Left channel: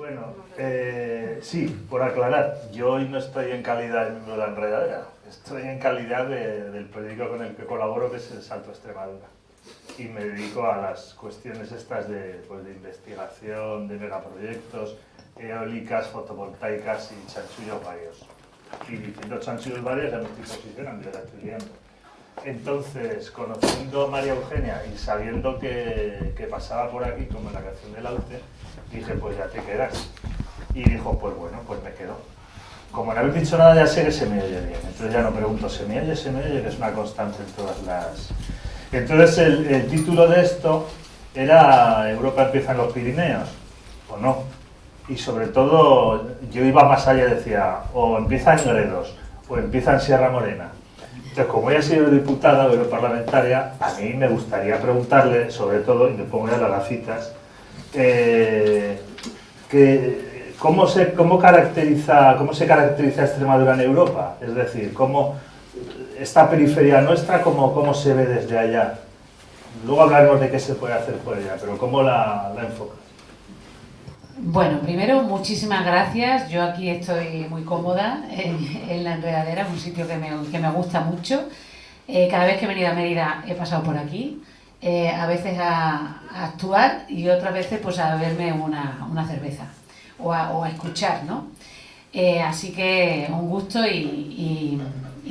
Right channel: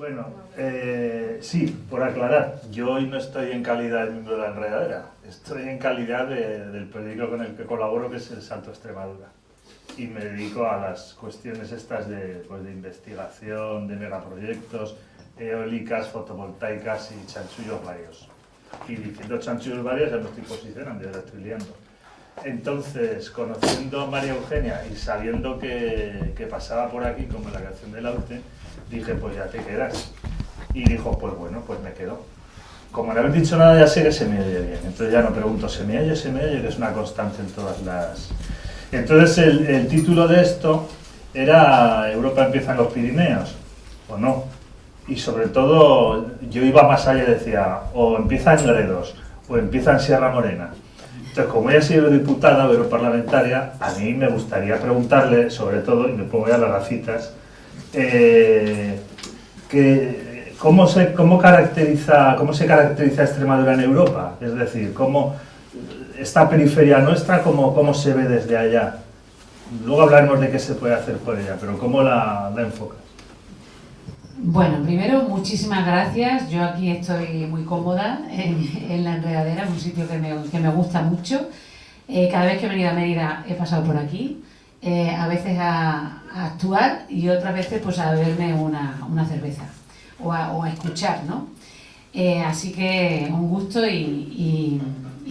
Bueno, sí, por aclarar, yo hoy no estoy en calidad de miembro de la Enredadera, estoy en calidad del periódico con el que colaboro, que es El Salto Extremadura. Y me dedico a las cuestiones estas pues, de investigación, de megaproyectos, eólicas, fotovoltaicas y chanchullos varios. Y diciendo chanchullos varios ya me estoy posicionando, ya la estoy liando. Entonces, conociendo a María Eugenia y sabiendo que pasaba por aquí, como en la canción de Laute, dije, pues ya te quedas. Y dijo, pues bueno, pues me quedo. Como no habéis dicho nada, ya sé que se me oye bien. Entonces ya no pregunto, ¿se me oye? ¿Se me oye? Que es una constante en todas las... Entonces el título de esto era ¿Europa empieza en los Pirineos? ¿O no? Y sobre todo yo iba más allá y decía, o empieza en Gredos, o empieza en Sierra Morena. Entonces, como ella ha sido diputada o europarlamentaria, a mí me gustaría preguntarle, sobre todo, y me pongo ya las gafitas, ¿cómo se caracteriza Extremadura en Europa? Es decir, ¿cómo esta periferia nuestra, cómo se ve desde allá? Luego hablaremos de qué se puede hacer por ella, pero ¿cómo la enfocas? Bueno, primero, muchísimas gracias. Yo aquí estoy muy cómoda en La Enredadera, un sitio que me gusta mucho. Cada vez que he venido a Mérida he pasado por aquí, a veces a actuar y otras veces pues a beberme una cerveza o a escuchar, ¿no? Así que un gusto y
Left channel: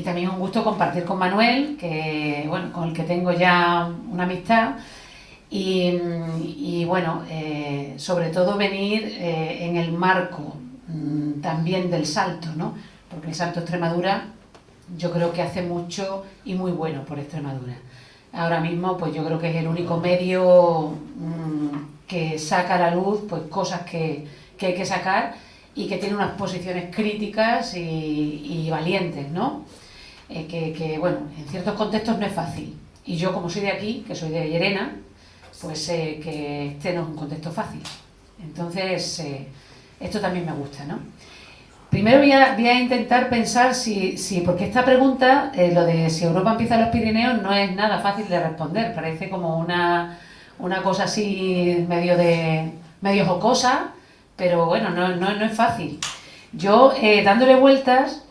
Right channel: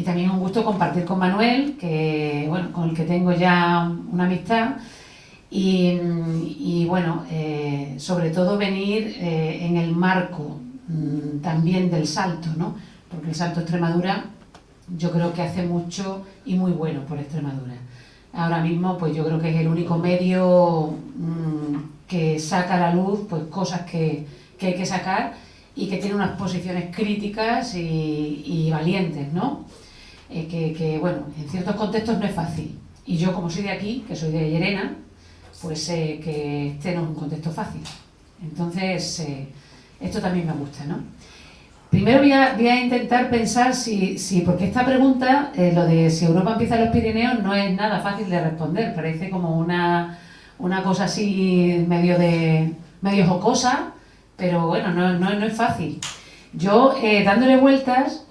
también un gusto compartir con Manuel, que, bueno, con el que tengo ya una amistad. Y bueno, sobre todo venir en el marco también del Salto, ¿no? Porque el Salto Extremadura yo creo que hace mucho y muy bueno por Extremadura. Ahora mismo pues yo creo que es el único medio que saca a la luz pues cosas que hay que sacar y que tiene unas posiciones críticas y valientes, ¿no? Que bueno, en ciertos contextos no es fácil. Y yo, como soy de aquí, que soy de Llerena, pues que este no es un contexto fácil. Entonces, esto también me gusta, ¿no? Primero voy a intentar pensar porque esta pregunta, lo de si Europa empieza en los Pirineos, no es nada fácil de responder. Parece como una cosa así medio jocosa, pero bueno, no es fácil. Yo, dándole vueltas,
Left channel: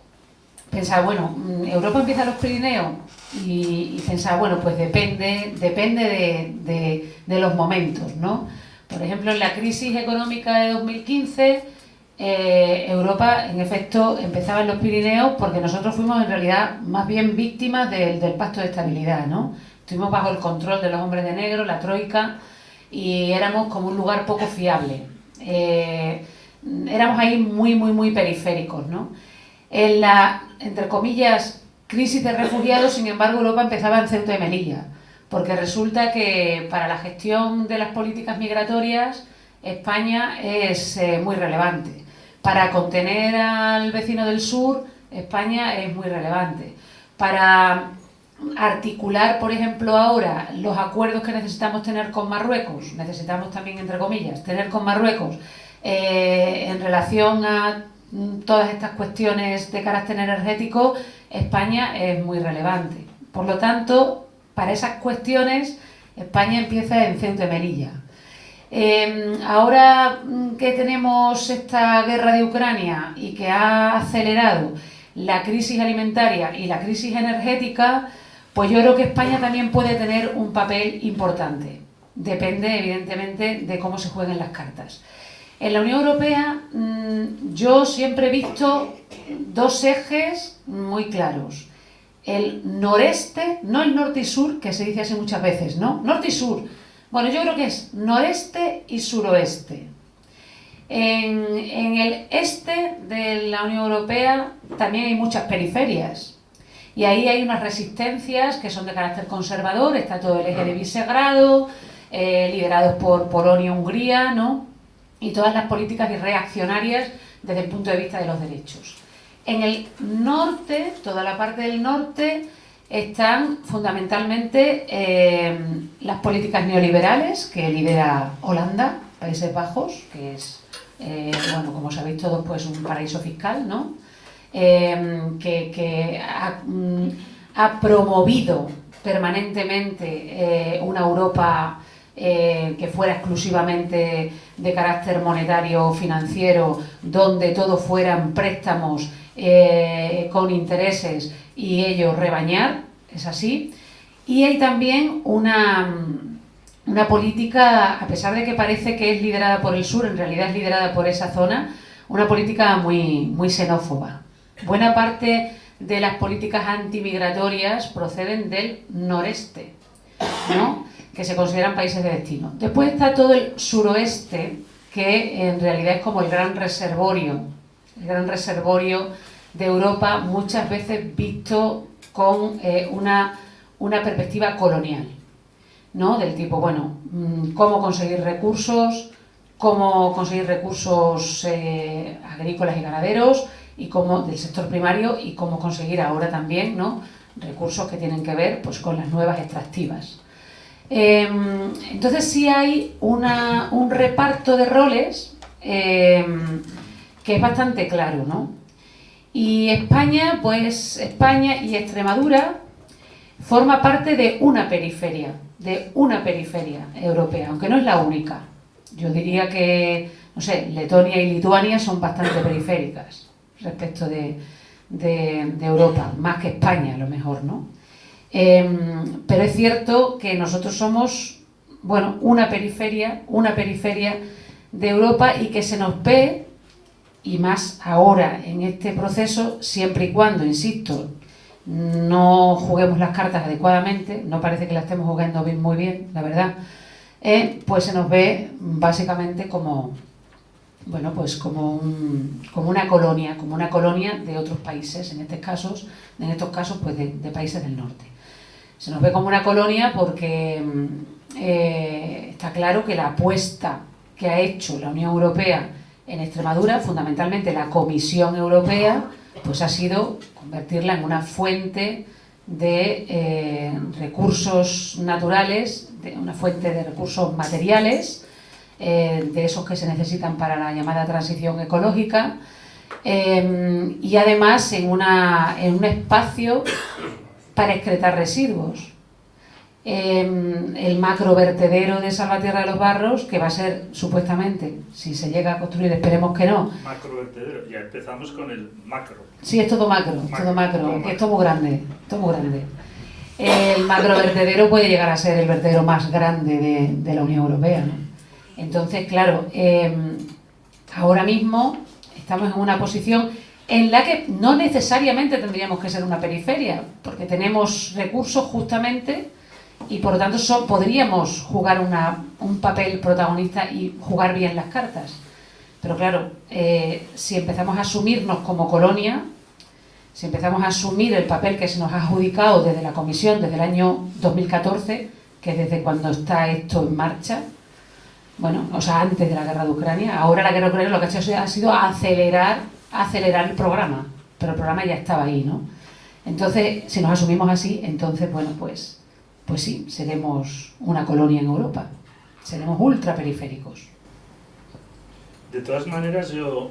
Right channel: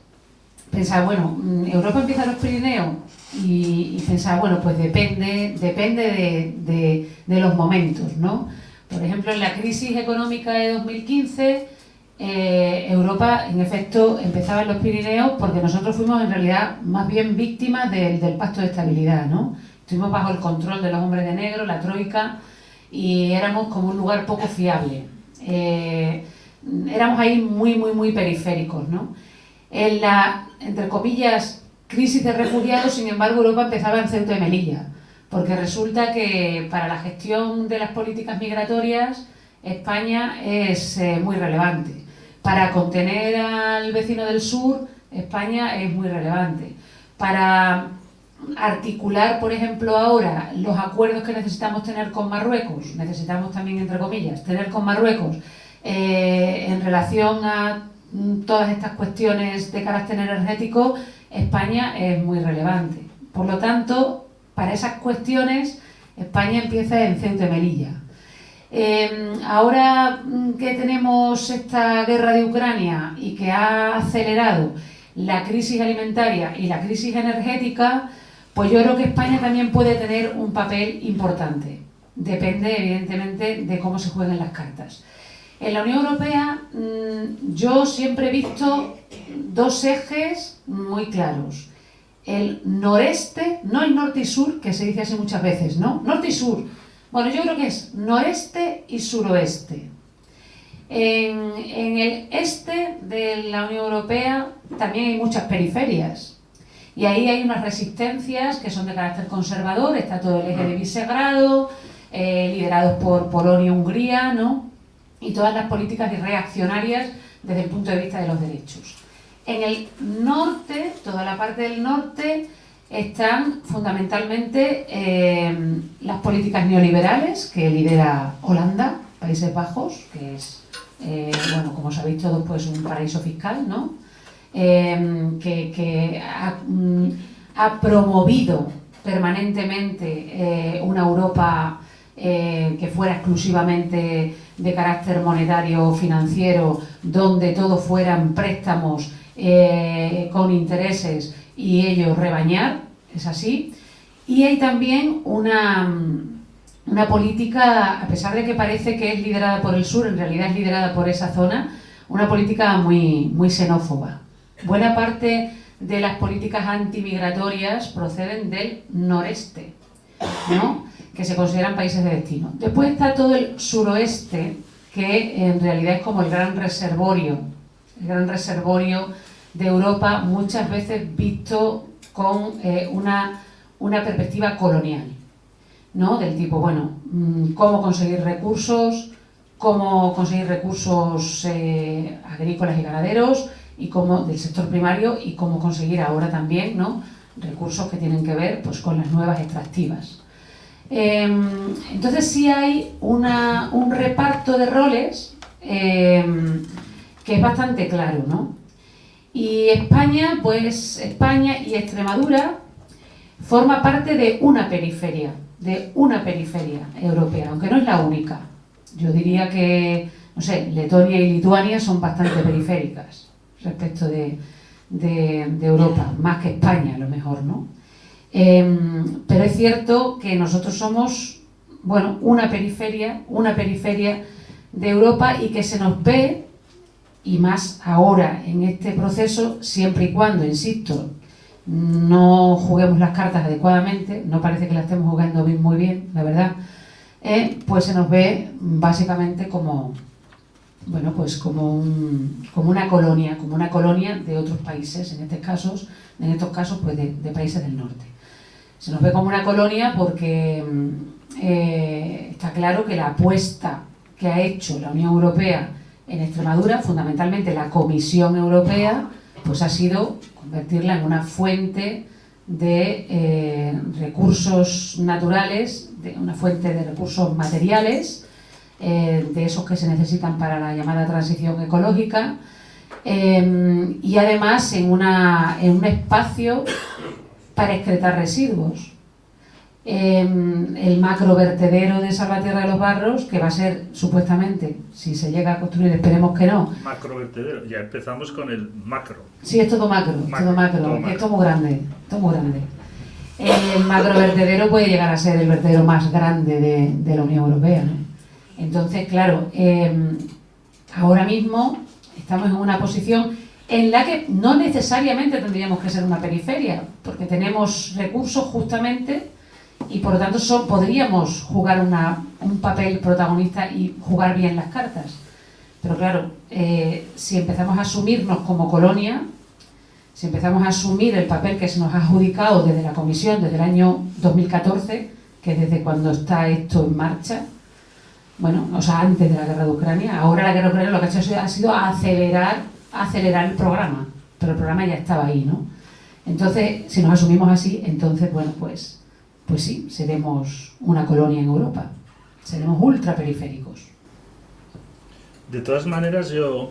pensaba, bueno, Europa empieza en los Pirineos y pensaba, bueno, pues depende de los momentos, ¿no? Por ejemplo, en la crisis económica de 2015, Europa, en efecto, empezaba en los Pirineos porque nosotros fuimos en realidad más bien víctimas del Pacto de Estabilidad, ¿no? Estuvimos bajo el control de los hombres de negro, la troika, y éramos como un lugar poco fiable. Éramos ahí muy periféricos, ¿no? En la, entre comillas, crisis de refugiados, sin embargo, Europa empezaba en Ceuta y Melilla, porque resulta que para la gestión de las políticas migratorias España es muy relevante. Para contener al vecino del sur, España es muy relevante. Para articular, por ejemplo, ahora los acuerdos que necesitamos tener con Marruecos, necesitamos también, entre comillas, tener con Marruecos en relación a todas estas cuestiones de carácter energético, España es muy relevante. Por lo tanto, para esas cuestiones, España empieza en Ceuta y Melilla. Ahora que tenemos esta guerra de Ucrania y que ha acelerado la crisis alimentaria y la crisis energética, pues yo creo que España también puede tener un papel importante. Depende, evidentemente, de cómo se jueguen las cartas. En la Unión Europea yo siempre he visto dos ejes muy claros. El noreste, no el norte y sur, que se dice así muchas veces, ¿no? Norte y sur. Bueno, yo creo que es noreste y suroeste. En el este de la Unión Europea también hay muchas periferias. Y ahí hay unas resistencias que son de carácter conservador. Está todo el eje de Visegrado, liderados por Polonia y Hungría, ¿no? Y todas las políticas reaccionarias desde el punto de vista de los derechos. En el norte, toda la parte del norte, están fundamentalmente las políticas neoliberales que lidera Holanda, Países Bajos, que es, bueno, como sabéis todos, pues un paraíso fiscal, ¿no? Que ha promovido permanentemente una Europa que fuera exclusivamente de carácter monetario o financiero, donde todo fueran préstamos con intereses y ellos rebañar, es así. Y hay también una política, a pesar de que parece que es liderada por el sur, en realidad es liderada por esa zona, una política muy xenófoba. Buena parte de las políticas antimigratorias proceden del noreste, ¿no?, que se consideran países de destino. Después está todo el suroeste, que en realidad es como el gran reservorio de Europa, muchas veces visto con una perspectiva colonial, ¿no?, del tipo, bueno, cómo conseguir recursos agrícolas y ganaderos, y cómo, del sector primario, y cómo conseguir ahora también, ¿no?, recursos que tienen que ver, pues, con las nuevas extractivas. Entonces sí hay un reparto de roles que es bastante claro, ¿no? Y España y Extremadura forma parte de una periferia europea, aunque no es la única. Yo diría que, no sé, Letonia y Lituania son bastante periféricas respecto de Europa, más que España a lo mejor, ¿no? Pero es cierto que nosotros somos, bueno, una periferia de Europa, y que se nos ve, y más ahora en este proceso, siempre y cuando, insisto, no juguemos las cartas adecuadamente, no parece que las estemos jugando muy bien, la verdad, pues se nos ve básicamente como, bueno, pues como una colonia de otros países, en estos casos pues de países del norte. Se nos ve como una colonia porque está claro que la apuesta que ha hecho la Unión Europea en Extremadura, fundamentalmente la Comisión Europea, pues ha sido convertirla en una fuente de recursos naturales, una fuente de recursos materiales, de esos que se necesitan para la llamada transición ecológica, y además en un espacio para excretar residuos. El macrovertedero de Salvatierra de los Barros, que va a ser, supuestamente, si se llega a construir, esperemos que no. Macrovertedero, ya empezamos con el macro. Sí, es todo macro. Esto es muy grande, El macrovertedero puede llegar a ser el vertedero más grande de la Unión Europea, ¿no? Entonces, claro, ahora mismo estamos en una posición en la que no necesariamente tendríamos que ser una periferia, porque tenemos recursos justamente, y por lo tanto podríamos jugar un papel protagonista y jugar bien las cartas. Pero claro, si empezamos a asumirnos como colonia, si empezamos a asumir el papel que se nos ha adjudicado desde la Comisión, desde el año 2014, que es desde cuando está esto en marcha, bueno, o sea, antes de la guerra de Ucrania, ahora la guerra de Ucrania lo que ha sido acelerar el programa, pero el programa ya estaba ahí, ¿no? Entonces, si nos asumimos así, entonces, bueno, pues sí, seremos una colonia en Europa, seremos ultraperiféricos. De todas maneras, yo,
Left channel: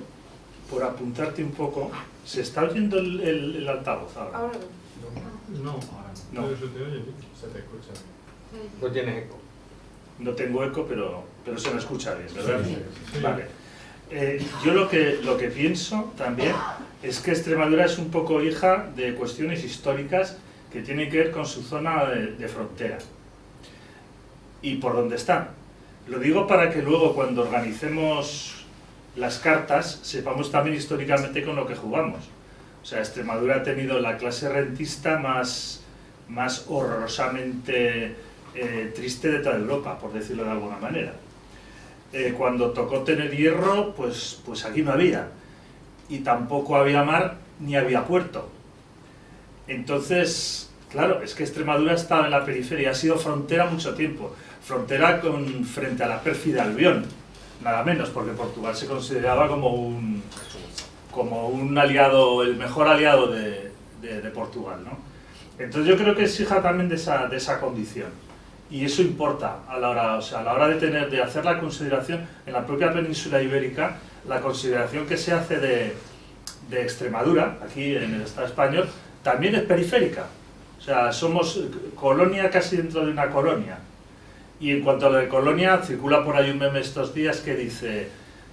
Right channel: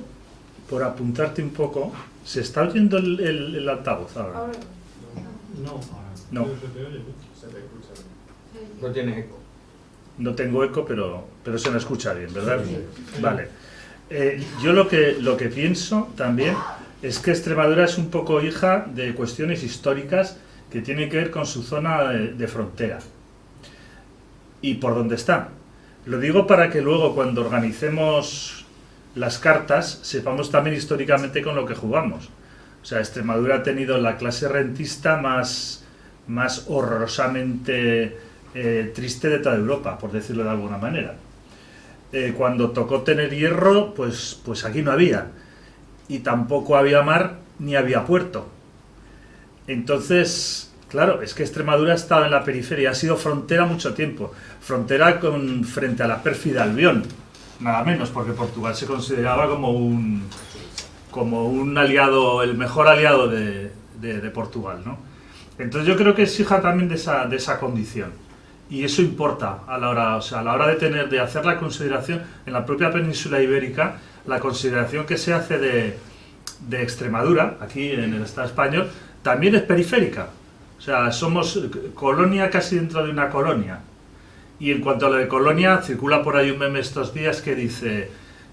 por apuntarte un poco, ¿se está oyendo el altavoz ahora? No. No tienes eco. No tengo eco, pero se me escucha bien, ¿verdad? Vale. Yo lo que pienso también es que Extremadura es un poco hija de cuestiones históricas que tienen que ver con su zona de frontera y por dónde está. Lo digo para que luego, cuando organicemos las cartas, sepamos también históricamente con lo que jugamos. O sea, Extremadura ha tenido la clase rentista más horrorosamente triste de toda Europa, por decirlo de alguna manera. Cuando tocó tener hierro, pues aquí no había, y tampoco había mar ni había puerto. Entonces, claro, es que Extremadura ha estado en la periferia, ha sido frontera mucho tiempo, frontera frente a la pérfida Albión, nada menos, porque Portugal se consideraba como un aliado, el mejor aliado de Portugal, ¿no? Entonces yo creo que es hija también de esa condición. Y eso importa a la hora de hacer la consideración en la propia península ibérica, la consideración que se hace de Extremadura, aquí en el Estado español, también es periférica. O sea, somos colonia casi dentro de una colonia. Y en cuanto a lo de Colonia, circula por ahí un meme estos días que dice:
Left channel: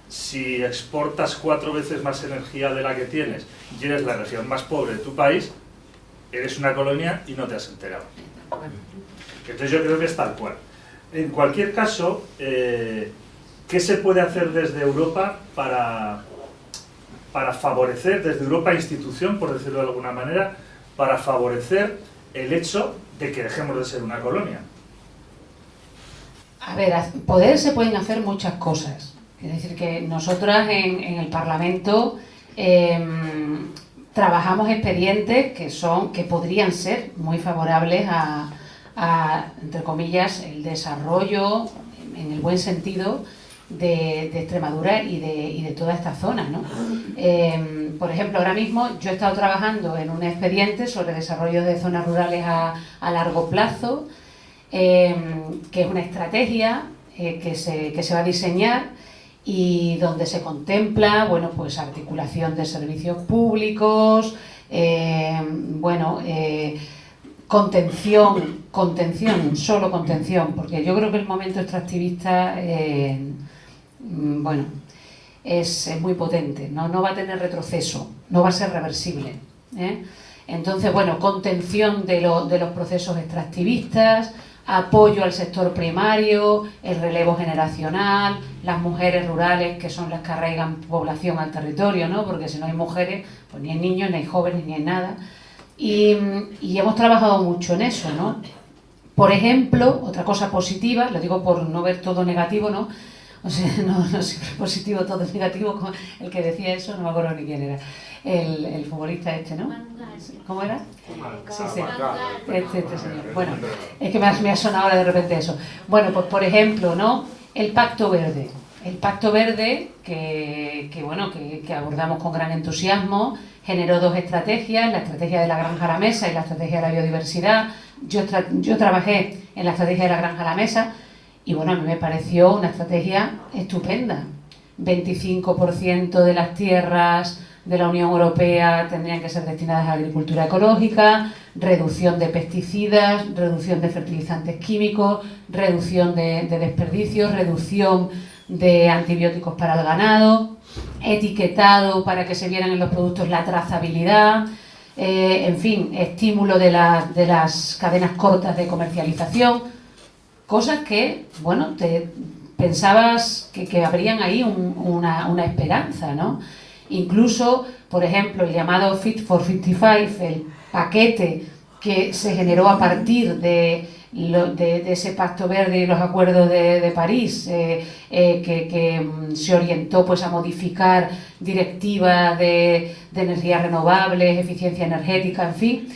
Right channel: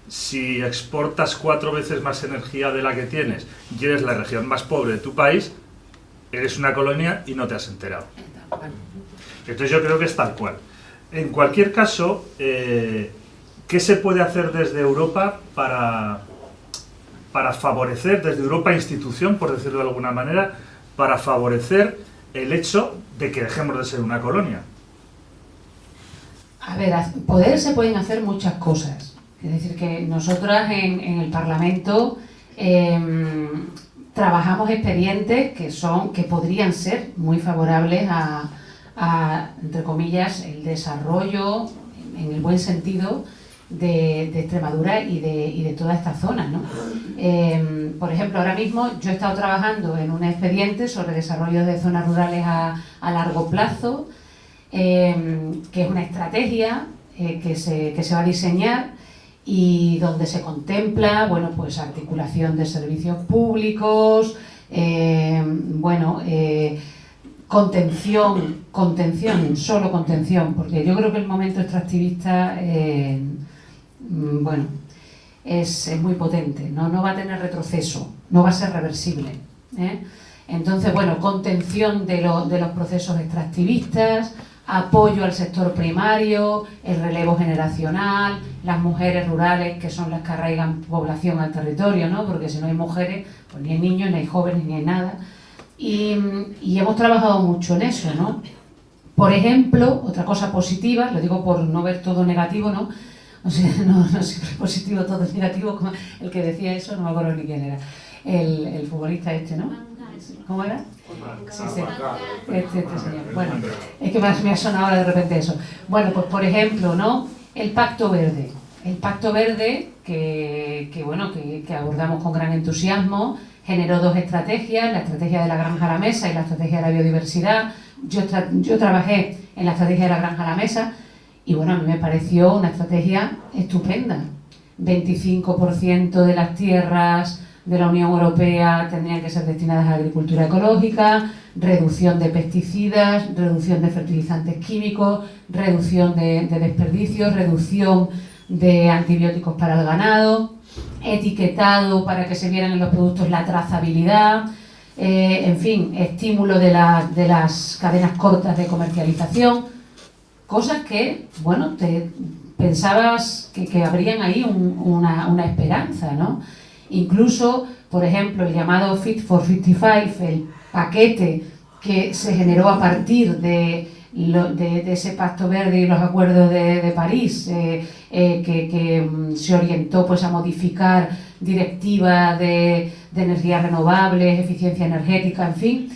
si exportas 4 veces más energía de la que tienes y eres la región más pobre de tu país, eres una colonia y no te has enterado. Entonces yo creo que es tal cual. En cualquier caso, ¿qué se puede hacer desde Europa para favorecer, desde Europa institución, por decirlo de alguna manera, para favorecer el hecho de que dejemos de ser una colonia? A ver, poder se pueden hacer muchas cosas. Es decir, que nosotras en el Parlamento trabajamos expedientes que podrían ser muy favorables a, entre comillas, el desarrollo, en el buen sentido, de Extremadura y de toda esta zona, ¿no? Por ejemplo, ahora mismo yo he estado trabajando en un expediente sobre desarrollo de zonas rurales a largo plazo, que es una estrategia que se va a diseñar y donde se contempla, bueno, pues articulación de servicios públicos, contención, solo contención, porque yo creo que el momento extractivista, es muy potente, no va a tener retroceso, no va a ser reversible, ¿eh? Entonces, bueno, contención de los procesos extractivistas, apoyo al sector primario, el relevo generacional, las mujeres rurales, que son las que arraigan población al territorio, ¿no? Porque si no hay mujeres, pues ni hay niños, ni hay jóvenes, ni hay nada. Y hemos trabajado mucho en eso, ¿no? Por ejemplo, otra cosa positiva, lo digo por no ver todo negativo, ¿no? O sea, no siempre es positivo, todo es negativo. El que decía eso, no me acuerdo ni quién era. El futbolista este, ¿no? ¿Cómo era? Sí. Este señor. Bueno, es que me ha sonado ahora de repente eso. Bueno, pues por ejemplo, ¿no? El Pacto Verde. El Pacto Verde, que abordamos con gran entusiasmo, generó 2 estrategias, la estrategia de la granja a la mesa y la estrategia de la biodiversidad. Yo trabajé en la estrategia de la granja a la mesa y bueno, a mí me pareció una estrategia estupenda. 25% de las tierras de la Unión Europea tendrían que ser destinadas a la agricultura ecológica, reducción de pesticidas, reducción de fertilizantes químicos, reducción de desperdicios, reducción de antibióticos para el ganado, etiquetado para que se vieran en los productos la trazabilidad, en fin, estímulo de las cadenas cortas de comercialización, cosas que, bueno, pensabas que habrían ahí una esperanza, ¿no? Incluso, por ejemplo, el llamado Fit for 55, el paquete que se generó a partir de ese Pacto Verde y los acuerdos de París, que se orientó pues a modificar directivas de energías renovables, eficiencia energética, en fin.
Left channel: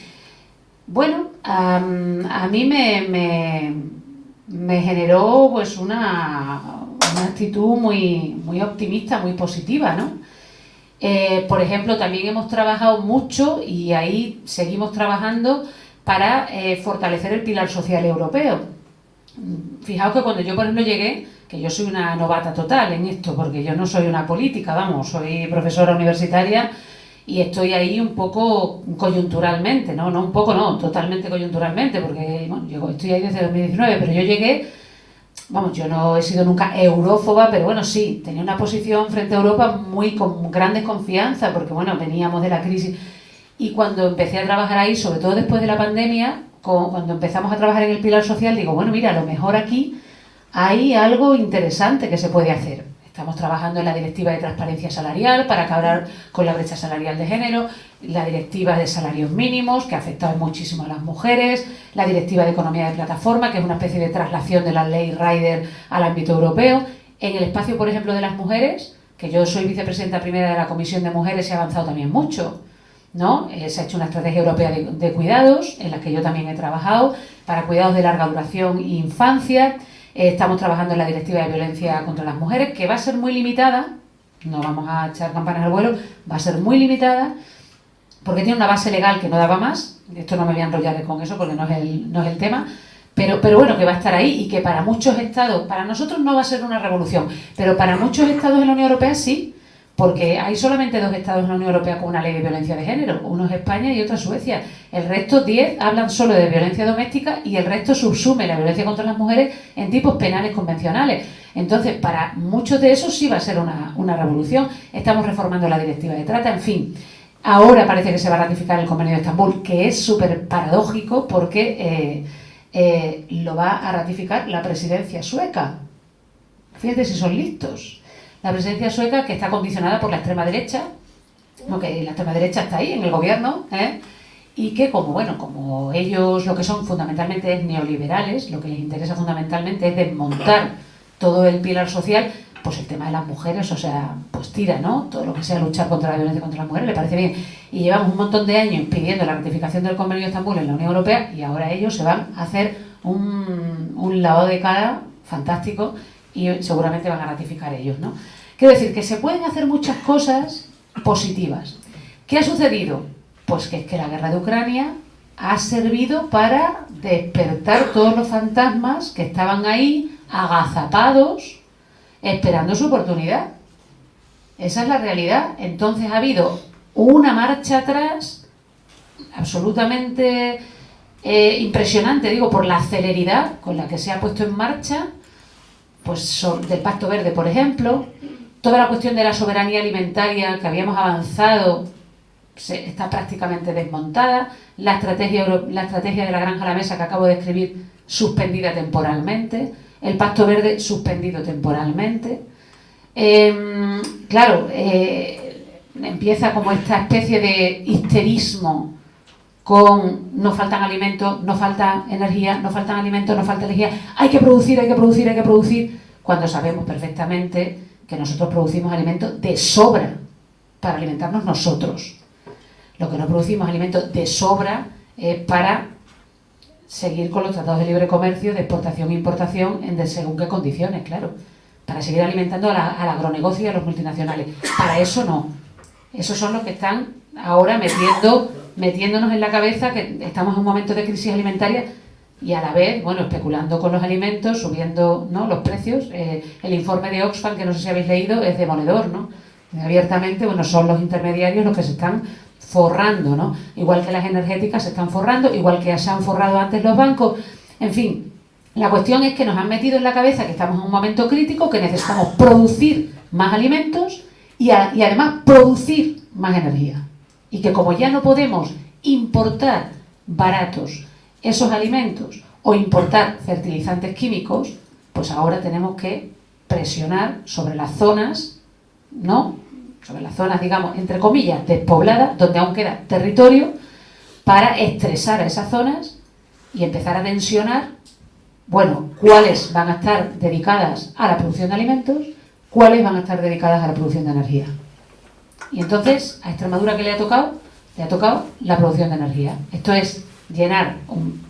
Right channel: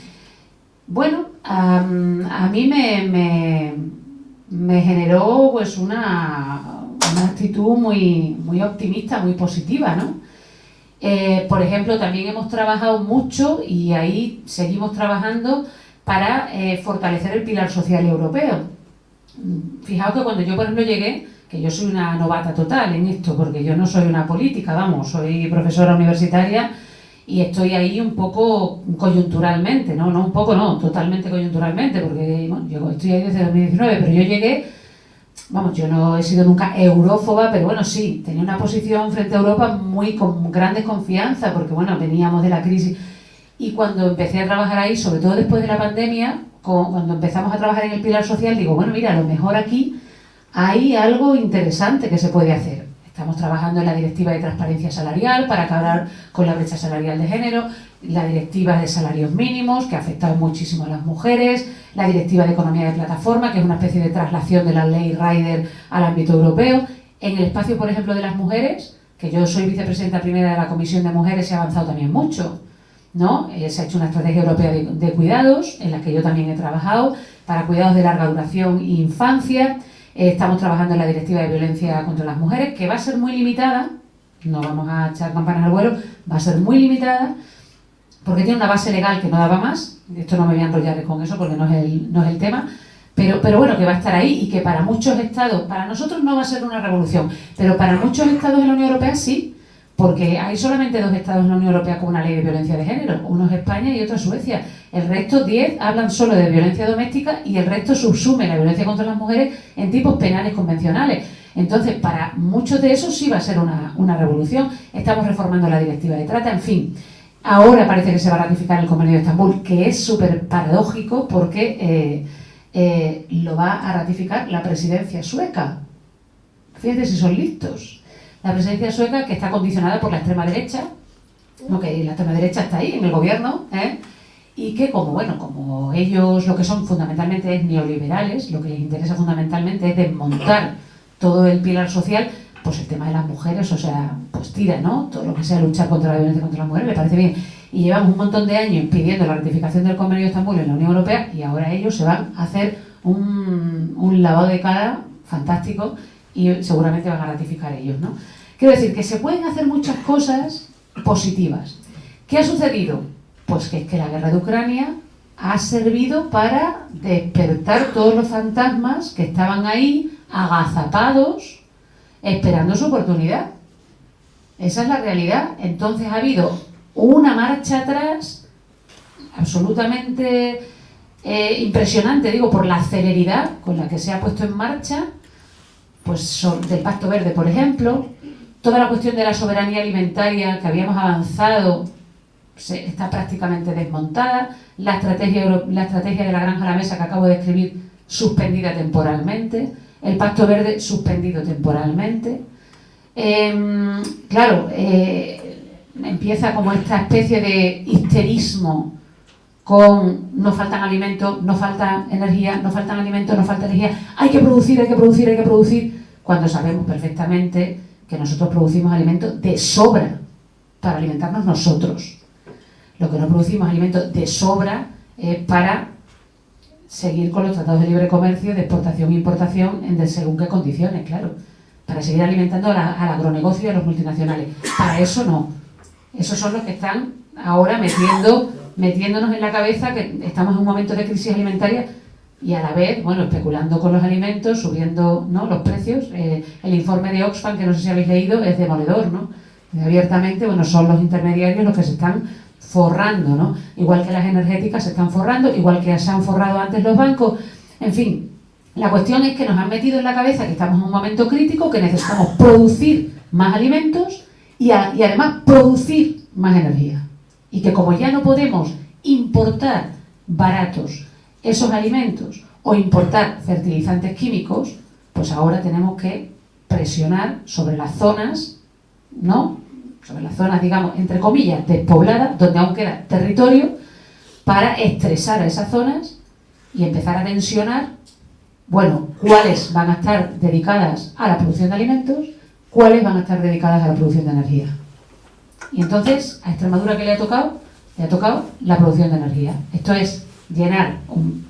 Bueno, a mí me generó pues una actitud muy optimista, muy positiva, ¿no? Por ejemplo, también hemos trabajado mucho y ahí seguimos trabajando para fortalecer el pilar social europeo. Fijaos que cuando yo, por ejemplo, llegué, que yo soy una novata total en esto, porque yo no soy una política, vamos, soy profesora universitaria y estoy ahí un poco coyunturalmente, no un poco, no, totalmente coyunturalmente, porque bueno, yo estoy ahí desde 2019, pero yo llegué, vamos, yo no he sido nunca eurófoba, pero bueno, sí, tenía una posición frente a Europa con gran desconfianza, porque bueno, veníamos de la crisis. Y cuando empecé a trabajar ahí, sobre todo después de la pandemia, cuando empezamos a trabajar en el pilar social, digo, bueno, mira, a lo mejor aquí hay algo interesante que se puede hacer. Estamos trabajando en la Directiva de Transparencia Salarial para acabar con la brecha salarial de género, la Directiva de Salarios Mínimos, que ha afectado muchísimo a las mujeres, la Directiva de Economía de Plataforma, que es una especie de traslación de la ley Rider al ámbito europeo. En el espacio, por ejemplo, de las mujeres, que yo soy vicepresidenta primera de la Comisión de Mujeres, se ha avanzado también mucho, ¿no? Se ha hecho una estrategia europea de cuidados, en la que yo también he trabajado, para cuidados de larga duración e infancia. Estamos trabajando en la Directiva de Violencia contra las Mujeres, que va a ser muy limitada, no vamos a echar campanas al vuelo, va a ser muy limitada, porque tiene una base legal que no daba más. Esto no me voy a enrollar con eso porque no es el tema, pero bueno, que va a estar ahí y que para muchos estados, para nosotros no va a ser una revolución, pero para muchos estados de la Unión Europea sí, porque hay solamente 2 estados en la Unión Europea con una ley de violencia de género, uno es España y otro es Suecia. El resto, 10, hablan solo de violencia doméstica y el resto subsume la violencia contra las mujeres en tipos penales convencionales. Entonces, para muchos de esos sí va a ser una revolución. Estamos reformando la directiva de trata, en fin. Ahora parece que se va a ratificar el Convenio de Estambul, que es súper paradójico porque lo va a ratificar la presidencia sueca. Fíjate si son listos. La presidencia sueca, que está condicionada por la extrema derecha, que la extrema derecha está ahí en el gobierno, y que como ellos lo que son fundamentalmente es neoliberales, lo que les interesa fundamentalmente es desmontar todo el pilar social, pues el tema de las mujeres, o sea, pues tira, ¿no? Todo lo que sea luchar contra la violencia contra las mujeres le parece bien. Y llevamos un montón de años pidiendo la ratificación del Convenio de Estambul en la Unión Europea y ahora ellos se van a hacer un lavado de cara fantástico y seguramente van a ratificar ellos, ¿no? Quiero decir que se pueden hacer muchas cosas positivas. ¿Qué ha sucedido? Pues que es que la guerra de Ucrania ha servido para despertar todos los fantasmas que estaban ahí agazapados esperando su oportunidad. Esa es la realidad. Entonces ha habido una marcha atrás absolutamente impresionante, digo, por la celeridad con la que se ha puesto en marcha, pues del Pacto Verde, por ejemplo. Toda la cuestión de la soberanía alimentaria que habíamos avanzado está prácticamente desmontada. La estrategia de la granja a la mesa que acabo de escribir, suspendida temporalmente. El Pacto Verde, suspendido temporalmente. Empieza como esta especie de histerismo con no faltan alimentos, no falta energía, no faltan alimentos, no falta energía. Hay que producir, hay que producir, hay que producir. Cuando sabemos perfectamente que nosotros producimos alimentos de sobra para alimentarnos nosotros. Lo que no producimos alimentos de sobra es para seguir con los tratados de libre comercio, de exportación e importación en según qué condiciones, claro. Para seguir alimentando al agronegocio y a los multinacionales. Para eso no. Esos son los que están ahora metiéndonos en la cabeza que estamos en un momento de crisis alimentaria y a la vez, especulando con los alimentos, subiendo, ¿no?, los precios. El informe de Oxfam, que no sé si habéis leído, es demoledor, ¿no? Abiertamente, son los intermediarios los que se están forrando, ¿no? Igual que las energéticas se están forrando, igual que se han forrado antes los bancos. En fin, la cuestión es que nos han metido en la cabeza que estamos en un momento crítico, que necesitamos producir más alimentos y además producir más energía. Y que como ya no podemos importar baratos esos alimentos o importar fertilizantes químicos, pues ahora tenemos que presionar sobre las zonas, ¿no?, sobre las zonas, digamos, entre comillas, despobladas, donde aún queda territorio, para estresar a esas zonas y empezar a tensionar, cuáles van a estar dedicadas a la producción de alimentos, cuáles van a estar dedicadas a la producción de energía. Y entonces, a Extremadura, ¿qué le ha tocado? Le ha tocado la producción de energía. Esto es llenar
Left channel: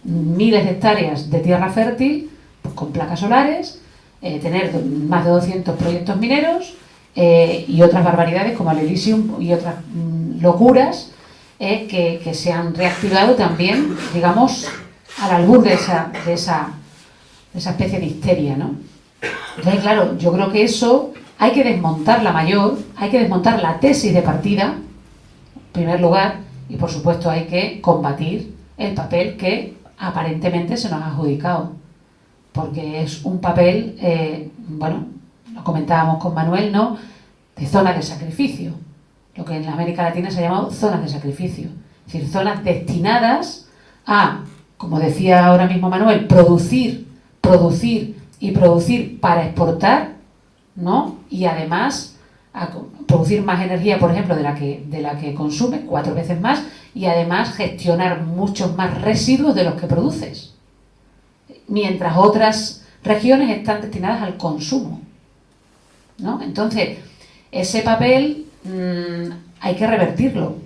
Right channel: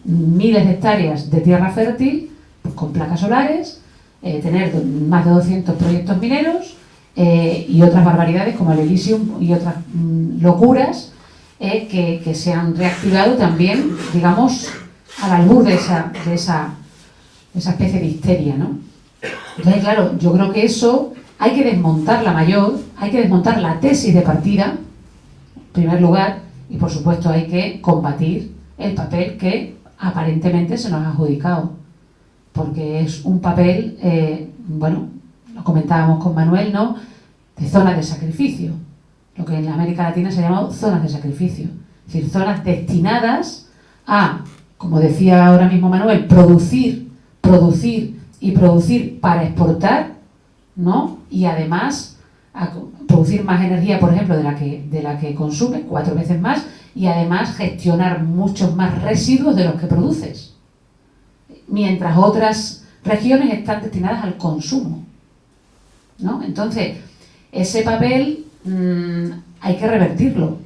miles de hectáreas de tierra fértil, pues, con placas solares, tener más de 200 proyectos mineros, y otras barbaridades como el Elysium y otras locuras que se han reactivado también, digamos, al albur de esa especie de histeria, ¿no? Entonces, claro, yo creo que eso hay que desmontar hay que desmontar la tesis de partida, en primer lugar, y por supuesto hay que combatir el papel que aparentemente se nos ha adjudicado, porque es un papel, lo comentábamos con Manuel, ¿no?, de zonas de sacrificio, lo que en América Latina se ha llamado zonas de sacrificio, es decir, zonas destinadas a, como decía ahora mismo Manuel, producir y producir para exportar, ¿no?, y además a producir más energía, por ejemplo, de la que consume, 4 veces más, y además gestionar muchos más residuos de los que produces, mientras otras regiones están destinadas al consumo, ¿no? Entonces, ese papel hay que revertirlo,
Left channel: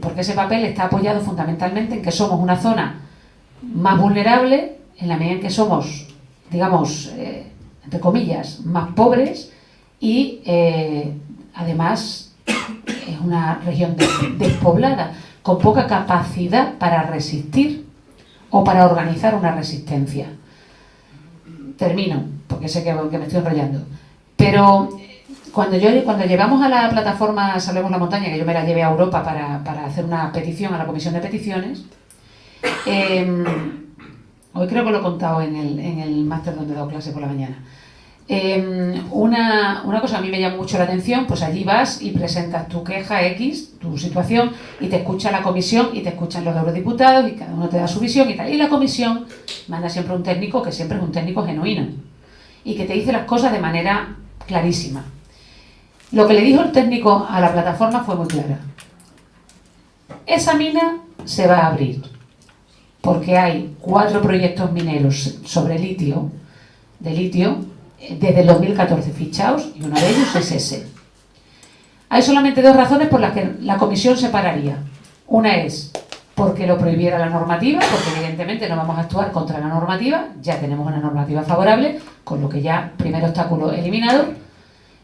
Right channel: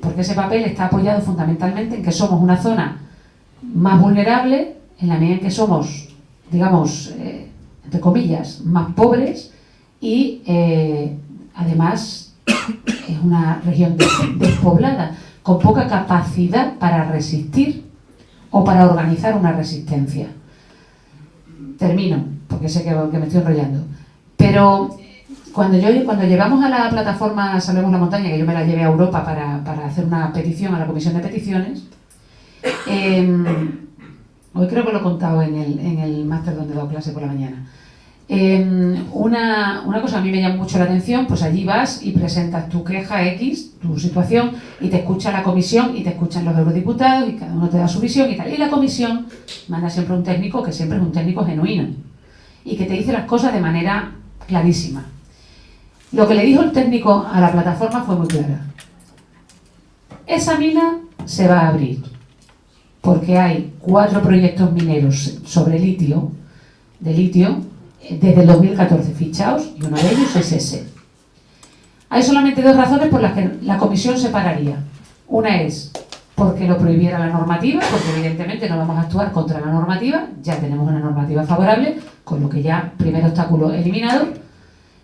porque ese papel está apoyado fundamentalmente en que somos una zona más vulnerable, en la medida en que somos, digamos, entre comillas, más pobres y además es una región despoblada, con poca capacidad para resistir o para organizar una resistencia. Termino, porque sé que me estoy enrollando. Pero cuando llevamos a la plataforma Salvemos la Montaña, que yo me la llevé a Europa para hacer una petición a la comisión de peticiones, hoy creo que lo he contado en el máster donde he dado clase por la mañana. Una cosa que a mí me llama mucho la atención, pues allí vas y presentas tu queja X, tu situación, y te escucha la comisión y te escuchan los eurodiputados y cada uno te da su visión y tal. Y la comisión manda siempre un técnico que siempre es un técnico genuino y que te dice las cosas de manera clarísima. Lo que le dijo el técnico a la plataforma fue muy clara. Esa mina se va a abrir porque hay 4 proyectos mineros sobre litio, desde el 2014 fichados, y uno de ellos es ese. Hay solamente 2 razones por las que la comisión se pararía. Una es porque lo prohibiera la normativa, porque evidentemente no vamos a actuar contra la normativa, ya tenemos una normativa favorable, con lo que ya primer obstáculo eliminado,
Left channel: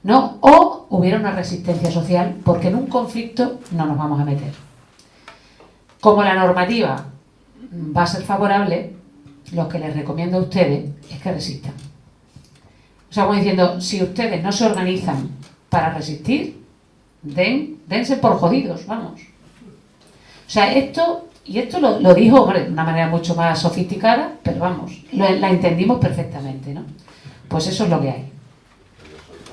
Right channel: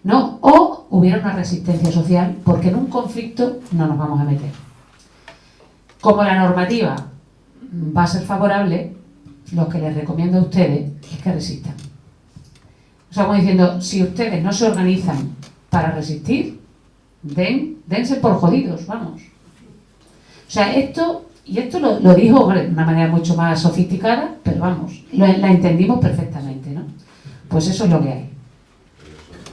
¿no? O hubiera una resistencia social, porque en un conflicto no nos vamos a meter. Como la normativa va a ser favorable, lo que les recomiendo a ustedes es que resistan. O sea, como diciendo, si ustedes no se organizan para resistir, dense por jodidos, vamos. O sea, esto lo dijo, hombre, de una manera mucho más sofisticada, pero vamos, la entendimos perfectamente, ¿no? Pues eso es lo que hay.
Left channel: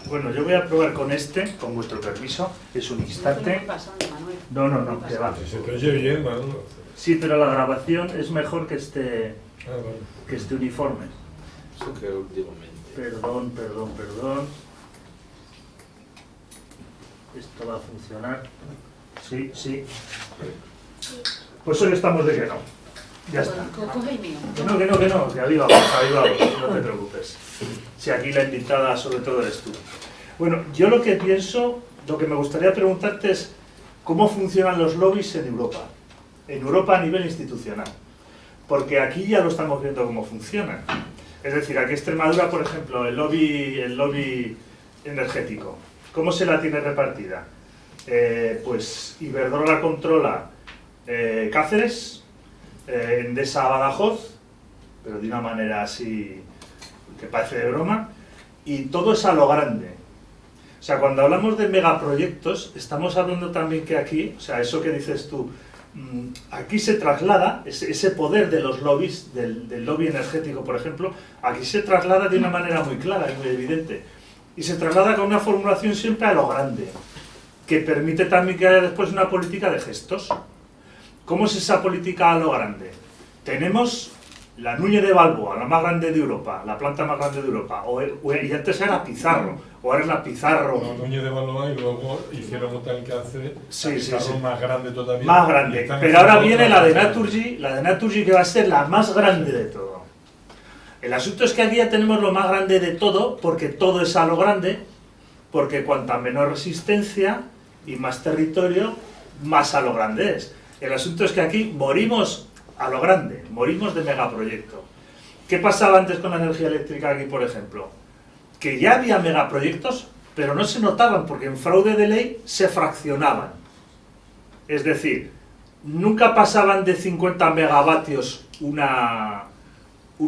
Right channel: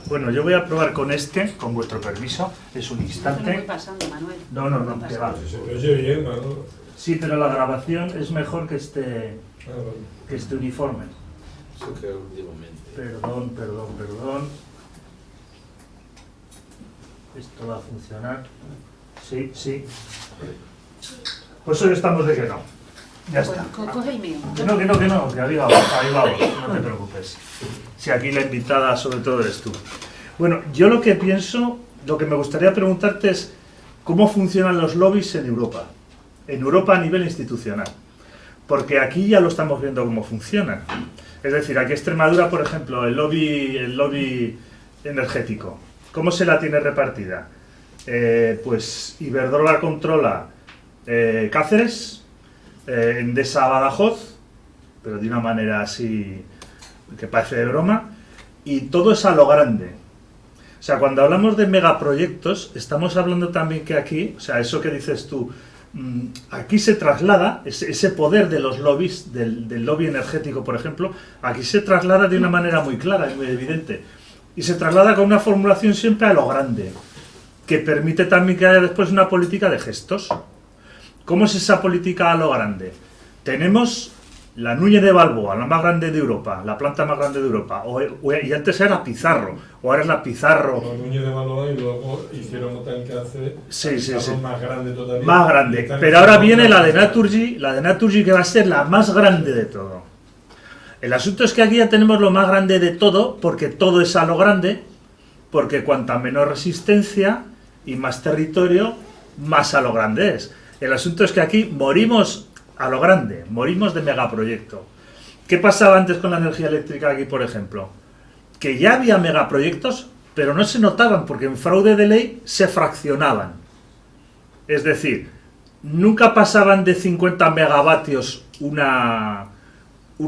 Bueno, yo voy a probar con este, con vuestro permiso, es un instante. No, que va. Sí, pero la grabación es mejor que esté uniforme. Perdón. Esto va a funcionar. Sí. Pues hoy estamos de que no. Ya está. Coge el mío. Que no, que ahí vamos, no te preocupes. Si aquí la invitada sobre todo eres tú. Bueno, yo lo que pienso, lo que me gustaría preguntarte es cómo funcionan los lobbies en Europa a nivel institucional. Porque aquí ya lo estamos viendo cómo funcionan. Es decir, aquí Extremadura, por ejemplo, el lobby energético, ¿cómo se la tiene repartida? Pues Iberdrola controla Cáceres, Endesa Badajoz, pero de una manera así que parece de broma, y todo es a lo grande. O sea, cuando hablamos de megaproyectos, estamos hablando también que aquí, o sea, eso que dices tú, aquí se traslada, ese poder de los lobbies, del lobby energético, por ejemplo, aquí se traslada de una manera muy clara y muy evidente. Y se traslada con una formulación siempre a lo grande, que permite también que haya después una política de gestos. ¿Cómo es esa política a lo grande? Tenemos la Núñez de Balboa, la más grande de Europa, la planta más grande de Europa, y antes era Pizarro, o ahora es la Pizarro. La Núñez de Balboa y luego hicieron otra que hace sí. más grande todavía. Más grande, pero ahora viene la de Naturgy que va a ser la más grande de todo. El asunto es que aquí ya tenemos lo más grande de todo, porque todo es a lo grande, porque cuanta menor resistencia y más territorio, más a lo grande es. El asunto es que aquí morimos a lo grande, morimos de megaproyecto. ¿Qué pasaba antes con la energía eléctrica aquí, por ejemplo? Que ya había megaproyectos, pero no se notaban porque en fraude de ley se fraccionaban. Es decir, nunca pasaban de 50 megavatios una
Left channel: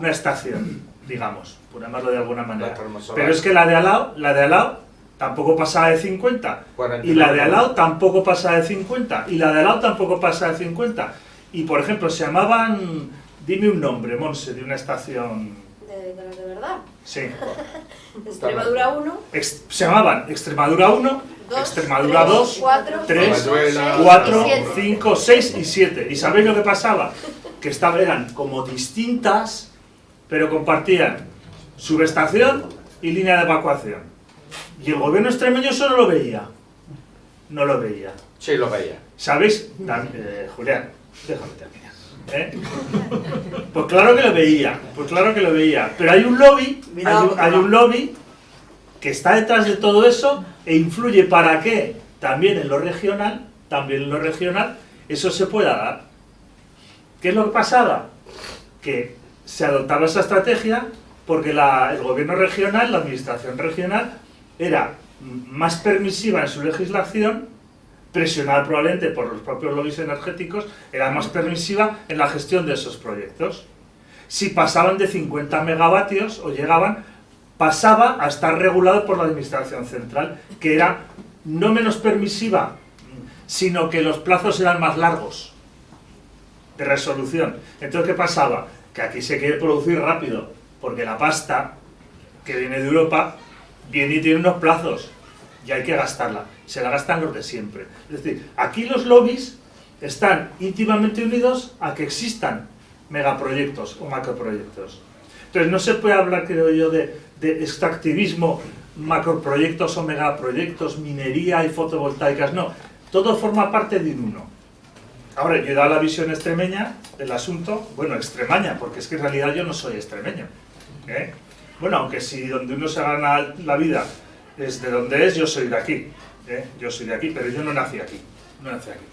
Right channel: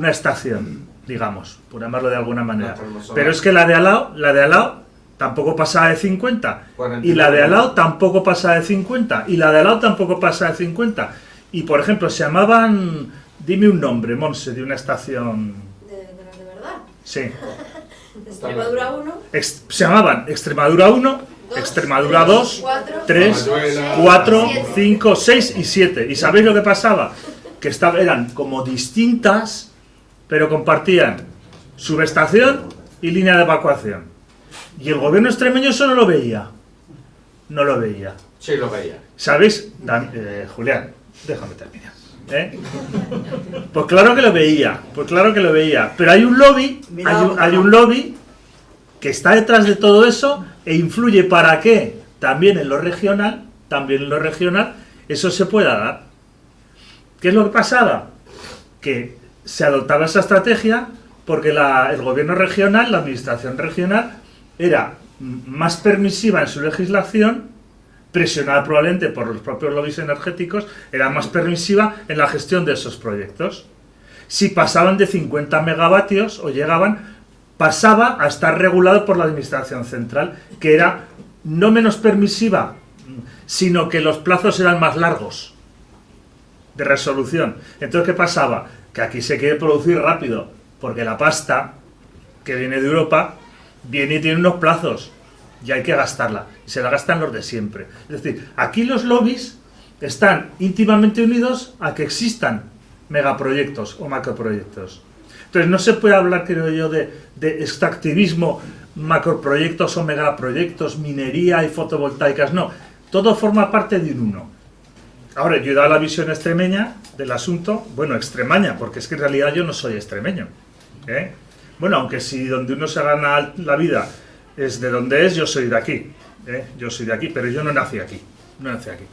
estación, digamos, por llamarlo de alguna manera. Pero es que la de al lado tampoco pasaba de 50, y la de al lado tampoco pasaba de 50, y la de al lado tampoco pasaba de 50. Y, por ejemplo, se llamaban, dime un nombre, Monse, de una estación... ¿De verdad? Sí. Extremadura 1. Se llamaban Extremadura 1, Extremadura 2, 3, 4, 5, 6 y 7. ¿Y sabéis lo que pasaba? Que eran como distintas, pero compartían subestación y línea de evacuación. Y el gobierno extremeño eso no lo veía. No lo veía. Sí, lo veía. ¿Sabéis? Julián, déjame terminar. Pues claro que lo veía. Pero hay un lobby, que está detrás de todo eso e influye para que también en lo regional, eso se pueda dar. ¿Qué es lo que pasaba? Que se adoptaba esa estrategia porque el gobierno regional, la administración regional, era más permisiva en su legislación, presionada probablemente por los propios lobbies energéticos, era más permisiva en la gestión de esos proyectos. Si pasaban de 50 megavatios o llegaban, pasaba a estar regulado por la Administración Central, que era no menos permisiva, sino que los plazos eran más largos de resolución. Entonces, ¿qué pasaba? Que aquí se quiere producir rápido, porque la pasta que viene de Europa viene y tiene unos plazos y hay que gastarla. Y se la gastan los de siempre. Es decir, aquí los lobbies están íntimamente unidos a que existan megaproyectos o macroproyectos. Entonces, no se puede hablar, creo yo, de extractivismo, macroproyectos o megaproyectos, minería y fotovoltaicas, no. Todo forma parte de un uno. Ahora, yo he dado la visión extremeña del asunto, bueno, extremaña, porque es que en realidad yo no soy extremeño, ¿eh? Bueno, aunque si donde uno se gana la vida es de donde es, yo soy de aquí, ¿eh? Yo soy de aquí, pero yo no nací aquí, no nací aquí.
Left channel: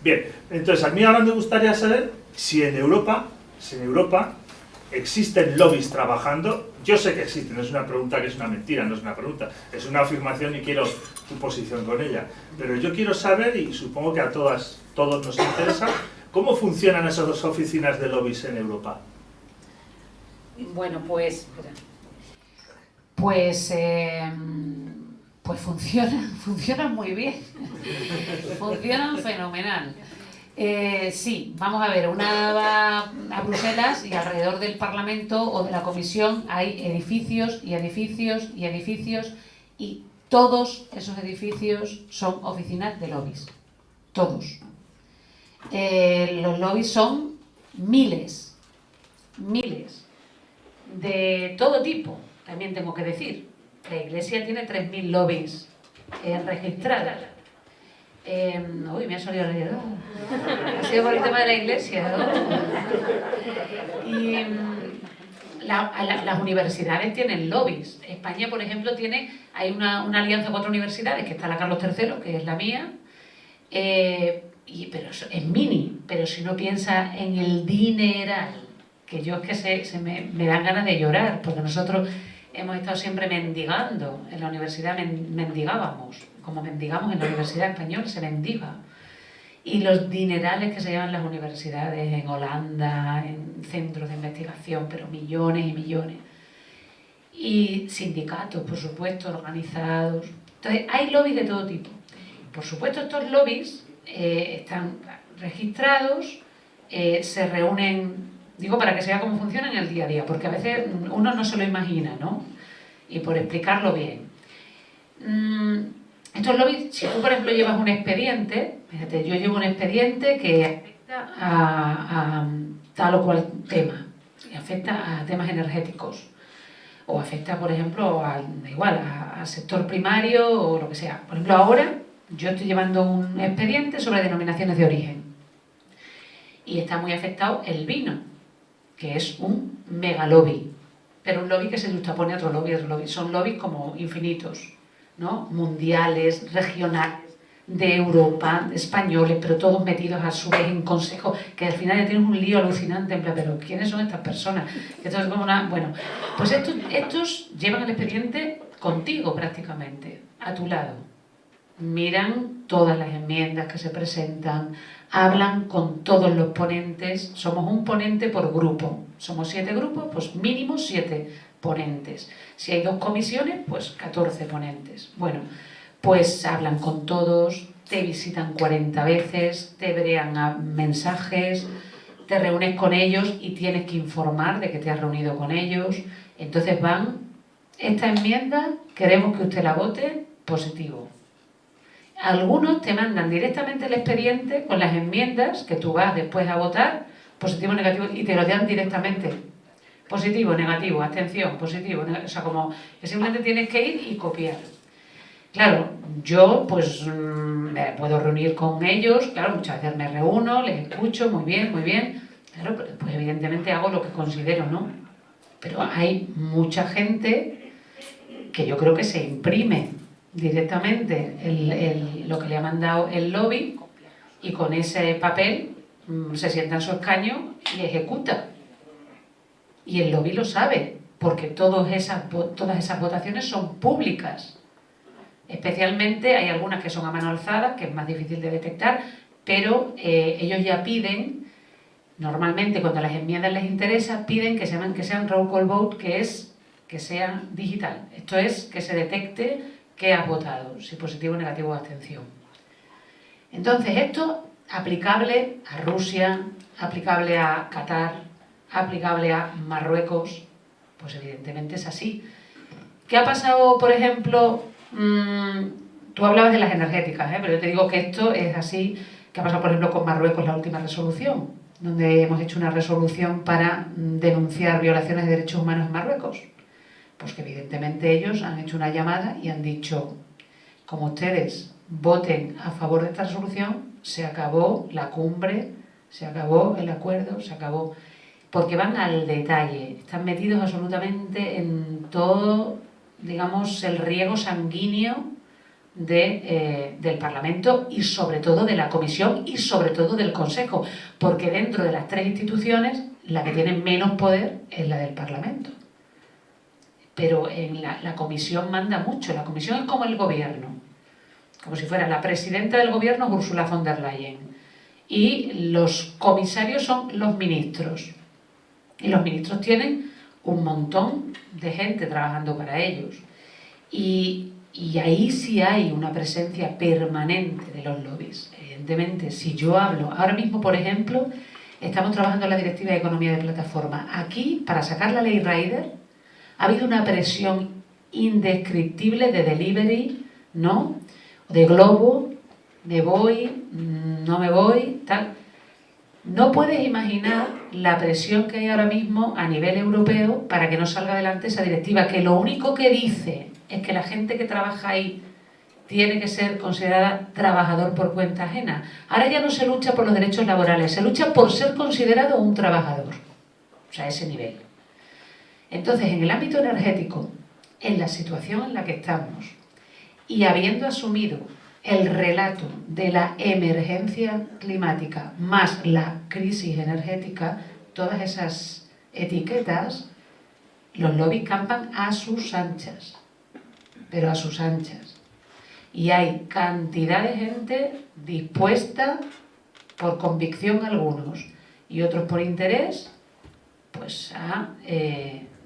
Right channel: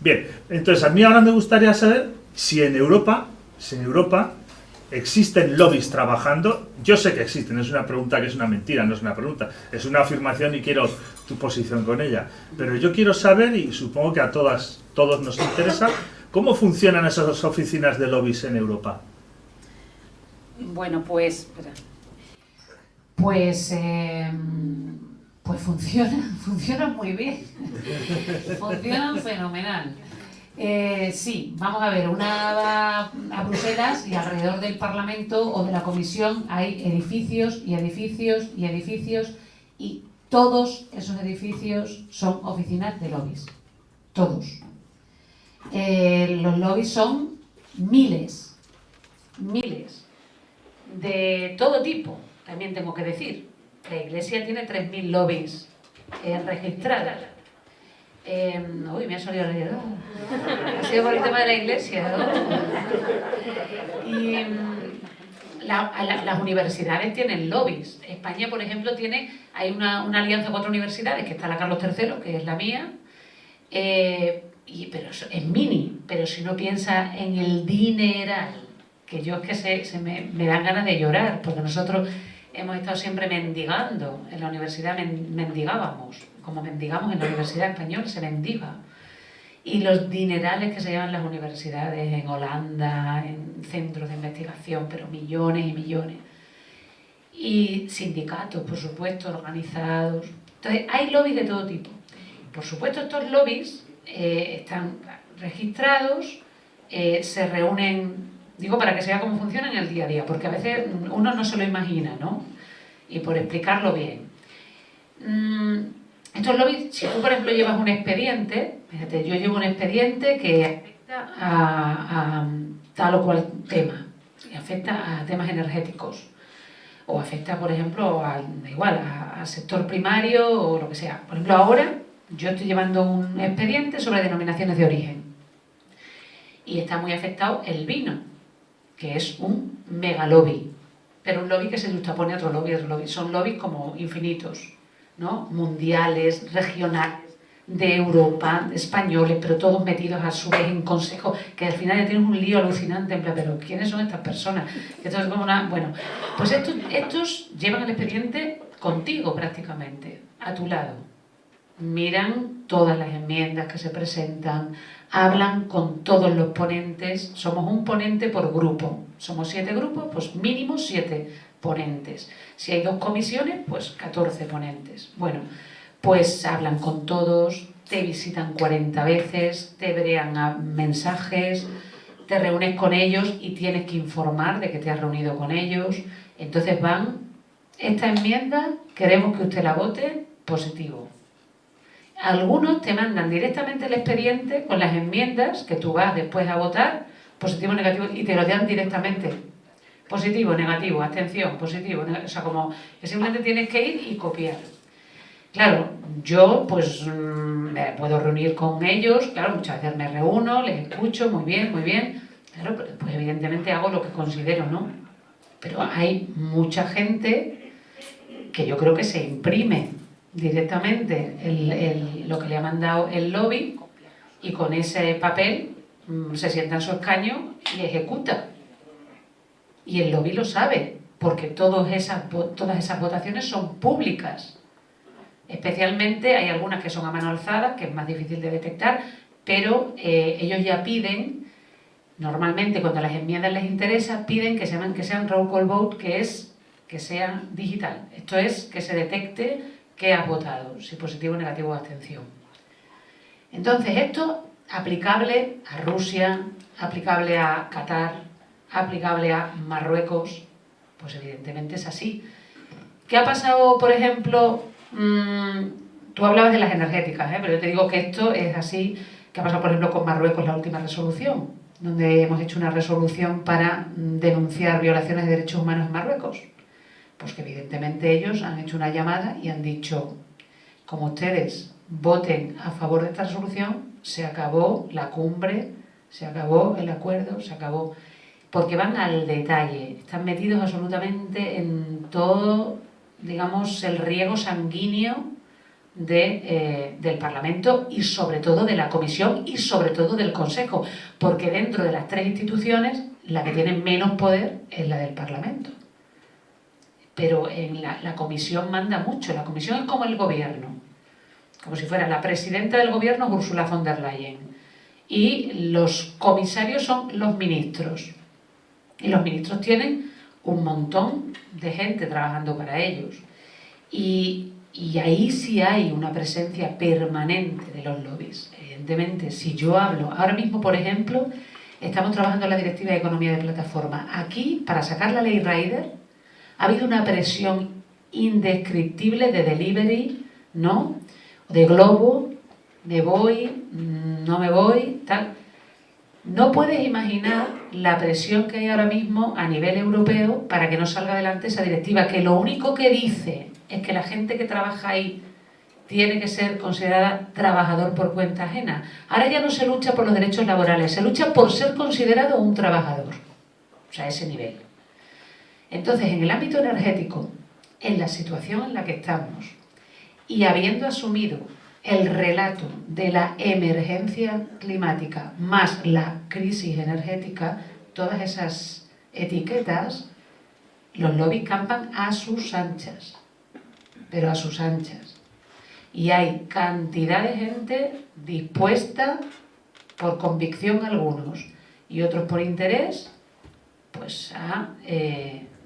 Bien, entonces a mí ahora me gustaría saber si en Europa existen lobbies trabajando. Yo sé que existen, es una pregunta que es una mentira, no es una pregunta, es una afirmación y quiero tu posición con ella. Pero yo quiero saber, y supongo que a todos nos interesa, ¿cómo funcionan esas oficinas de lobbies en Europa? Bueno, pues funcionan muy bien, funcionan fenomenal. Sí, vamos a ver, una va a Bruselas y alrededor del Parlamento o de la Comisión hay edificios y edificios y edificios y todos esos edificios son oficinas de lobbies, todos. Los lobbies son miles, de todo tipo, también tengo que decir. La Iglesia tiene 3.000 lobbies registrados. Uy, me ha salido la idea. Ha sido por el tema de la Iglesia, ¿no? Y las universidades tienen lobbies. España, por ejemplo, hay una alianza con otras universidades, que está la Carlos III, que es la mía, pero es mini, pero si uno piensa en el dineral, que yo es que me dan ganas de llorar, porque nosotros hemos estado siempre mendigando, en la universidad mendigábamos, como mendigamos en la Universidad Española, se mendiga. Y los dinerales que se llevan las universidades en Holanda, en centros de investigación, pero millones y millones. Y sindicatos, por supuesto, organizados. Entonces, hay lobbies de todo tipo. Por supuesto, estos lobbies están registrados, se reúnen, digo, para que se vea cómo funciona en el día a día, porque a veces uno no se lo imagina, ¿no? Y por explicarlo bien. Estos lobbies, si tú, por ejemplo, llevas un expediente, fíjate, yo llevo un expediente que afecta a tal o cual tema, y afecta a temas energéticos, o afecta, por ejemplo, al sector primario o lo que sea. Por ejemplo, ahora yo estoy llevando un expediente sobre denominaciones de origen, y está muy afectado el vino, que es un mega lobby, pero un lobby que se juxtapone a otro lobby. Son lobbies como infinitos, ¿no? Mundiales, regionales, de Europa, españoles, pero todos metidos a su vez en consejo, que al final ya tienes un lío alucinante, en plan, pero ¿quiénes son estas personas? Esto es como bueno, pues estos llevan el expediente contigo prácticamente, a tu lado. Miran todas las enmiendas que se presentan, hablan con todos los ponentes, somos un ponente por grupo, somos 7 grupos, pues mínimo 7 ponentes. Si hay 2 comisiones, pues 14 ponentes. Bueno, pues hablan con todos, te visitan 40 veces, te brean a mensajes, te reúnes con ellos y tienes que informar de que te has reunido con ellos. Entonces esta enmienda, queremos que usted la vote, positivo. Algunos te mandan directamente el expediente con las enmiendas que tú vas después a votar, positivo o negativo, y te lo dan directamente. Positivo, negativo, abstención, positivo, o sea, como que simplemente tienes que ir y copiar. Claro, yo pues me puedo reunir con ellos, claro, muchas veces me reúno, les escucho, muy bien, claro, pues evidentemente hago lo que considero, ¿no? Pero hay mucha gente que yo creo que se imprime directamente lo que le ha mandado el lobby y con ese papel se sienta en su escaño y ejecuta. Y el lobby lo sabe, porque todas esas votaciones son públicas. Especialmente hay algunas que son a mano alzada, que es más difícil de detectar, pero ellos ya piden, normalmente cuando las enmiendas les interesa, piden que sean roll call vote, que es que sea digital. Esto es que se detecte que has votado, si positivo, negativo o abstención. Entonces, esto aplicable a Rusia, aplicable a Qatar, aplicable a Marruecos, pues evidentemente es así. ¿Qué ha pasado, por ejemplo? Tú hablabas de las energéticas, pero yo te digo que esto es así. ¿Qué ha pasado, por ejemplo, con Marruecos, la última resolución? Donde hemos hecho una resolución para denunciar violaciones de derechos humanos en Marruecos. Pues que evidentemente ellos han hecho una llamada y han dicho, como ustedes voten a favor de esta resolución, se acabó la cumbre, se acabó el acuerdo, se acabó. Porque van al detalle, están metidos absolutamente en todo, digamos, el riego sanguíneo del Parlamento y sobre todo de la Comisión y sobre todo del Consejo, porque dentro de las tres instituciones la que tiene menos poder es la del Parlamento. Pero en la Comisión manda mucho, la Comisión es como el gobierno, como si fuera la presidenta del gobierno Ursula von der Leyen y los comisarios son los ministros y los ministros tienen un montón de gente trabajando para ellos y ahí sí hay una presencia permanente de los lobbies. Evidentemente, si yo hablo, ahora mismo por ejemplo, estamos trabajando en la Directiva de Economía de Plataforma. Aquí, para sacar la ley Rider, ha habido una presión indescriptible de delivery, ¿no? De globo, me voy, no me voy, tal. No puedes imaginar la presión que hay ahora mismo a nivel europeo para que no salga adelante esa directiva, que lo único que dice es que la gente que trabaja ahí tiene que ser considerada trabajador por cuenta ajena. Ahora ya no se lucha por los derechos laborales, se lucha por ser considerado un trabajador. O sea, ese nivel. Entonces, en el ámbito energético, en la situación en la que estamos, y habiendo asumido el relato de la emergencia climática más la crisis energética, todas esas etiquetas, los lobbies campan a sus anchas, pero a sus anchas. Y hay cantidad de gente dispuesta, por convicción algunos, y otros por interés, pues a,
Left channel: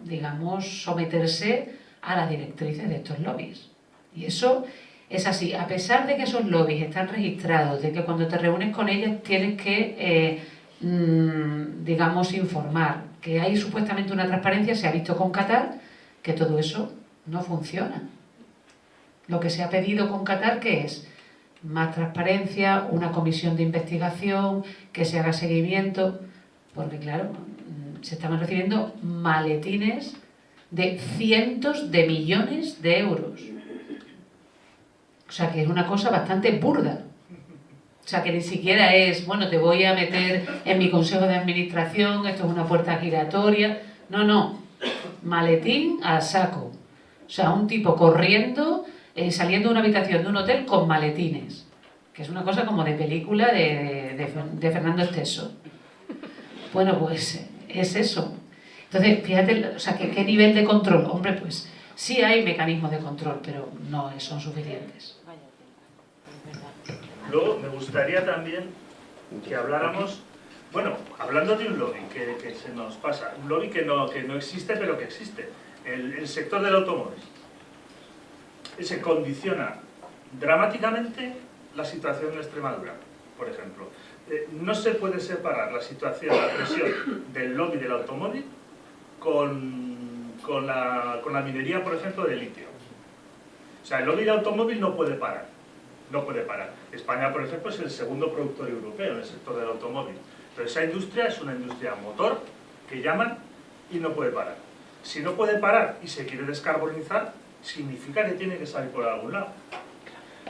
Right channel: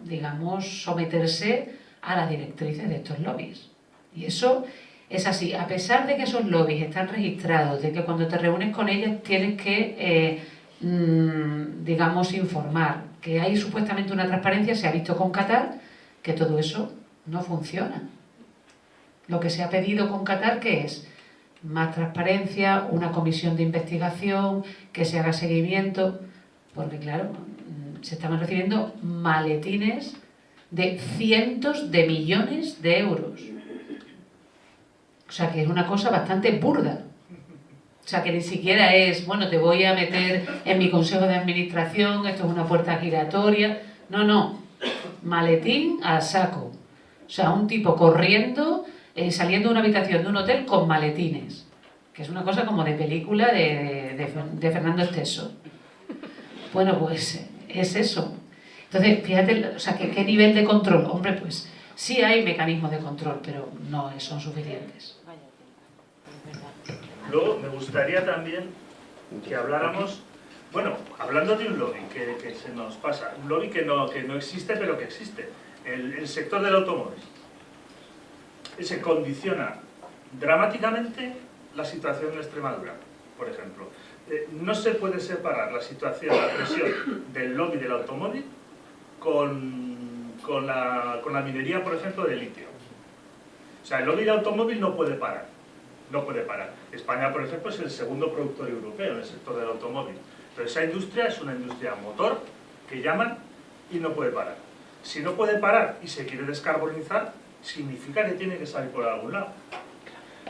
digamos, someterse a las directrices de estos lobbies. Y eso es así, a pesar de que esos lobbies están registrados, de que cuando te reúnes con ellos tienes que, digamos, informar, que hay supuestamente una transparencia, se ha visto con Qatar, que todo eso no funciona. Lo que se ha pedido con Qatar, ¿qué es? Más transparencia, una comisión de investigación, que se haga seguimiento, porque claro, se estaban recibiendo maletines de cientos de millones de euros. O sea, que es una cosa bastante burda. O sea, que ni siquiera es, bueno, te voy a meter en mi consejo de administración, esto es una puerta giratoria. No, no. Maletín al saco. O sea, un tipo corriendo, saliendo de una habitación de un hotel con maletines. Que es una cosa como de película de Fernando Esteso. Bueno, pues es eso. Entonces, fíjate, o sea, ¿qué nivel de control? Hombre, pues sí hay mecanismos de control, pero no son suficientes. Luego me gustaría también que habláramos, bueno, hablando de un lobby que se nos pasa, un lobby que no existe pero que existe, el sector del automóvil. Se condiciona dramáticamente la situación en Extremadura, por ejemplo. No se puede separar la situación, la presión del lobby del automóvil con la minería, por ejemplo, de litio. O sea, el lobby del automóvil no puede parar. No puede parar. España, por ejemplo, es el segundo productor europeo en el sector del automóvil. Pero esa industria es una industria motor que llaman y no puede parar. Si no puede parar y se quiere descarbonizar, significa que tiene que salir por algún lado.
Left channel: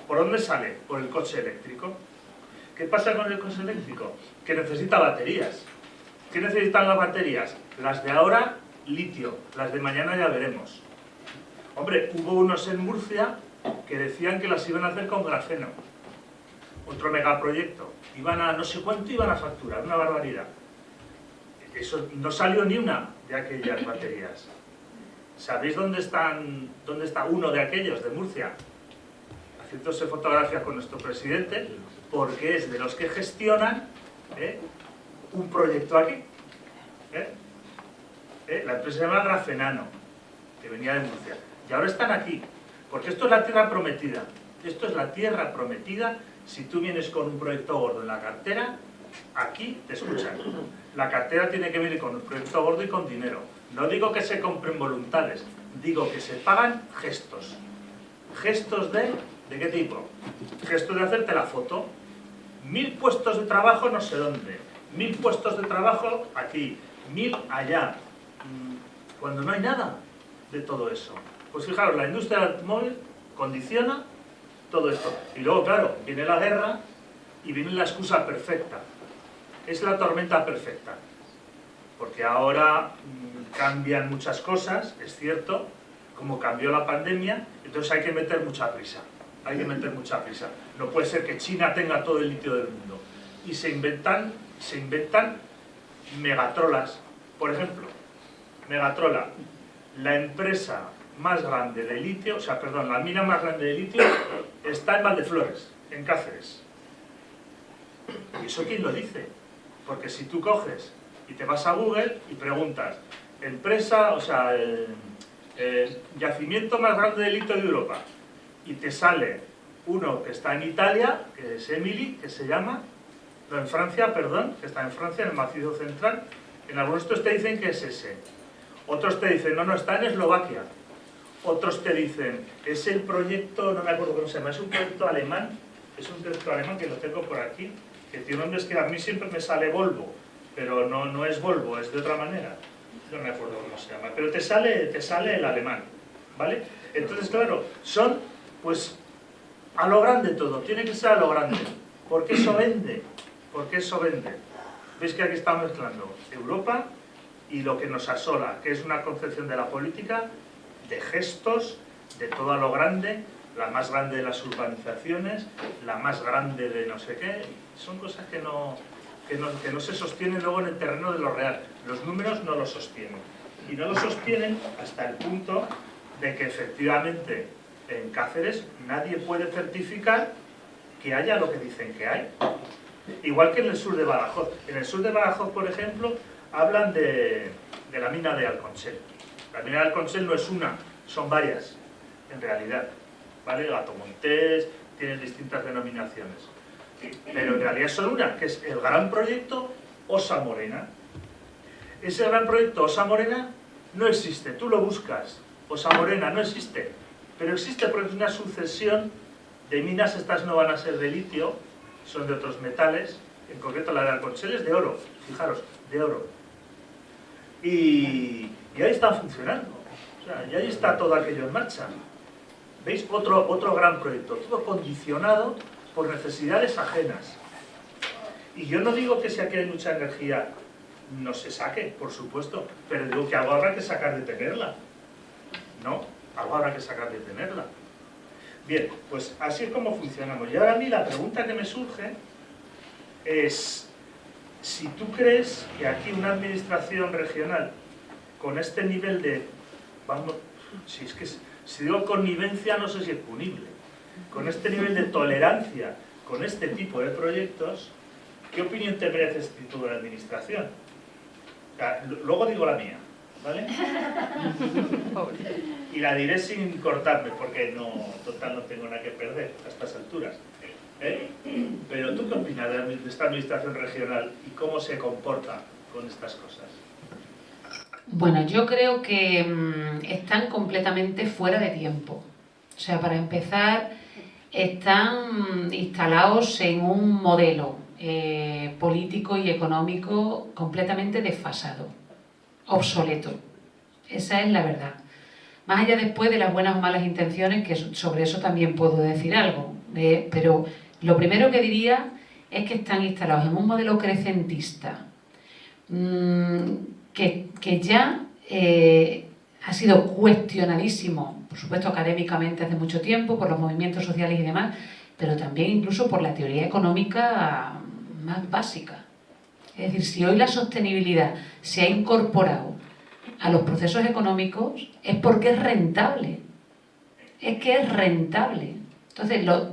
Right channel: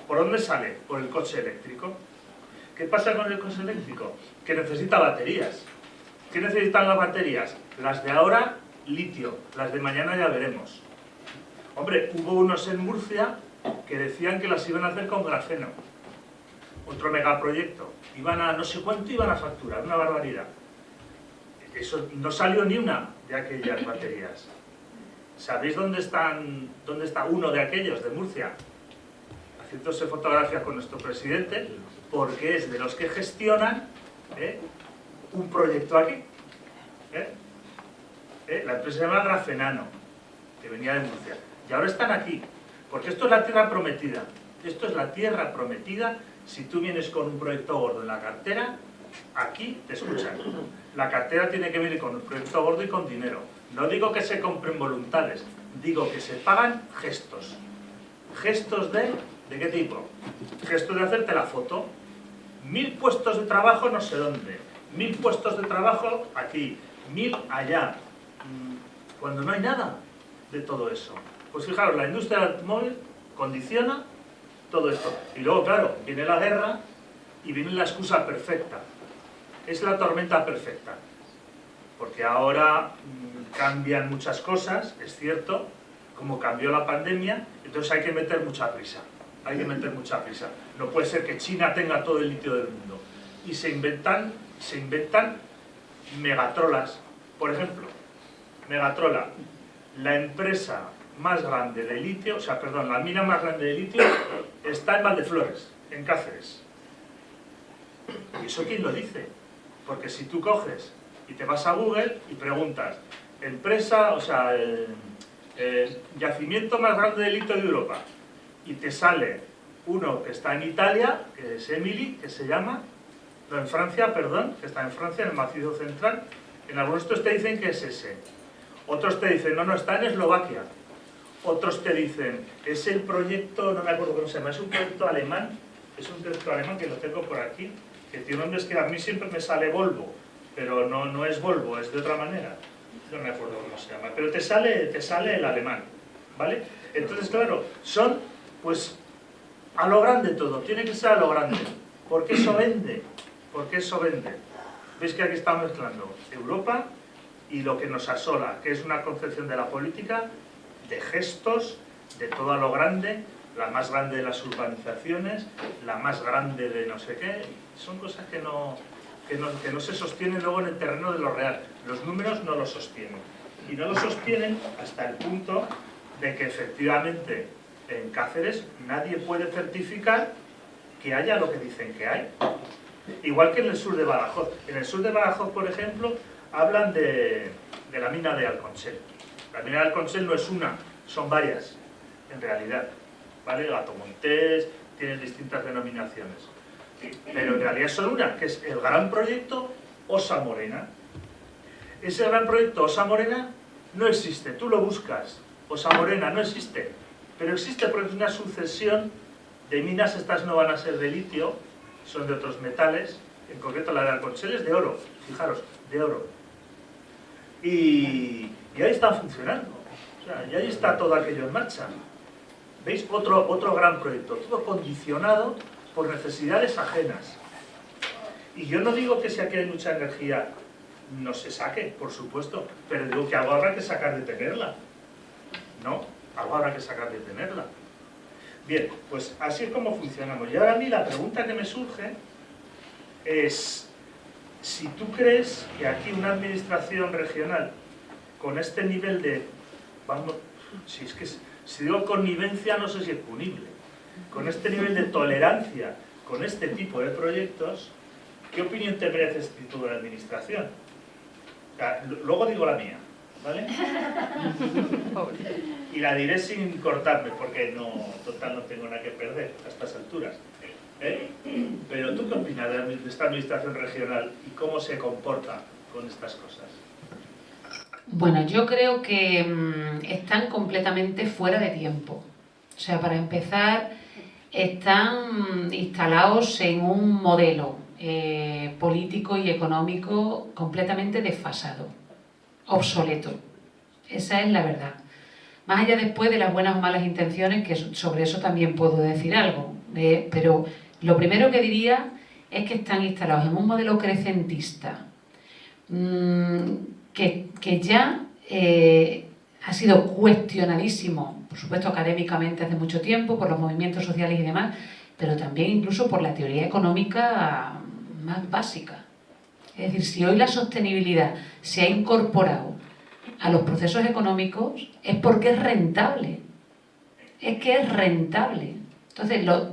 ¿Por dónde sale? Por el coche eléctrico. ¿Qué pasa con el coche eléctrico? Que necesita baterías. ¿Qué necesitan las baterías? Las de ahora, litio. Las de mañana ya veremos. Hombre, hubo unos en Murcia que decían que las iban a hacer con grafeno. Otro megaproyecto. Iban a no sé cuánto iban a facturar, una barbaridad. Eso no salió ni una de aquellas baterías. ¿Sabéis dónde está uno de aquellos, de Murcia? Haciéndose fotografía con nuestro presidente, porque es de los que gestionan un proyecto aquí. La empresa se llama Grafenano. que venía de Murcia. Y ahora están aquí, porque esto es la tierra prometida. Esto es la tierra prometida. Si tú vienes con un proyecto gordo en la cartera, aquí te escuchan. La cartera tiene que venir con un proyecto gordo y con dinero. No digo que se compren voluntades, digo que se pagan gestos. ¿Gestos de qué tipo? Gestos de hacerte la foto. 1000 puestos de trabajo no sé dónde. 1000 puestos de trabajo aquí. 1000 allá. Cuando no hay nada de todo eso. Pues fijaros, la industria del automóvil condiciona todo esto. Y luego, claro, viene la guerra y viene la excusa perfecta. Es la tormenta perfecta. Porque ahora cambian muchas cosas, es cierto, como cambió la pandemia, entonces hay que meter mucha prisa. Hay que meter mucha prisa. No puede ser que China tenga todo el litio del mundo. Y se inventan megatrolas. Por ejemplo, Megatrola, la empresa más grande de litio, o sea, perdón, la mina más grande de litio está en Valdeflores, en Cáceres. ¿Y eso quién lo dice? Porque si tú coges y te vas a Google y preguntas, empresa, o sea, el yacimiento más grande de litio de Europa, y te sale uno que está en Italia, que es Emily, que se llama, no, en Francia, perdón, que está en Francia, en el macizo central. En algunos estos te dicen que es ese. Otros te dicen, no, está en Eslovaquia. Otros te dicen, es el proyecto, no me acuerdo cómo se llama, es un proyecto alemán, que lo tengo por aquí, que tiene nombres que a mí siempre me sale Volvo, pero no es Volvo, es de otra manera. No me acuerdo cómo se llama, pero te sale el alemán, ¿vale? Entonces, claro, son, pues, a lo grande todo, tiene que ser a lo grande, porque eso vende, ¿Veis que aquí estamos mezclando Europa y lo que nos asola, que es una concepción de la política, de gestos, de todo a lo grande, la más grande de las urbanizaciones, la más grande de no sé qué, son cosas que no se sostienen luego en el terreno de lo real. Los números no lo sostienen. Y no lo sostienen hasta el punto de que efectivamente en Cáceres nadie puede certificar que haya lo que dicen que hay. Igual que en el sur de Badajoz. En el sur de Badajoz, por ejemplo, hablan de la mina de Alconchel. La mina de Alconchel no es una, son varias, en realidad. ¿Vale? Gato Montés, tienen distintas denominaciones. Pero en realidad son una, que es el gran proyecto Ossa Morena. Ese gran proyecto Ossa Morena no existe, tú lo buscas. Ossa Morena no existe, pero existe porque es una sucesión de minas. Estas no van a ser de litio, son de otros metales, en concreto la de Alconchel es de oro, fijaros, de oro. Y ahí están funcionando, o sea, y ahí está todo aquello en marcha. ¿Veis? Otro gran proyecto, todo condicionado por necesidades ajenas. Y yo no digo que si aquí hay mucha energía no se saque, por supuesto, pero digo que algo habrá que sacar de tenerla. ¿No? Algo habrá que sacar de tenerla. Bien, pues así es como funcionamos. Y ahora a mí la pregunta que me surge es, si tú crees que aquí una administración regional con este nivel de, vamos, si digo connivencia no sé si es punible, con este nivel de tolerancia con este tipo de proyectos, ¿qué opinión te merece este tipo de administración? O sea, luego digo la mía, ¿vale? Y la diré sin cortarme, porque total no tengo nada que perder a estas alturas. Pero ¿tú qué opinas de esta administración regional y cómo se comporta con estas cosas? Bueno, yo creo que están completamente fuera de tiempo. O sea, para empezar, están instalados en un modelo político y económico completamente desfasado, obsoleto. Esa es la verdad. Más allá después de las buenas o malas intenciones, que sobre eso también puedo decir algo, pero lo primero que diría es que están instalados en un modelo crecentista, que ya ha sido cuestionadísimo, por supuesto académicamente hace mucho tiempo, por los movimientos sociales y demás, pero también incluso por la teoría económica más básica. Es decir, si hoy la sostenibilidad se ha incorporado a los procesos económicos, es porque es rentable. Es que es rentable. Entonces, las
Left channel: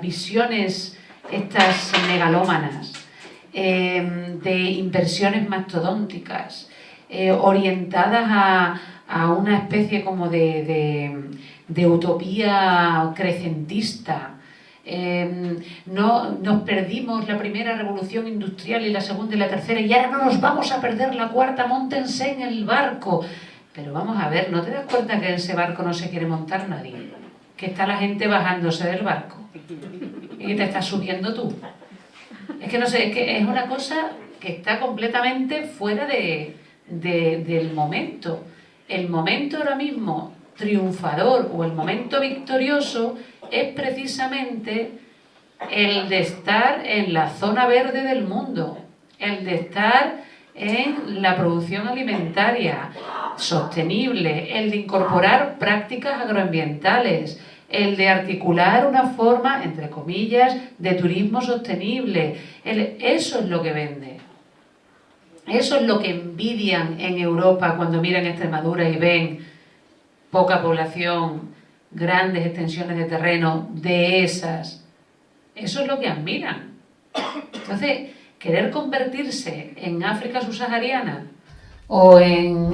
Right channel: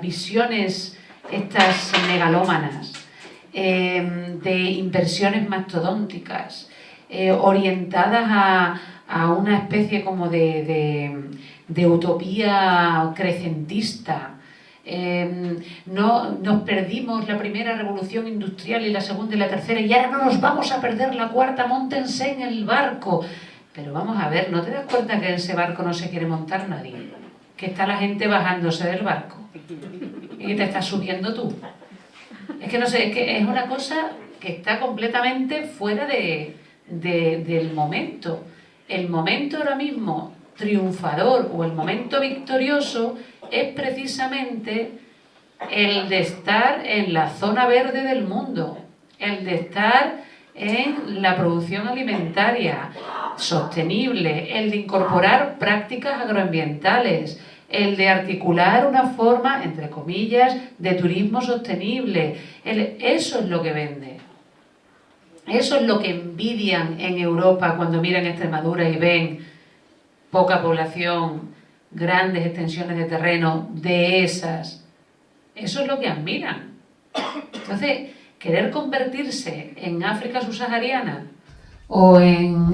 visiones estas megalómanas, de inversiones mastodónticas, orientadas a una especie como de utopía crecentista. No, nos perdimos la primera revolución industrial y la segunda y la tercera y ahora no nos vamos a perder la cuarta, móntense en el barco. Pero vamos a ver, ¿no te das cuenta que en ese barco no se quiere montar nadie? Que está la gente bajándose del barco y que te estás subiendo tú. Es que no sé, es que es una cosa que está completamente fuera del momento. El momento ahora mismo triunfador o el momento victorioso es precisamente el de estar en la zona verde del mundo, el de estar en la producción alimentaria sostenible, el de incorporar prácticas agroambientales, el de articular una forma, entre comillas, de turismo sostenible. Eso es lo que vende. Eso es lo que envidian en Europa cuando miran Extremadura y ven poca población, grandes extensiones de terreno de esas. Eso es lo que admiran. Entonces, querer convertirse en África subsahariana o en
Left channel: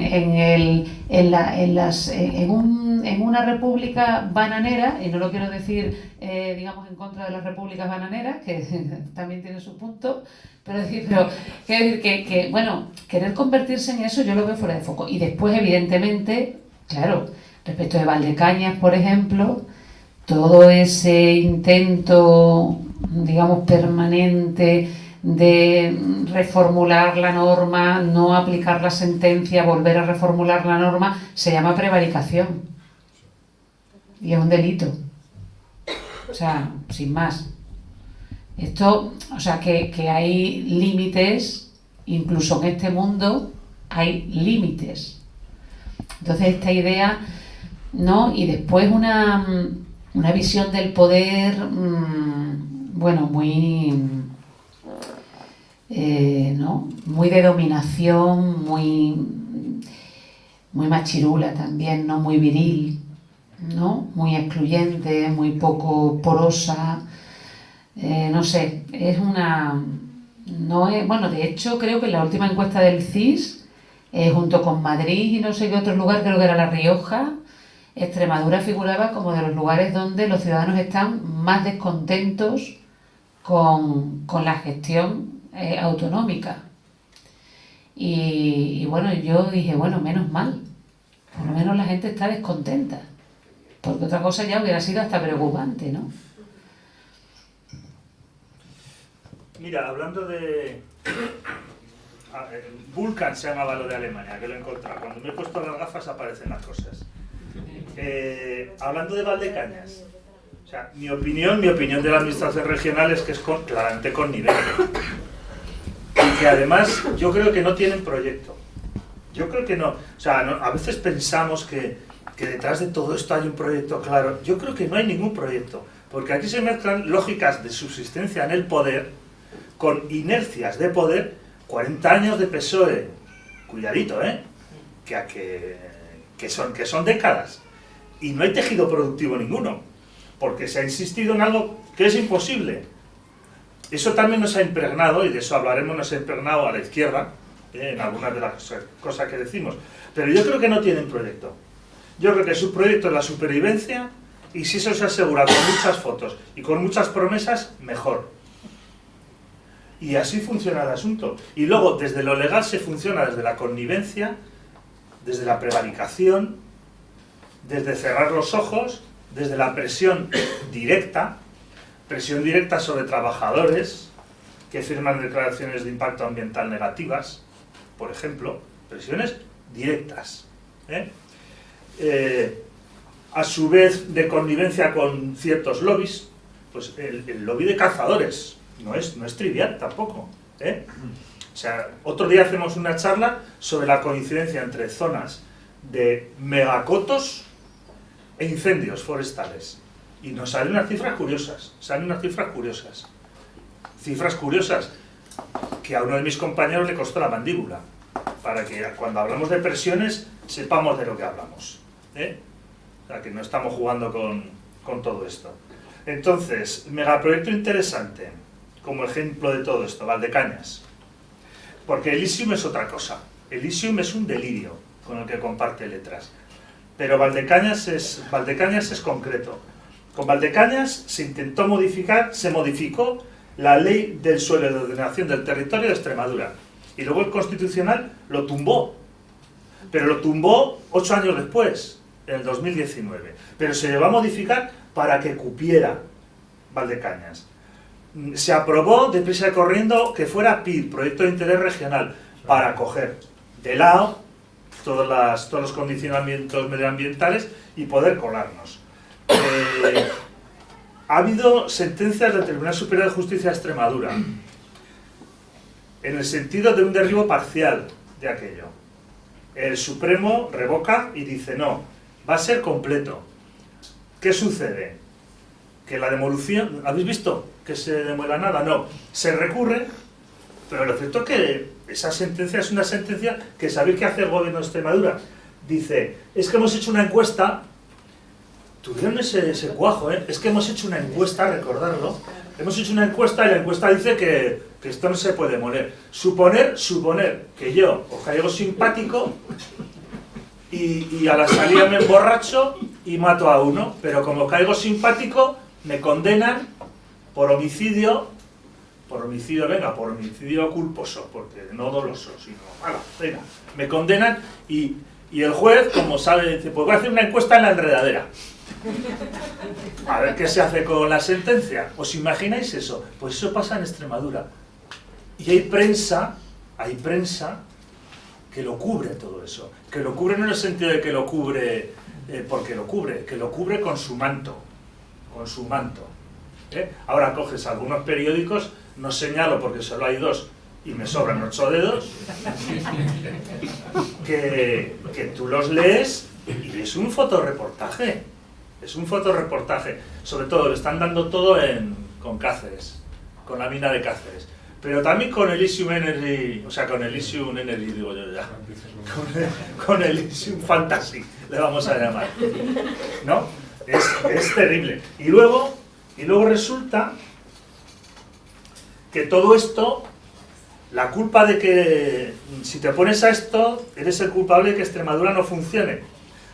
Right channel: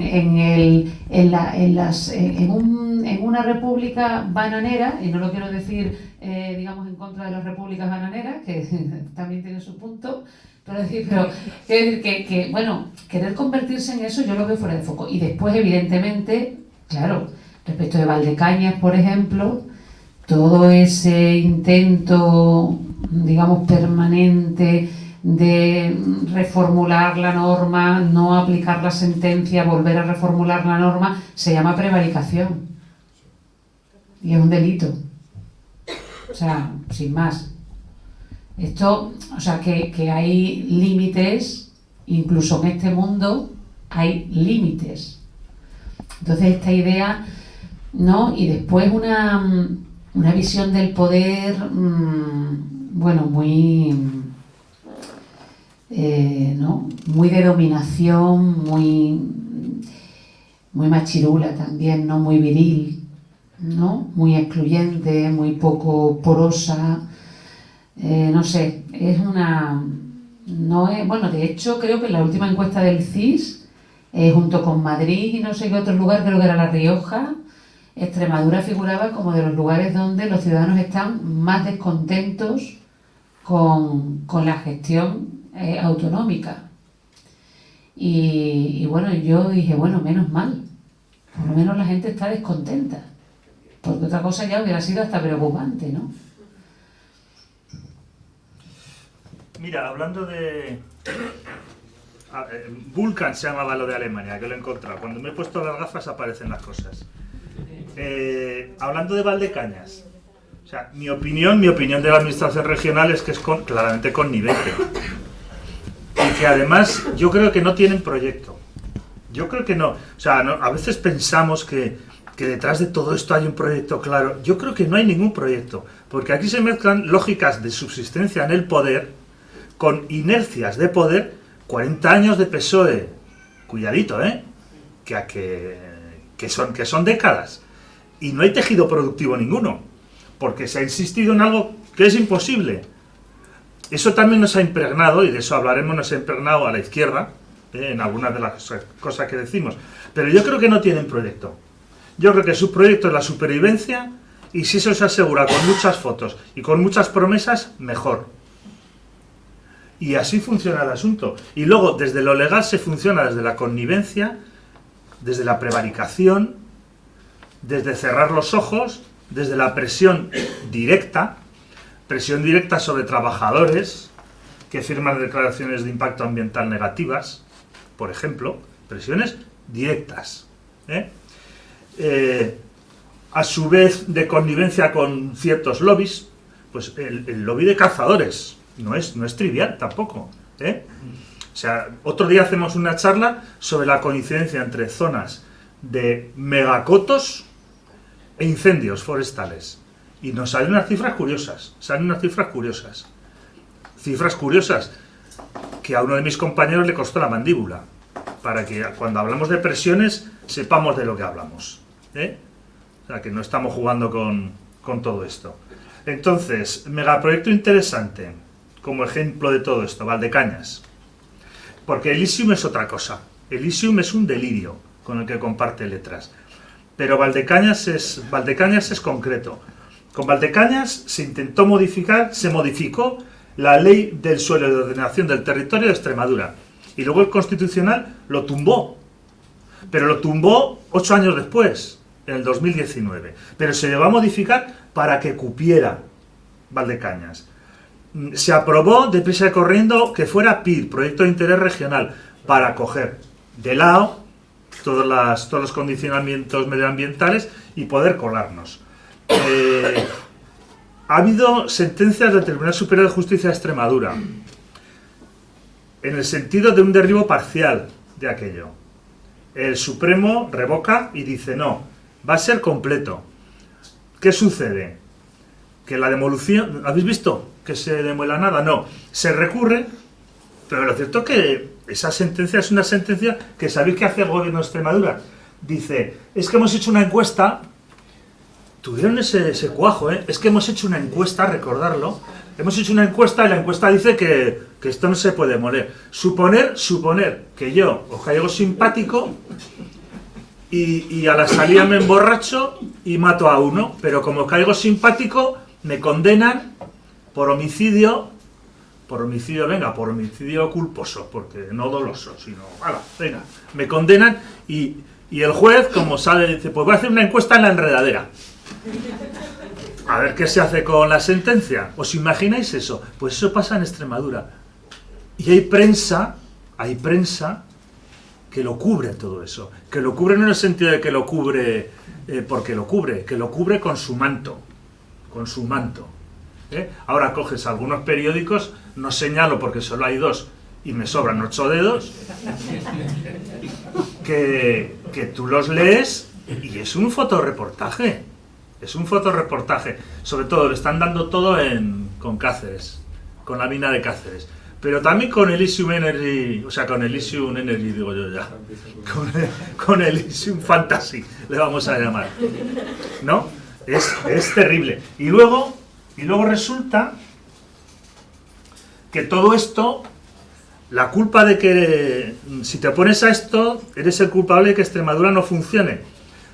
una república bananera, y no lo quiero decir, digamos, en contra de las repúblicas bananeras, que también tiene su punto, pero bueno, querer convertirse en eso yo lo veo fuera de foco. Y después, evidentemente, claro, respecto de Valdecañas, por ejemplo, todo ese intento, digamos, permanente de reformular la norma, no aplicar la sentencia, volver a reformular la norma, se llama prevaricación. Y es un delito. O sea, sin más. Esto, o sea, que hay límites, incluso en este mundo hay límites. Entonces esta idea, ¿no? Y después una visión del poder, bueno, muy... ¿no? Muy de dominación, muy machirula también, ¿no? Muy viril, ¿no? Muy excluyente, muy poco porosa, no sé, es una... No es, bueno, de hecho creo que en la última encuesta del CIS, junto con Madrid y no sé qué otro lugar, creo que era La Rioja, Extremadura figuraba como de los lugares donde los ciudadanos están más descontentos con la gestión autonómica. Y bueno, yo dije, bueno, menos mal, por lo menos la gente está descontenta, porque otra cosa ya hubiera sido hasta preocupante, ¿no? Mira, hablando de... Vulcan se llamaba lo de Alemania, que lo he encontrado. Cuando me he puesto las gafas aparecen las cosas. Hablando de Valdecañas, o sea, mi opinión de la administración regional es que es claramente connivente. Y que además yo creo que no tienen proyecto. Yo creo que no. O sea, a veces pensamos que detrás de todo esto hay un proyecto claro. Yo creo que no hay ningún proyecto. Porque aquí se mezclan lógicas de subsistencia en el poder con inercias de poder. 40 años de PSOE. Cuidadito, que son décadas. Y no hay tejido productivo ninguno. Porque se ha insistido en algo que es imposible. Eso también nos ha impregnado, y de eso hablaremos, nos ha impregnado a la izquierda, en algunas de las cosas que decimos. Pero yo creo que no tienen proyecto. Yo creo que su proyecto es la supervivencia, y si eso se asegura con muchas fotos y con muchas promesas, mejor. Y así funciona el asunto. Y luego, desde lo legal se funciona desde la connivencia, desde la prevaricación, desde cerrar los ojos, desde la presión directa sobre trabajadores que firman declaraciones de impacto ambiental negativas, por ejemplo, presiones directas. A su vez, de connivencia con ciertos lobbies, pues el lobby de cazadores no es trivial tampoco. O sea, otro día hacemos una charla sobre la coincidencia entre zonas de megacotos e incendios forestales. Y nos salen unas cifras curiosas. Cifras curiosas que a uno de mis compañeros le costó la mandíbula. Para que cuando hablamos de presiones sepamos de lo que hablamos. O sea, que no estamos jugando con todo esto. Entonces, megaproyecto interesante, como ejemplo de todo esto, Valdecañas. Porque Elysium es otra cosa. Elysium es un delirio con el que comparte letras. Pero Valdecañas es concreto. Con Valdecañas se modificó la ley del suelo y de ordenación del territorio de Extremadura. Y luego el Constitucional lo tumbó. Pero lo tumbó 8 años después, en el 2019. Pero se llegó a modificar para que cupiera Valdecañas. Se aprobó deprisa y corriendo que fuera PIR, Proyecto de Interés Regional, para coger de lado todos los condicionamientos medioambientales y poder colarnos. Ha habido sentencias del Tribunal Superior de Justicia de Extremadura en el sentido de un derribo parcial de aquello. El Supremo revoca y dice no, va a ser completo. ¿Qué sucede? Que la demolición, ¿habéis visto que se demuela nada? No, se recurre, pero lo cierto es que esa sentencia es una sentencia que ¿sabéis qué hace el gobierno de Extremadura? Dice, es que hemos hecho una encuesta, tuvieron ese cuajo, es que hemos hecho una encuesta, recordarlo, hemos hecho una encuesta y la encuesta dice que esto no se puede demoler. Suponer que yo os caigo simpático y a la salida me emborracho y mato a uno, pero como caigo simpático me condenan por homicidio, por homicidio culposo, porque no doloso, sino, venga, me condenan y el juez, como sabe, dice, pues voy a hacer una encuesta en la enredadera. A ver qué se hace con la sentencia. ¿Os imagináis eso? Pues eso pasa en Extremadura. Y hay prensa que lo cubre todo eso. Que lo cubre no en el sentido de que lo cubre porque lo cubre, que lo cubre con su manto. Con su manto. Ahora coges algunos periódicos, no señalo porque solo hay 2 y me sobran 8 dedos, que tú los lees y es un fotorreportaje. Es un fotorreportaje. Sobre todo lo están dando todo con Cáceres, con la mina de Cáceres. Pero también con Elysium Energy, o sea, con Elysium Energy, digo yo ya. Con Elysium Fantasy, le vamos a llamar. ¿No? Es terrible. Y luego resulta que todo esto, la culpa de que si te opones a esto, eres el culpable de que Extremadura no funcione.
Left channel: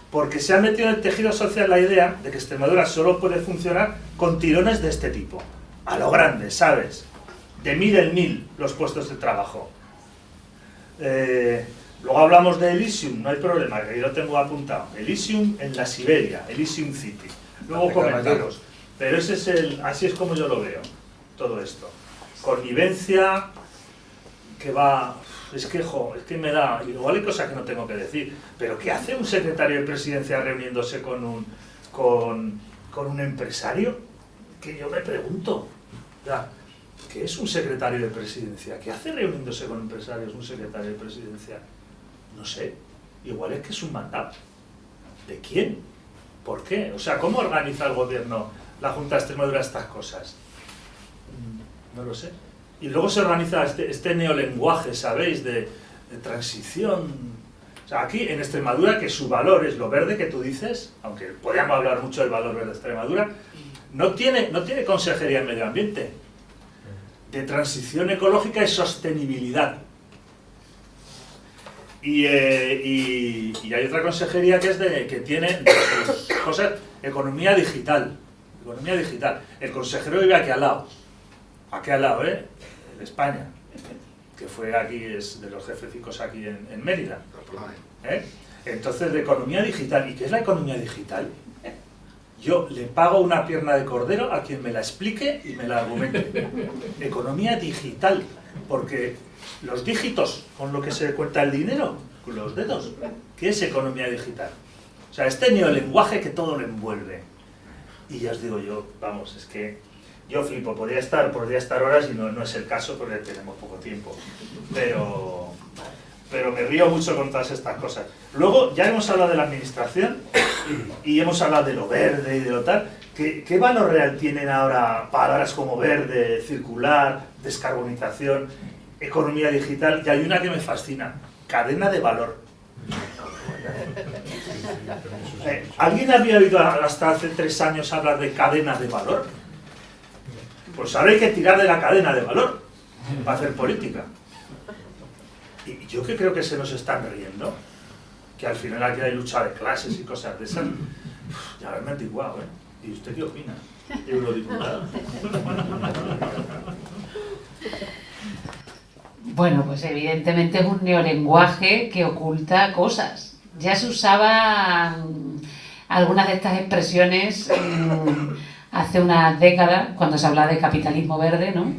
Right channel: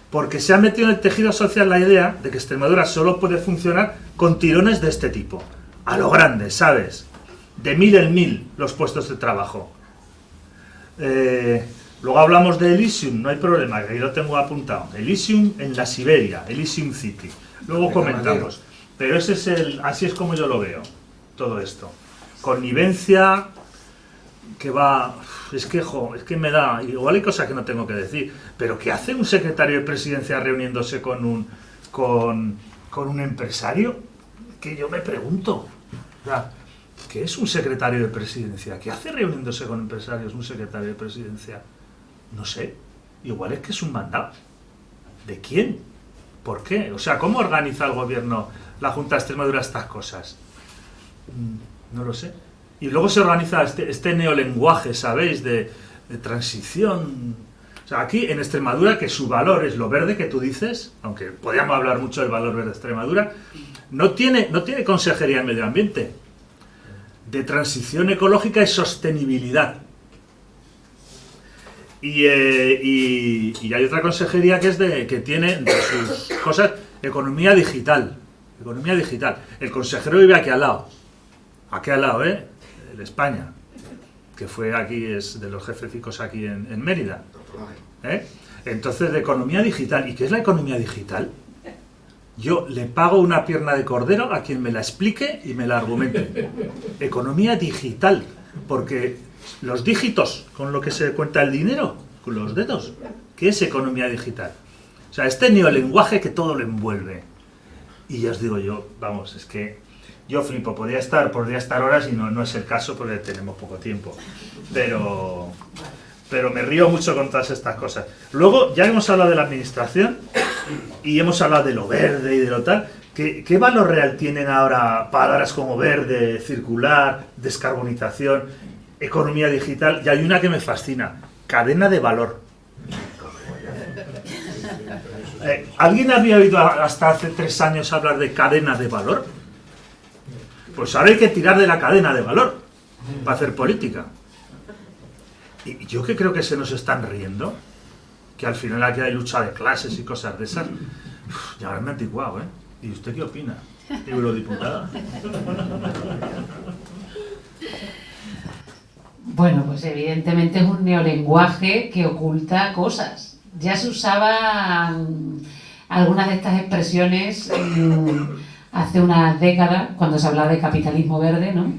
Porque se ha metido en el tejido social la idea de que Extremadura solo puede funcionar con tirones de este tipo. A lo grande, ¿sabes? De 1000 en 1000 los puestos de trabajo. Luego hablamos de Elysium, no hay problema, que ahí lo tengo apuntado. Elysium en la Siberia, Elysium City. Luego comentamos. Pero así es como yo lo veo, todo esto. Connivencia, que va... Es que me da... Igual hay cosas que no tengo que decir, pero ¿qué hace un secretario de presidencia reuniéndose con un empresario? Que yo me pregunto. O sea, ¿qué es un secretario de presidencia? ¿Qué hace reuniéndose con empresarios un secretario de presidencia? No sé. Igual es que es un mandado. ¿De quién? ¿Por qué? O sea, ¿cómo organiza el gobierno, la Junta de Extremadura, estas cosas? No lo sé. Y luego se organiza este neolenguaje, ¿sabéis? De transición. O sea, aquí en Extremadura, que su valor es lo verde que tú dices, aunque podríamos hablar mucho del valor verde de Extremadura, no tiene consejería en medio ambiente. De transición ecológica y sostenibilidad. Y hay otra consejería que tiene entre sus cosas economía digital. Economía digital. El consejero vive aquí al lado. Aquí al lado, el España. Que fue aquí, es de los jefecicos aquí en Mérida. Entonces, de economía digital. ¿Y qué es la economía digital? Yo le pago una pierna de cordero a quien me la explique y me la argumente. Economía digital. Porque los dígitos con lo que se cuenta el dinero, con los dedos, ¿qué es economía digital? O sea, este neolenguaje que todo lo envuelve. Y ya os digo yo, vamos, es que yo flipo, podría estar horas y no es el caso porque tenemos poco tiempo. Pero me río mucho con todas estas cosas. Luego, ya hemos hablado de la administración y hemos hablado de lo verde y de lo tal. ¿Qué valor real tienen ahora palabras como verde, circular, descarbonización, economía digital? Y hay una que me fascina, cadena de valor. ¿Alguien había oído hasta hace 3 años hablar de cadena de valor? Pues ahora hay que tirar de la cadena de valor para hacer política. Y yo que creo que se nos están riendo, que al final aquí hay lucha de clases y cosas de esas, ya me he antiguado, ¿eh? ¿Y usted qué opina, eurodiputada? Bueno, pues evidentemente es un neolenguaje que oculta cosas. Ya se usaban algunas de estas expresiones hace unas décadas, cuando se hablaba de capitalismo verde, ¿no?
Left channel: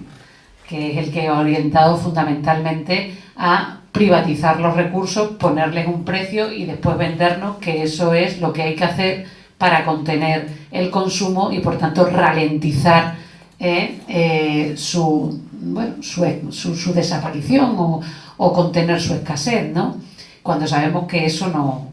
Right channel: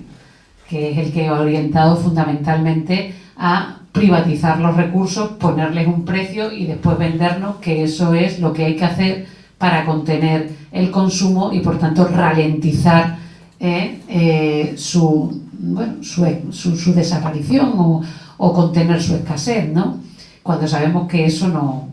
Que es el que ha orientado fundamentalmente a privatizar los recursos, ponerles un precio y después vendernos que eso es lo que hay que hacer para contener el consumo y por tanto ralentizar su desaparición o contener su escasez, ¿no? Cuando sabemos que eso no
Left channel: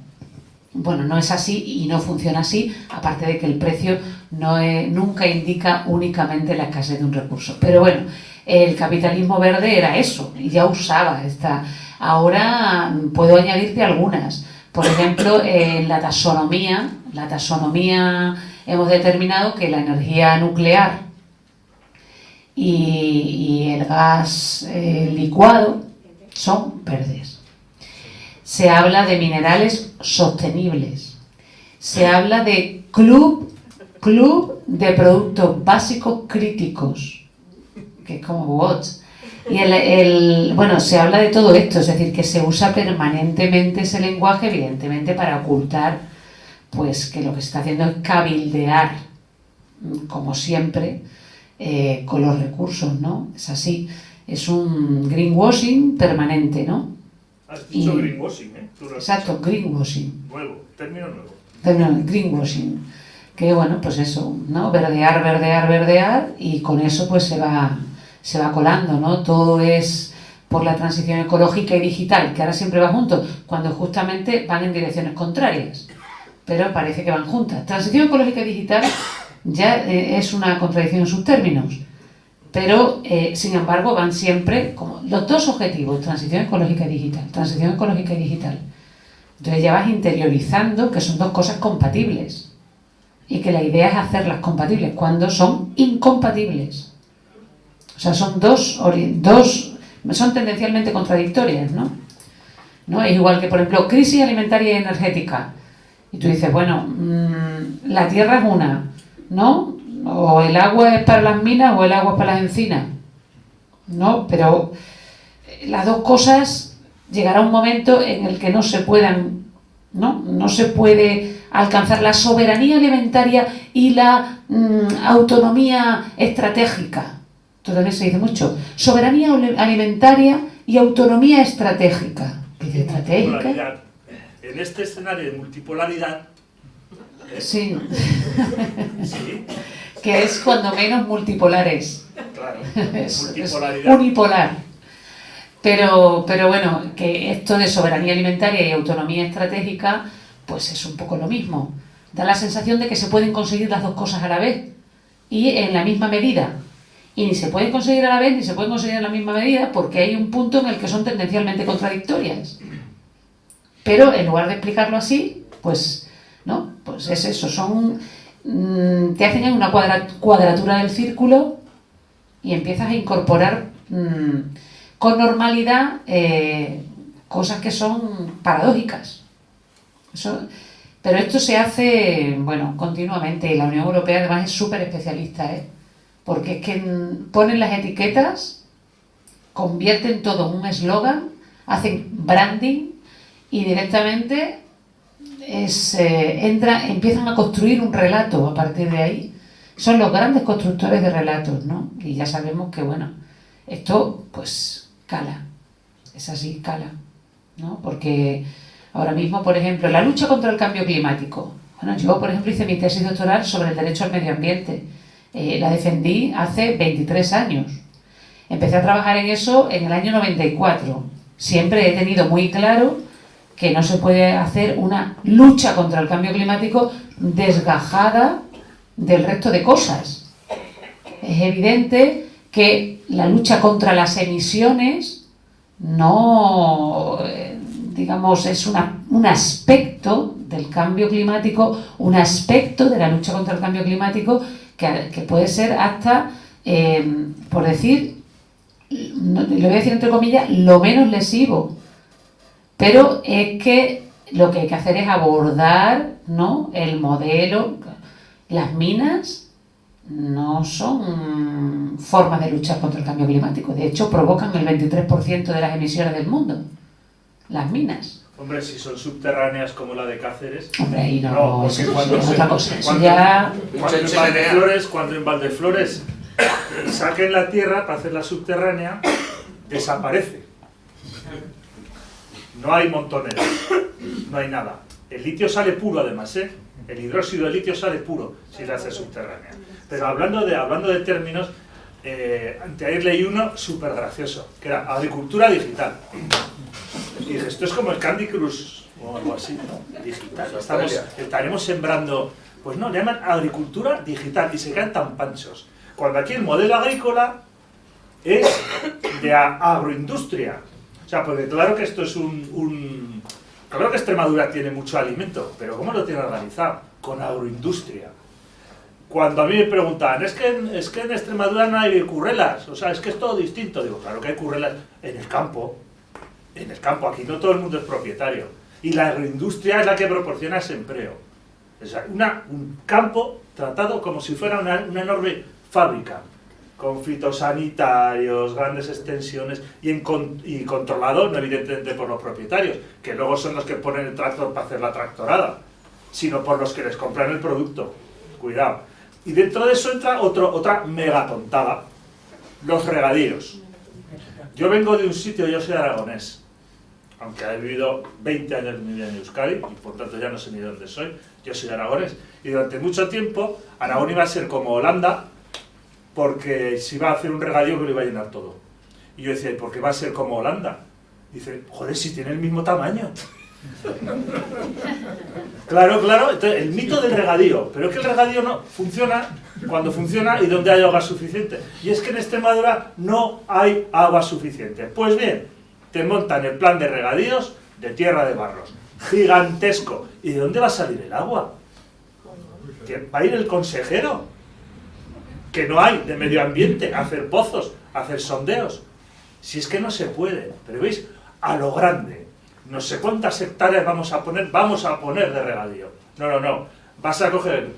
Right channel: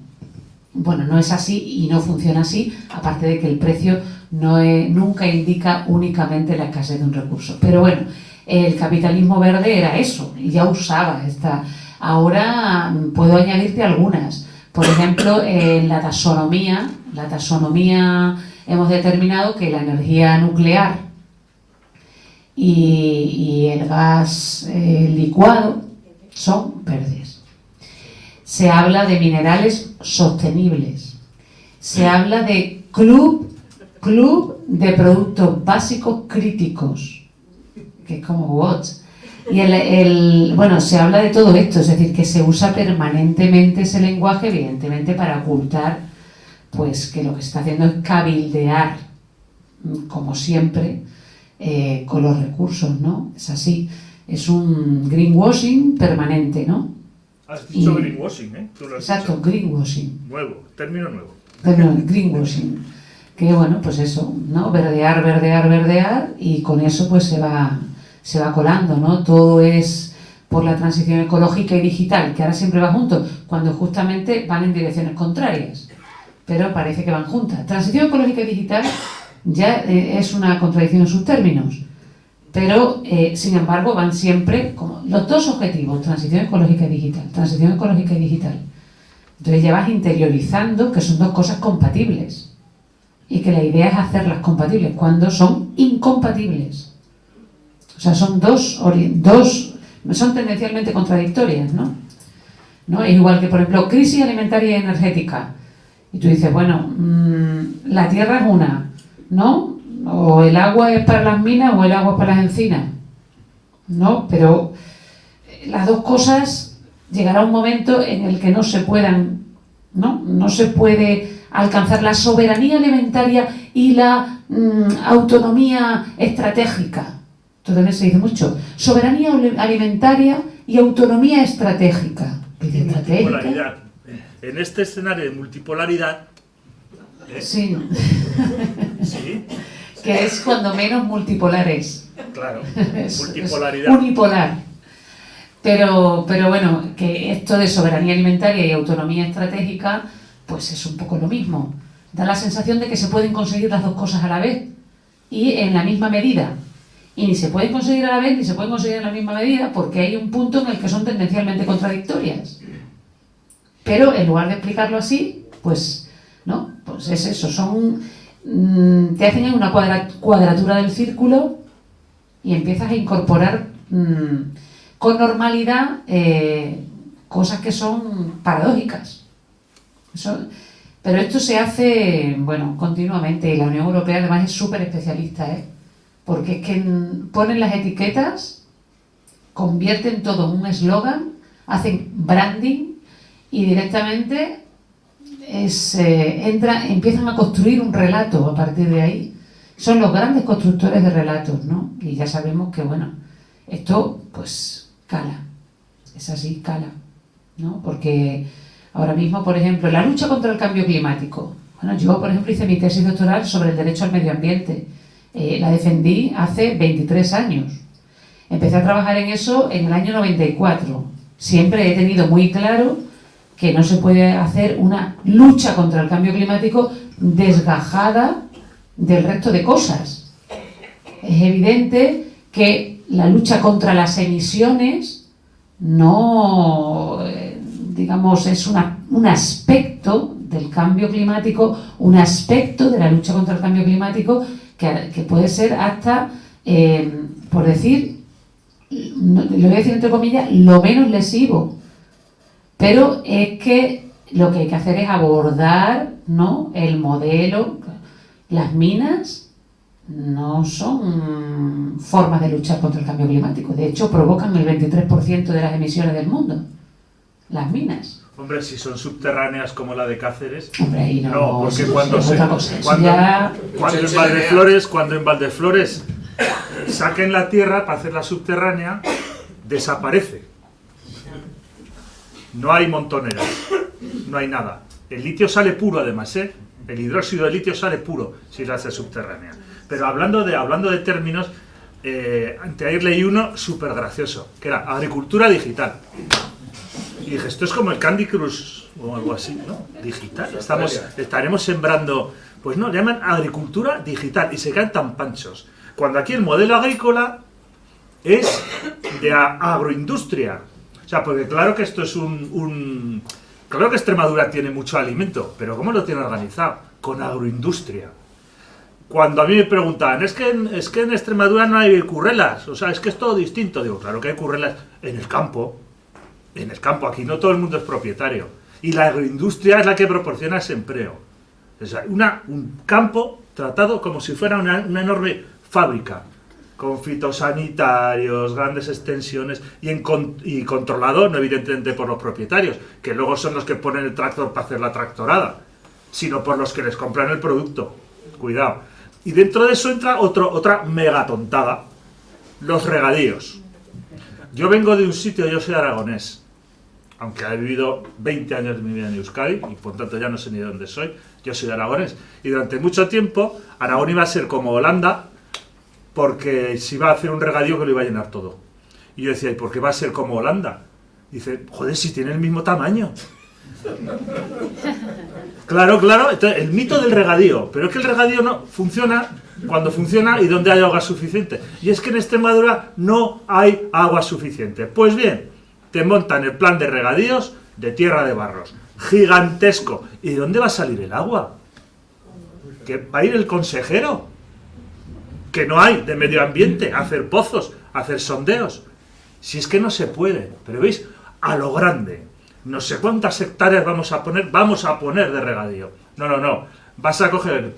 es así y no funciona así, aparte de que el precio nunca indica únicamente la escasez de un recurso. Pero bueno, el capitalismo verde era eso, y ya usaba esta. Ahora puedo añadirte algunas. Por ejemplo, en la taxonomía hemos determinado que la energía nuclear y el gas licuado son verdes. Se habla de minerales sostenibles. Se habla de club de productos básicos críticos, que es como WOTS. Y se habla de todo esto, es decir, que se usa permanentemente ese lenguaje, evidentemente para ocultar pues que lo que se está haciendo es cabildear, como siempre, con los recursos, ¿no? Es así, es un greenwashing permanente, ¿no? Has dicho greenwashing, ¿eh? Tú lo has Exacto, dicho. greenwashing. Nuevo, término nuevo. Greenwashing. Que bueno, pues eso, ¿no? Verdear, y con eso pues se va colando, ¿no? Todo es por la transición ecológica y digital, que ahora siempre va junto, cuando justamente van en direcciones contrarias, pero parece que van juntas. Transición ecológica y digital ya es una contradicción en sus términos, pero sin embargo van siempre como los dos objetivos, transición ecológica y digital. Entonces ya vas interiorizando que son dos cosas compatibles y que la idea es hacerlas compatibles cuando son incompatibles. O sea, son son tendencialmente contradictorias, ¿no? Es igual que, por ejemplo, crisis alimentaria y energética. Y tú dices, bueno, la tierra es una, ¿no? O el agua es para las minas o el agua es para las encinas, ¿no? Pero las dos cosas llegará un momento en el que no se puedan, ¿no? No se puede alcanzar la soberanía alimentaria y la autonomía estratégica. Esto también se dice mucho. Soberanía alimentaria y autonomía estratégica. Y multipolaridad. En este escenario de multipolaridad... Sí. Sí. Que es cuando menos multipolar es. Claro, multipolaridad. Es unipolar. Pero bueno, que esto de soberanía alimentaria y autonomía estratégica, pues es un poco lo mismo. Da la sensación de que se pueden conseguir las dos cosas a la vez y en la misma medida. Y ni se pueden conseguir a la vez ni se pueden conseguir en la misma medida porque hay un punto en el que son tendencialmente contradictorias. Pero en lugar de explicarlo así, pues no, pues es eso, te hacen una cuadratura del círculo y empiezas a incorporar con normalidad cosas que son paradójicas. Pero esto se hace, continuamente, y la Unión Europea además es súper especialista, porque es que ponen las etiquetas, convierten todo en un eslogan, hacen branding y directamente empiezan a construir un relato a partir de ahí. Son los grandes constructores de relatos, ¿no? Y ya sabemos que, esto pues cala, es así, cala, ¿no? Porque ahora mismo, por ejemplo, la lucha contra el cambio climático. Yo, por ejemplo, hice mi tesis doctoral sobre el derecho al medio ambiente. La defendí hace 23 años. Empecé a trabajar en eso en el año 94. Siempre he tenido muy claro que no se puede hacer una lucha contra el cambio climático desgajada del resto de cosas. Es evidente que la lucha contra las emisiones no, es un aspecto del cambio climático, un aspecto de la lucha contra el cambio climático que puede ser hasta, por decir, lo voy a decir entre comillas, lo menos lesivo Pero es que lo que hay que hacer es abordar, ¿no?, el modelo. Las minas no son formas de luchar contra el cambio climático. De hecho, provocan el 23% de las emisiones del mundo. Las minas. Hombre, si son subterráneas como la de Cáceres. Hombre, ahí no, No, porque eso cuando es se- otra cosa. Eso cuando- ya... Cuando en Valdeflores saquen la tierra para hacerla subterránea, desaparece. No hay montoneras, no hay nada. El litio sale puro además, ¿eh? El hidróxido de litio sale puro si la hace subterránea. Pero hablando de términos, anteayer leí uno súper gracioso, que era agricultura digital. Y dije, esto es como el Candy Crush o algo así, ¿no? Digital. Estaremos sembrando, pues no, le llaman agricultura digital y se quedan tan panchos. Cuando aquí el modelo agrícola es de agroindustria. O sea, porque claro que esto es Claro que Extremadura tiene mucho alimento, pero ¿cómo lo tiene organizado? Con agroindustria. Cuando a mí me preguntaban, es que en Extremadura no hay currelas, o sea, es que es todo distinto. Digo, claro que hay currelas en el campo. En el campo, aquí no todo el mundo es propietario. Y la agroindustria es la que proporciona ese empleo. O sea, un campo tratado como si fuera una enorme fábrica, con fitosanitarios, grandes extensiones y controlado, no evidentemente por los propietarios, que luego son los que ponen el tractor para hacer la tractorada, sino por los que les compran el producto. Cuidado. Y dentro de eso entra otra megatontada, los regadíos. Yo vengo de un sitio, yo soy aragonés, aunque he vivido 20 años de mi vida en Euskadi, y por tanto ya no sé ni de dónde soy, yo soy aragonés. Y durante mucho tiempo, Aragón iba a ser como Holanda, porque si iba a hacer un regadío que lo iba a llenar todo. Y yo decía, ¿y por qué va a ser como Holanda? Dice, joder, si tiene el mismo tamaño. Claro, entonces el mito del regadío, pero es que el regadío no funciona cuando funciona y donde hay agua suficiente. Y es que en Extremadura no hay agua suficiente. Pues bien, te montan el plan de regadíos de Tierra de Barros, gigantesco. ¿Y de dónde va a salir el agua? ¿Que va a ir el consejero? Que no hay de medio ambiente, hacer pozos, hacer sondeos. Si es que no se puede, pero veis, a lo grande. No sé cuántas hectáreas vamos a poner de regadío. No. Vas a coger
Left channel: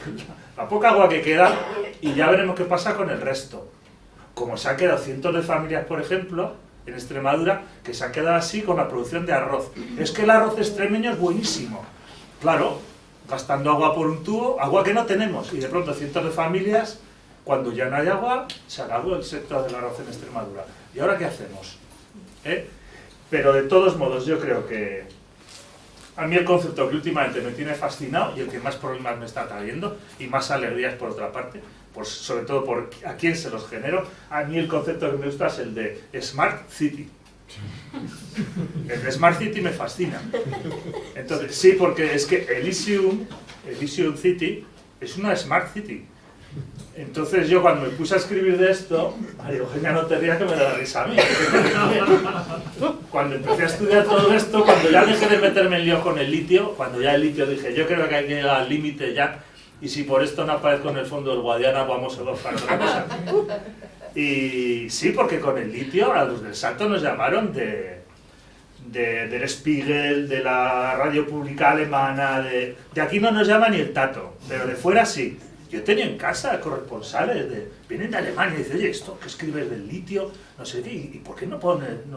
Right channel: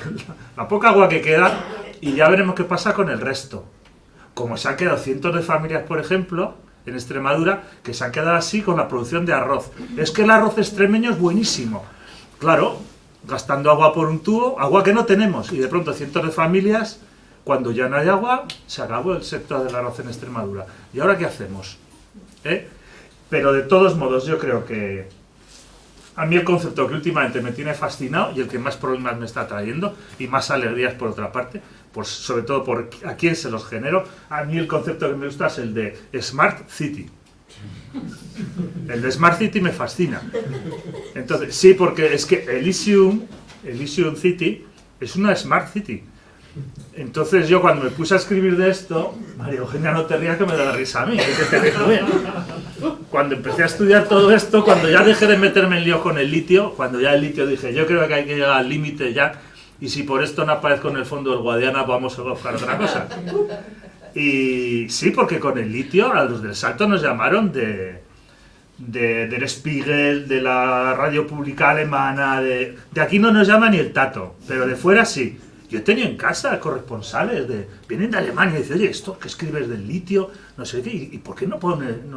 la poca agua que queda y ya veremos qué pasa con el resto. Como se han quedado cientos de familias, por ejemplo, en Extremadura, que se han quedado así con la producción de arroz. Es que el arroz extremeño es buenísimo. Claro, gastando agua por un tubo, agua que no tenemos. Y de pronto cientos de familias, cuando ya no hay agua, se acabó el sector del arroz en Extremadura. ¿Y ahora qué hacemos? Pero de todos modos, yo creo que a mí el concepto que últimamente me tiene fascinado y el que más problemas me está trayendo y más alegrías por otra parte, pues sobre todo por a quién se los genero, a mí el concepto que me gusta es el de Smart City. El de Smart City me fascina. Entonces, sí, porque es que Elysium City es una Smart City. Entonces yo cuando me puse a escribir de esto, María Eugenia, no te rías que me da la risa a mí. Cuando empecé a estudiar todo esto, cuando ya dejé de meterme en lío con el litio, cuando ya el litio dije, yo creo que hay que llegar al límite ya, y si por esto no aparezco en el fondo del Guadiana, vamos a buscar otra cosa. Y sí, porque con el litio, a los del Salto nos llamaron del Spiegel, de la radio pública alemana, de aquí no nos llama ni el tato, pero de fuera sí. Yo tenía en casa corresponsales, vienen de Alemania y dicen, oye, esto que escribes del litio, no sé qué, ¿y por qué no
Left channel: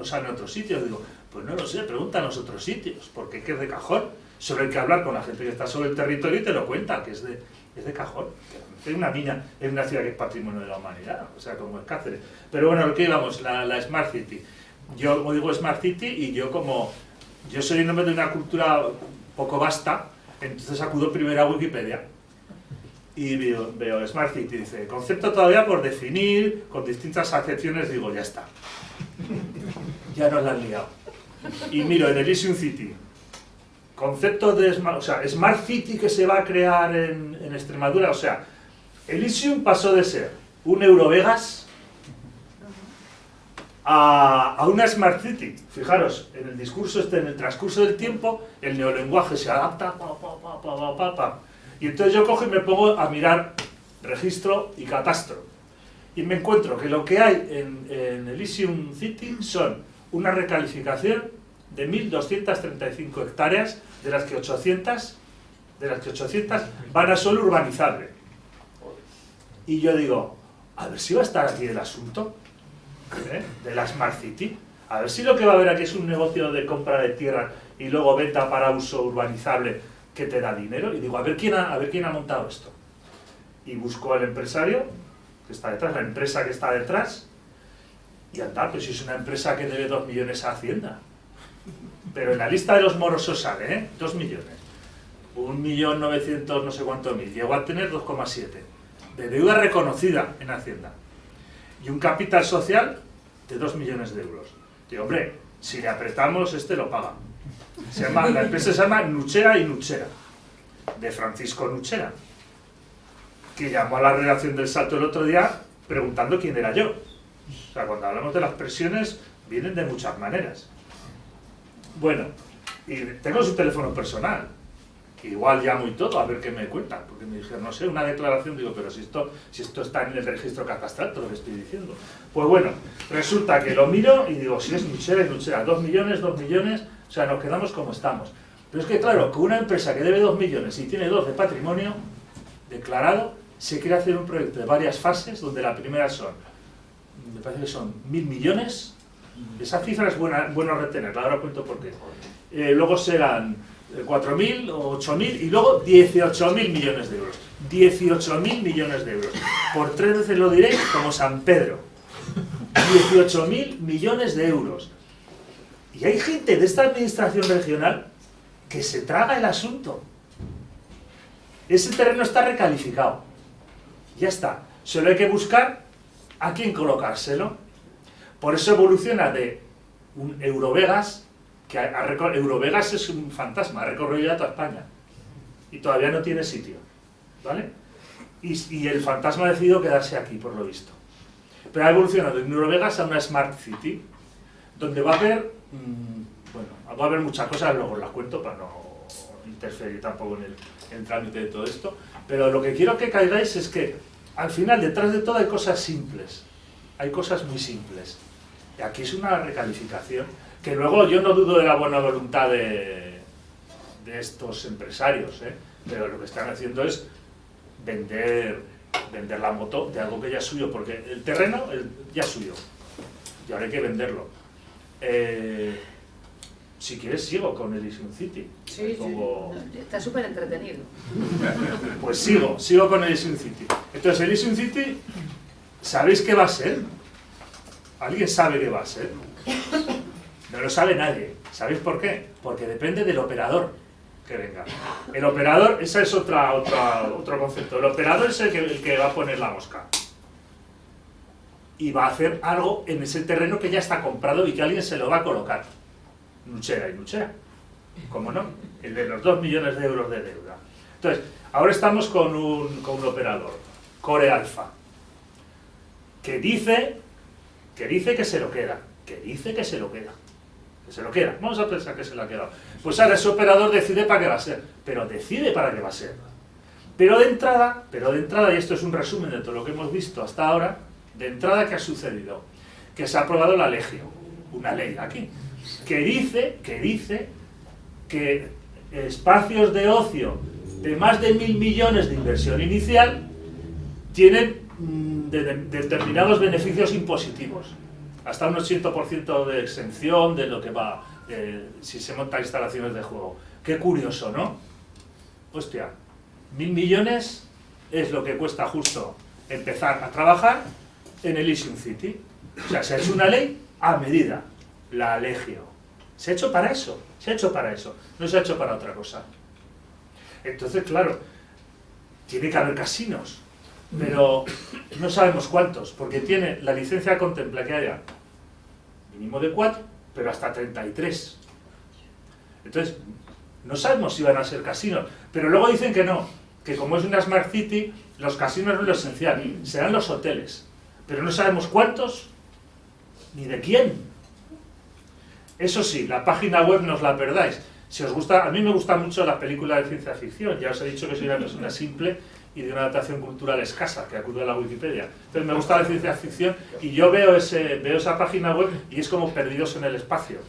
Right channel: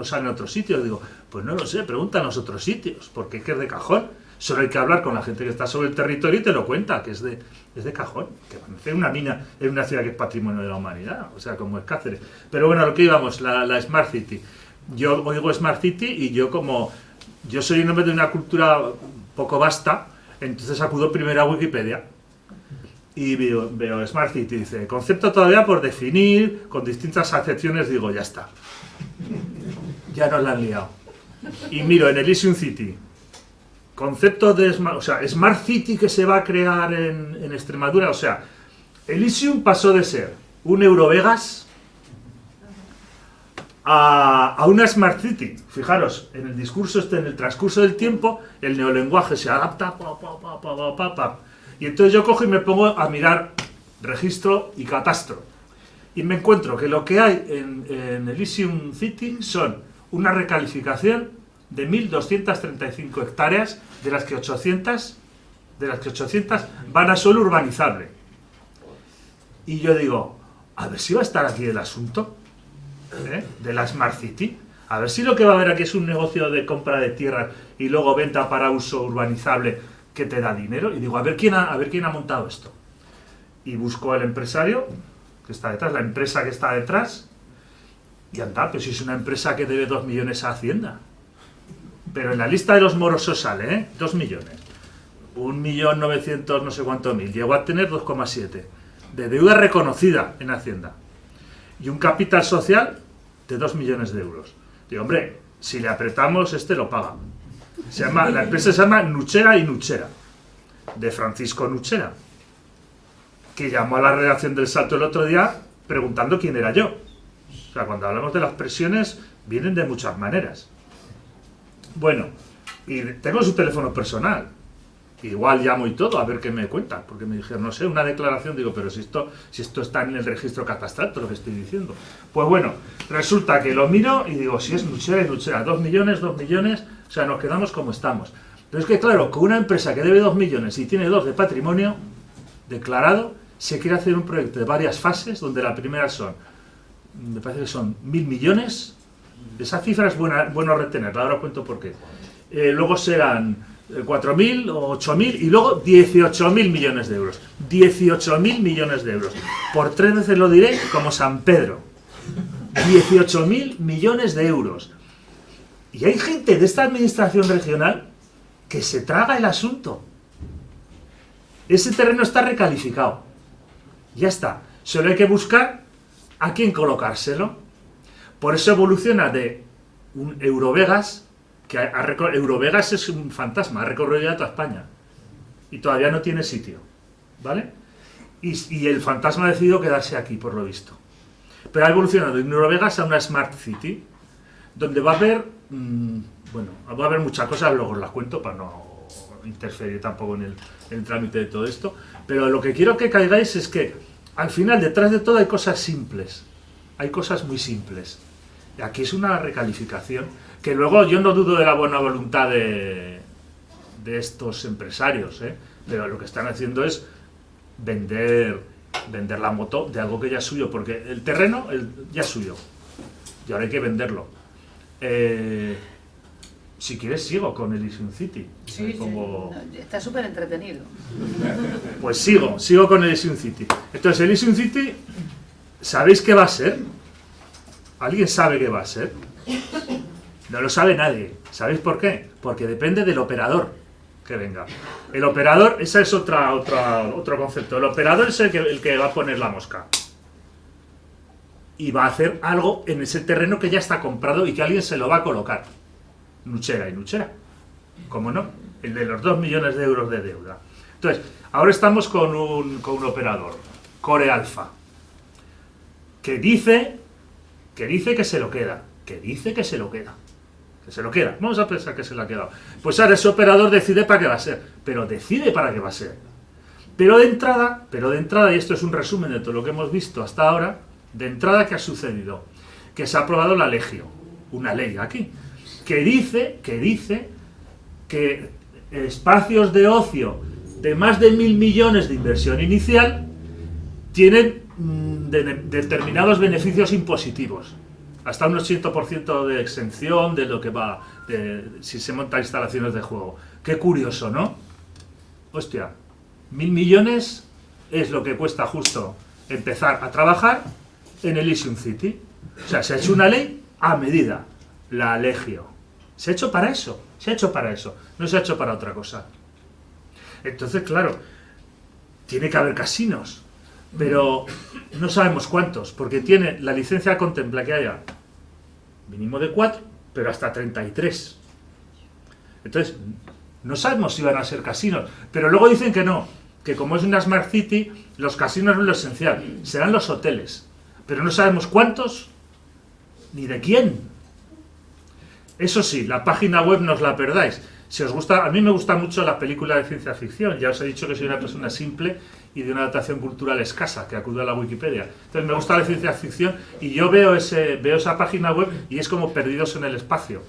sale en otros sitios? Digo, pues no lo sé, preguntan los otros sitios, porque es que es de cajón. Solo hay que hablar con la gente que está sobre el territorio y te lo cuenta, que es de cajón. Que una mina en una ciudad que es patrimonio de la humanidad, o sea, como es Cáceres. Pero bueno, lo que íbamos, la Smart City. Yo oigo Smart City y yo soy un hombre de una cultura poco vasta, entonces acudo primero a Wikipedia. Y veo Smart City, dice, concepto todavía por definir, con distintas acepciones, digo, ya está. Ya nos la han liado. Y miro en Elysium City, concepto de Smart City que se va a crear en Extremadura, o sea, Elysium pasó de ser un Eurovegas a una Smart City. Fijaros, en el transcurso del tiempo, el neolenguaje se adapta, y entonces yo cojo y me pongo a mirar registro y catastro. Y me encuentro que lo que hay en Elysium City son una recalificación de 1.235 hectáreas, de las que 800 van a suelo urbanizable. Y yo digo, a ver si va a estar aquí el asunto de la Smart City. A ver si lo que va a haber aquí es un negocio de compra de tierras y luego venta para uso urbanizable que te da dinero. Y digo, a ver quién ha montado esto. Y busco el empresario que está detrás, la empresa que está detrás. Y anda, pues si es una empresa que debe 2 millones a Hacienda. Pero en la lista de los morosos sale, 2 millones. 1.900.000 no sé cuánto mil. Llegó a tener 2,7 de deuda reconocida en Hacienda. Y un capital social de 2 millones de euros. Digo, hombre, si le apretamos, este lo paga. La empresa se llama Nuchera y Nuchera, de Francisco Nuchera, que llamó a la redacción del Salto el otro día preguntando quién era yo. O sea, cuando hablamos de las presiones, vienen de muchas maneras. Bueno, y tengo su teléfono personal. Igual llamo y todo, a ver qué me cuentan, porque me dijeron, no sé, una declaración, digo, pero si esto está en el registro catastral, todo lo que estoy diciendo. Pues bueno, resulta que lo miro y digo, si es Nuchera y Nuchera, 2 millones, o sea, nos quedamos como estamos. Pero es que claro, con una empresa que debe 2 millones y tiene 2 de patrimonio declarado, se quiere hacer un proyecto de varias fases, donde la primera son, me parece que son 1.000 millones, esa cifra es bueno retenerla, ahora cuento por qué. Luego serán 4.000 o 8.000 y luego 18.000 millones de euros. 18.000 millones de euros. Por 3 veces lo diré como San Pedro. 18.000 millones de euros. Y hay gente de esta administración regional que se traga el asunto. Ese terreno está recalificado. Ya está. Solo hay que buscar a quién colocárselo. Por eso evoluciona de un Eurovegas, que Eurovegas es un fantasma, ha recorrido ya toda España y todavía no tiene sitio, ¿vale? Y el fantasma ha decidido quedarse aquí, por lo visto. Pero ha evolucionado de Eurovegas a una Smart City, donde va a haber, va a haber muchas cosas, luego os las cuento para no interferir tampoco en el trámite de todo esto, pero lo que quiero que caigáis es que al final, detrás de todo, hay cosas simples, hay cosas muy simples. Y aquí es una recalificación, que luego yo no dudo de la buena voluntad de estos empresarios, pero lo que están haciendo es vender la moto de algo que ya es suyo, porque el terreno ya es suyo, y ahora hay que venderlo. Si quieres sigo con Elysium City. Sí, está súper entretenido. Pues sigo con Elysium City. Entonces, Elysium City, ¿sabéis qué va a ser? ¿Alguien sabe qué va a ser? No lo sabe nadie. ¿Sabéis por qué? Porque depende del operador que venga. El operador, ese es otro concepto. El operador es el que va a poner la mosca. Y va a hacer algo en ese terreno que ya está comprado y que alguien se lo va a colocar. Nuchera y Nuchera. ¿Cómo no? El de los 2 millones de euros de deuda. Entonces, ahora estamos con un operador, Core Alpha, que dice que se lo queda. Que se lo queda. Vamos a pensar que se lo ha quedado. Pues ahora ese operador decide para qué va a ser. Pero decide para qué va a ser. Pero de entrada, y esto es un resumen de todo lo que hemos visto hasta ahora, de entrada, ¿qué ha sucedido? Que se ha aprobado la Legio, una ley aquí, que dice que espacios de ocio de más de 1.000 millones de inversión inicial tienen determinados beneficios impositivos. Hasta un 80% de exención de lo que va, si se montan instalaciones de juego. Qué curioso, ¿no? Hostia, 1.000 millones es lo que cuesta justo empezar a trabajar en Elysium City. O sea, se ha hecho una ley a medida, la Legio. Se ha hecho para eso, no se ha hecho para otra cosa. Entonces, claro, tiene que haber casinos, pero no sabemos cuántos, porque la licencia contempla que haya mínimo de 4, pero hasta 33. Entonces, no sabemos si van a ser casinos, pero luego dicen que no, que como es una Smart City, los casinos no es lo esencial, serán los hoteles, pero no sabemos cuántos ni de quién. Eso sí, la página web no os la perdáis. Si os gusta, a mí me gusta mucho la película de ciencia ficción, ya os he dicho que soy una persona simple y de una adaptación cultural escasa, que acudo a la Wikipedia. Entonces me gusta la ciencia ficción y yo veo esa página web y es como Perdidos en el Espacio.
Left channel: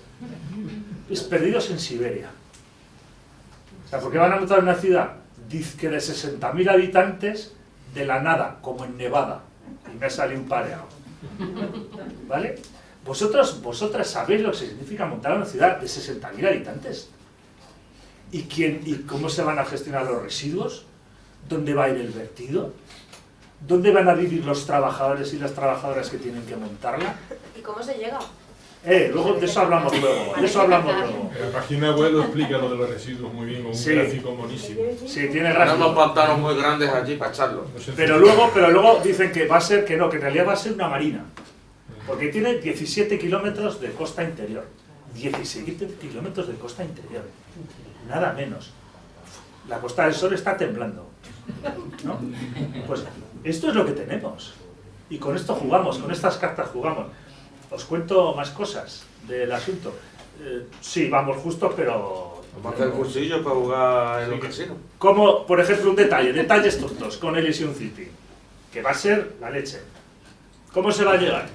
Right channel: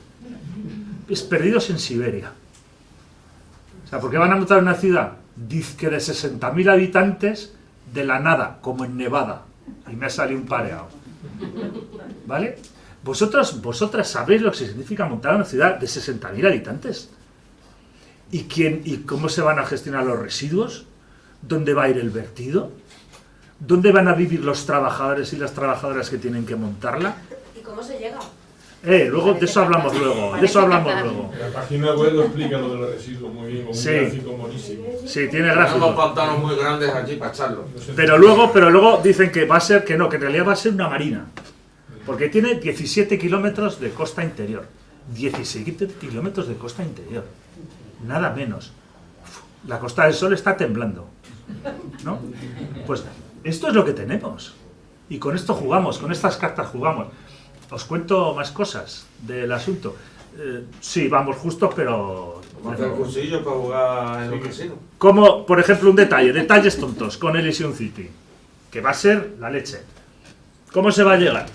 es perdidos en Siberia. O sea, ¿por qué van a montar una ciudad? Dice que de 60.000 habitantes, de la nada, como en Nevada. Y me ha salido un pareado. ¿Vale? Vosotras sabéis lo que significa montar una ciudad de 60.000 habitantes. ¿Y cómo se van a gestionar los residuos? ¿Dónde va a ir el vertido? ¿Dónde van a vivir los trabajadores y las trabajadoras que tienen que montarla? ¿Y cómo se llega? Luego, de eso hablamos luego. De eso hablamos luego. En la página web lo explica lo de los residuos muy bien, con un gráfico buenísimo. Sí, tiene Tenemos gráfico. pantanos muy grandes allí para echarlo. Pero luego dicen que va a ser que no, que en realidad va a ser una marina. Porque tiene 17 kilómetros de costa interior. 17 kilómetros de costa interior. Nada menos. La Costa del Sol está temblando. ¿No? Pues esto es lo que tenemos. Y con esto jugamos, con estas cartas jugamos. Os cuento más cosas del asunto. Sí, vamos justos, pero... Vamos a hacer cursillos para jugar en el casino. Como, por ejemplo, un detalle, detalles tontos con Elysium City, que va a ser la leche. ¿Cómo se va a llegar?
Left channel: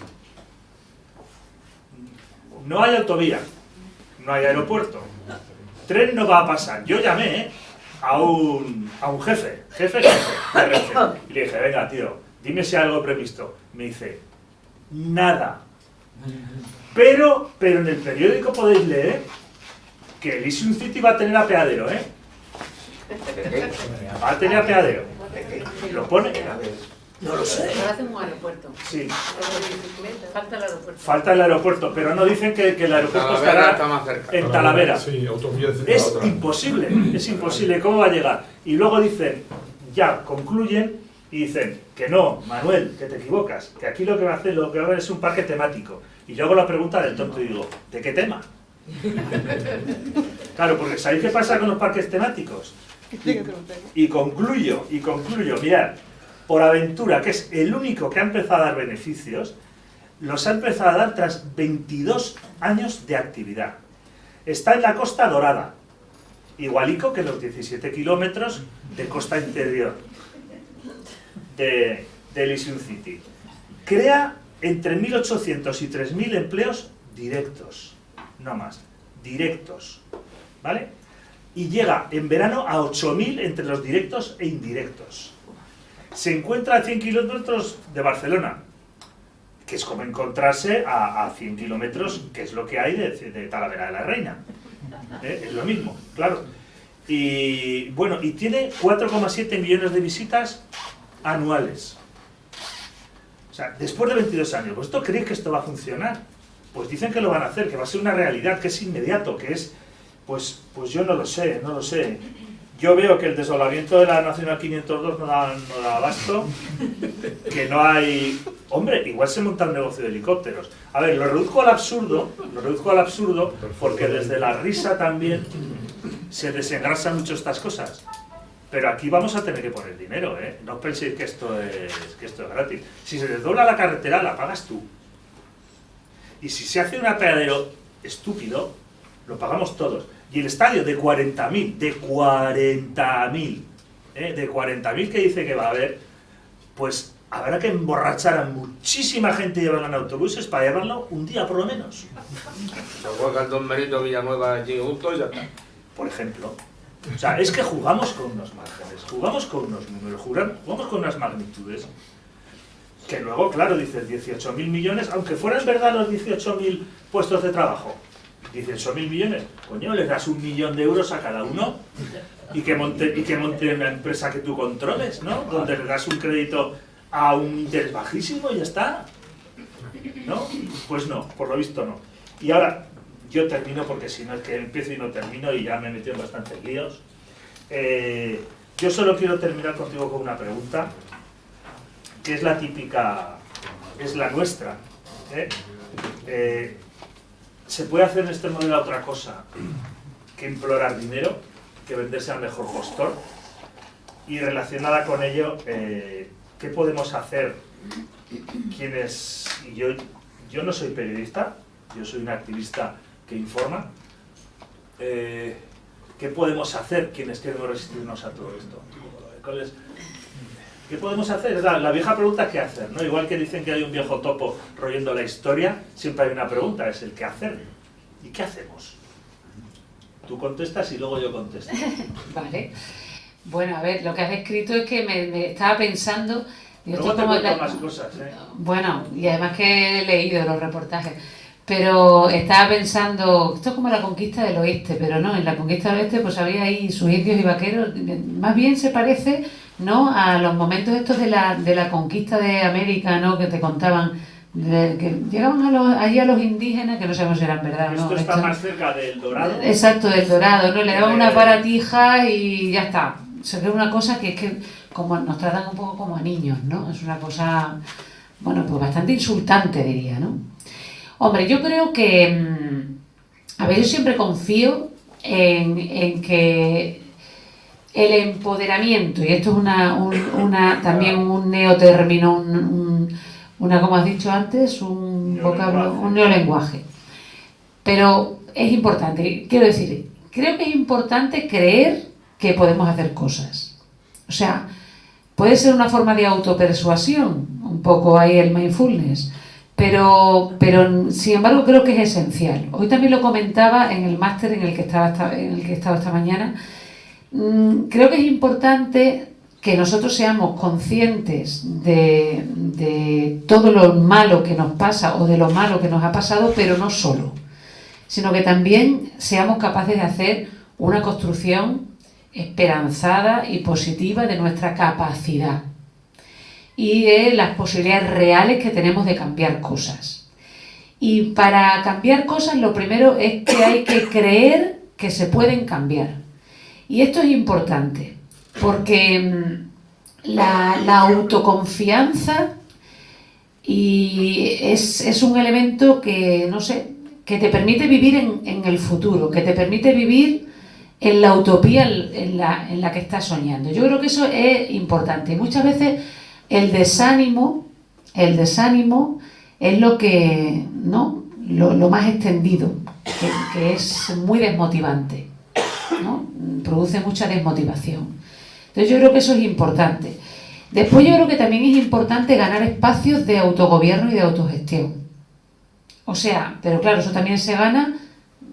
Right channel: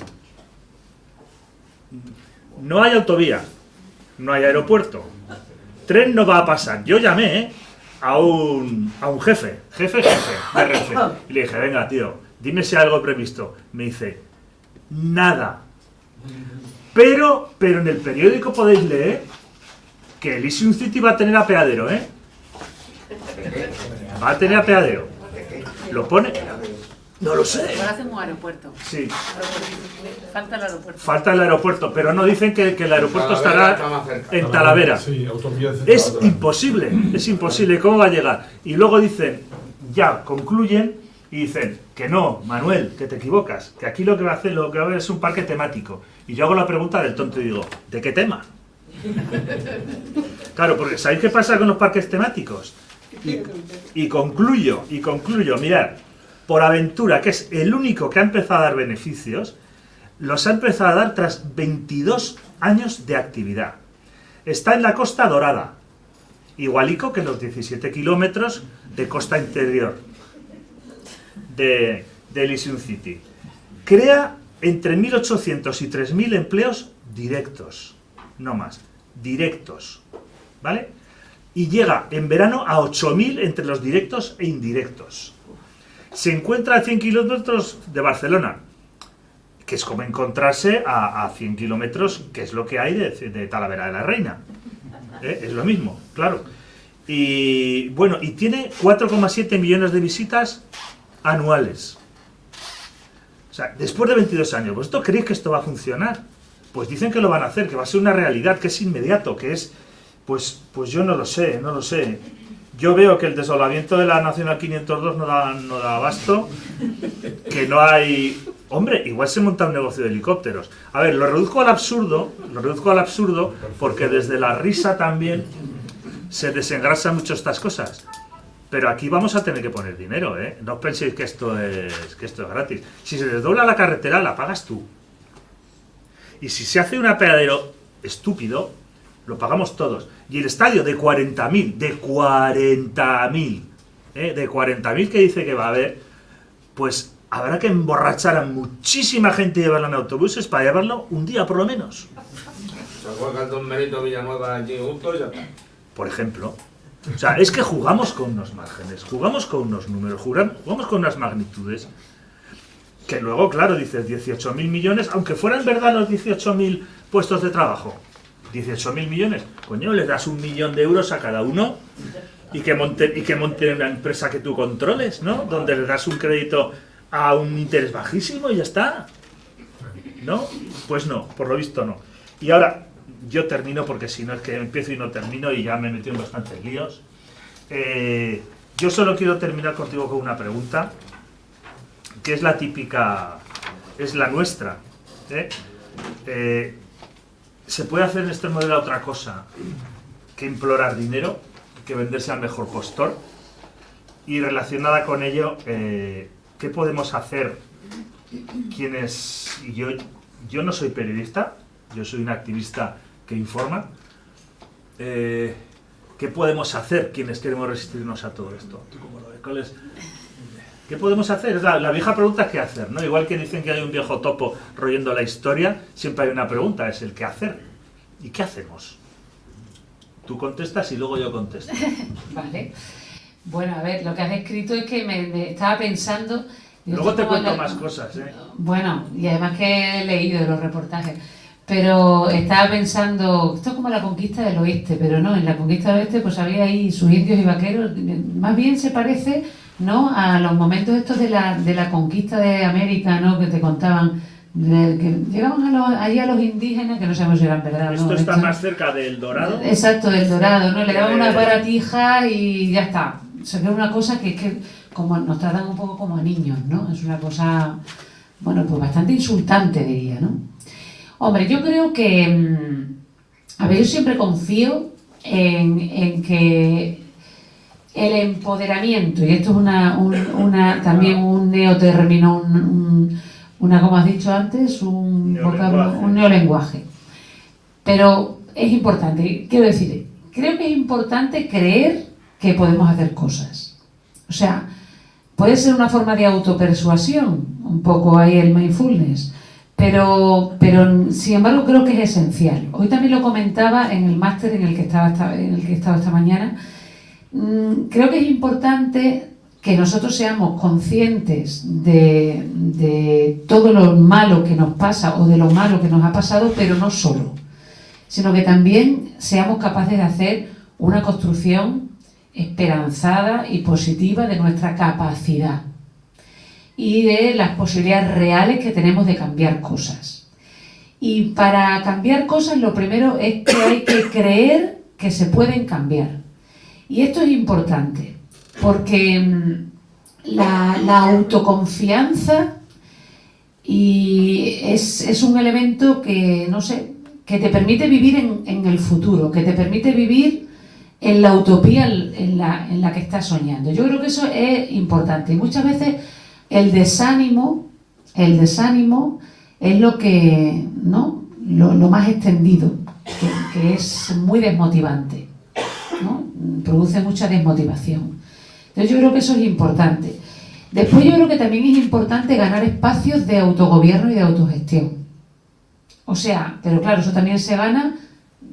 No hay autovía, no hay aeropuerto, tren no va a pasar. Yo llamé a un jefe de Renfe, y le dije, venga tío, dime si hay algo previsto. Me dice, nada. Pero en el periódico podéis leer que Elysium City va a tener apeadero, ¿eh? Va a tener apeadero. ¿Lo pone? No lo sé. Ahora hacemos un aeropuerto. Sí, Falta el aeropuerto. falta el aeropuerto, pero no dicen que el aeropuerto Talavera está estará más cerca. en Talavera. Sí, autovías Es otra. imposible, ¿cómo va a llegar? Y luego dicen, ya concluyen y dicen que no, Manuel, que te equivocas, que aquí lo que va a haber es un parque temático. Y yo hago la pregunta del tonto y digo, ¿de qué tema? Claro, porque ¿sabéis qué pasa con los parques temáticos? Y concluyo, mirad, por Aventura, que es el único que ha empezado a dar beneficios, los ha empezado a dar tras 22 años de actividad. Está en la Costa Dorada, igualico que los 17 kilómetros de costa interior de Elysium City. Crea entre 1.800 y 3.000 empleos directos, no más, directos, ¿vale? Y llega en verano a 8.000 entre los directos e indirectos. Se encuentra a 100 kilómetros de Barcelona, que es como encontrarse a 100 kilómetros, que es lo que hay de Talavera de la Reina. Es lo mismo, claro. Y bueno, y tiene 4,7 millones de visitas anuales. O sea, después de 22 años, ¿vosotros creéis que esto va a funcionar? Pues dicen que lo van a hacer, que va a ser una realidad, que es inmediato, que es... Pues yo no lo sé. Yo veo que el desolamiento de la Nacional 502 no da abasto, que no hay... Hombre, igual se monta un negocio de helicópteros. A ver, lo reduzco al absurdo, porque desde la risa también se desengrasan mucho estas cosas. Pero aquí vamos a tener que poner dinero, ¿eh? No penséis que esto es gratis. Si se desdobla la carretera, la pagas tú. Y si se hace un apeadero estúpido, lo pagamos todos. Y el estadio de 40.000, de 40.000 que dice que va a haber, pues habrá que emborrachar a muchísima gente y llevarlo en autobuses para llevarlo un día por lo menos. Se juega el Don Benito Villanueva allí junto y ya está. Por ejemplo. O sea, es que jugamos con unos márgenes, jugamos con unos números, jugamos con unas magnitudes. Que luego, claro, dices 18.000 millones, aunque fueran verdad los 18.000 puestos de trabajo. 18.000 millones, coño, le das 1 millón de euros a cada uno y que monte una empresa que tú controles, ¿no? Donde le das un crédito a un interés bajísimo y ya está. ¿No? Pues no, por lo visto no. Y ahora, yo termino porque si no es que empiezo y no termino y ya me he metido en bastantes líos. Yo solo quiero terminar contigo con una pregunta, que es la típica, es la nuestra. ¿Se puede hacer en este modelo otra cosa que implorar dinero, que venderse al mejor postor? Y relacionada con ello, ¿qué podemos hacer quienes... Yo no soy periodista, yo soy un activista que informa. ¿Qué podemos hacer quienes queremos resistirnos a todo esto? ¿Qué podemos hacer? Es la vieja pregunta, ¿qué hacer? ¿No? Igual que dicen que hay un viejo topo royendo la historia, siempre hay una pregunta, es el qué hacer. ¿Y qué hacemos? Tú contestas y luego yo contesto. Vale. Bueno, a ver, lo que has escrito es que me estaba pensando... digo, Luego esto te como cuento la- más cosas, ¿eh? Bueno, y además que he leído los reportajes, pero estaba pensando, esto es como la conquista del oeste, pero no, en la conquista del oeste pues había ahí sus indios y vaqueros, más bien se parece, ¿no?, a los momentos estos de la conquista de América, ¿no?, que te contaban, que llegaban allí a los indígenas, que no sabemos si eran verdad o no. Esto está más cerca del Dorado. Exacto, del Dorado, ¿no? Le daban Que una de- baratija y ya está. O sea, que es una cosa que es que como nos tratan un poco como a niños, ¿no? Es una cosa, bueno, pues bastante insultante, diría, ¿no? Hombre, yo creo que, a ver, yo siempre confío en que el empoderamiento, y esto es también un neotérmino, como has dicho antes, un vocablo, un neolenguaje. Pero es importante, quiero decir, creo que es importante creer que podemos hacer cosas. O sea, puede ser una forma de autopersuasión, un poco ahí el mindfulness, pero sin embargo creo que es esencial. Hoy también lo comentaba en el máster en el que he estado esta mañana. Creo que es importante que nosotros seamos conscientes de todo lo malo que nos pasa o de lo malo que nos ha pasado, pero no solo, sino que también seamos capaces de hacer una construcción esperanzada y positiva de nuestra capacidad y de las posibilidades reales que tenemos de cambiar cosas. Y para cambiar cosas lo primero es que hay que creer que se pueden cambiar. Y esto es importante, porque la autoconfianza es un elemento que, no sé, que te permite vivir en el futuro, que te permite vivir en la utopía en la que estás soñando. Yo creo que eso es importante. Y muchas veces el desánimo es lo que, ¿no?, lo más extendido, que es muy desmotivante, ¿no? Produce mucha desmotivación. Entonces yo creo que eso es importante. Después yo creo que también es importante ganar espacios de autogobierno y de autogestión. O sea, pero claro, eso también se gana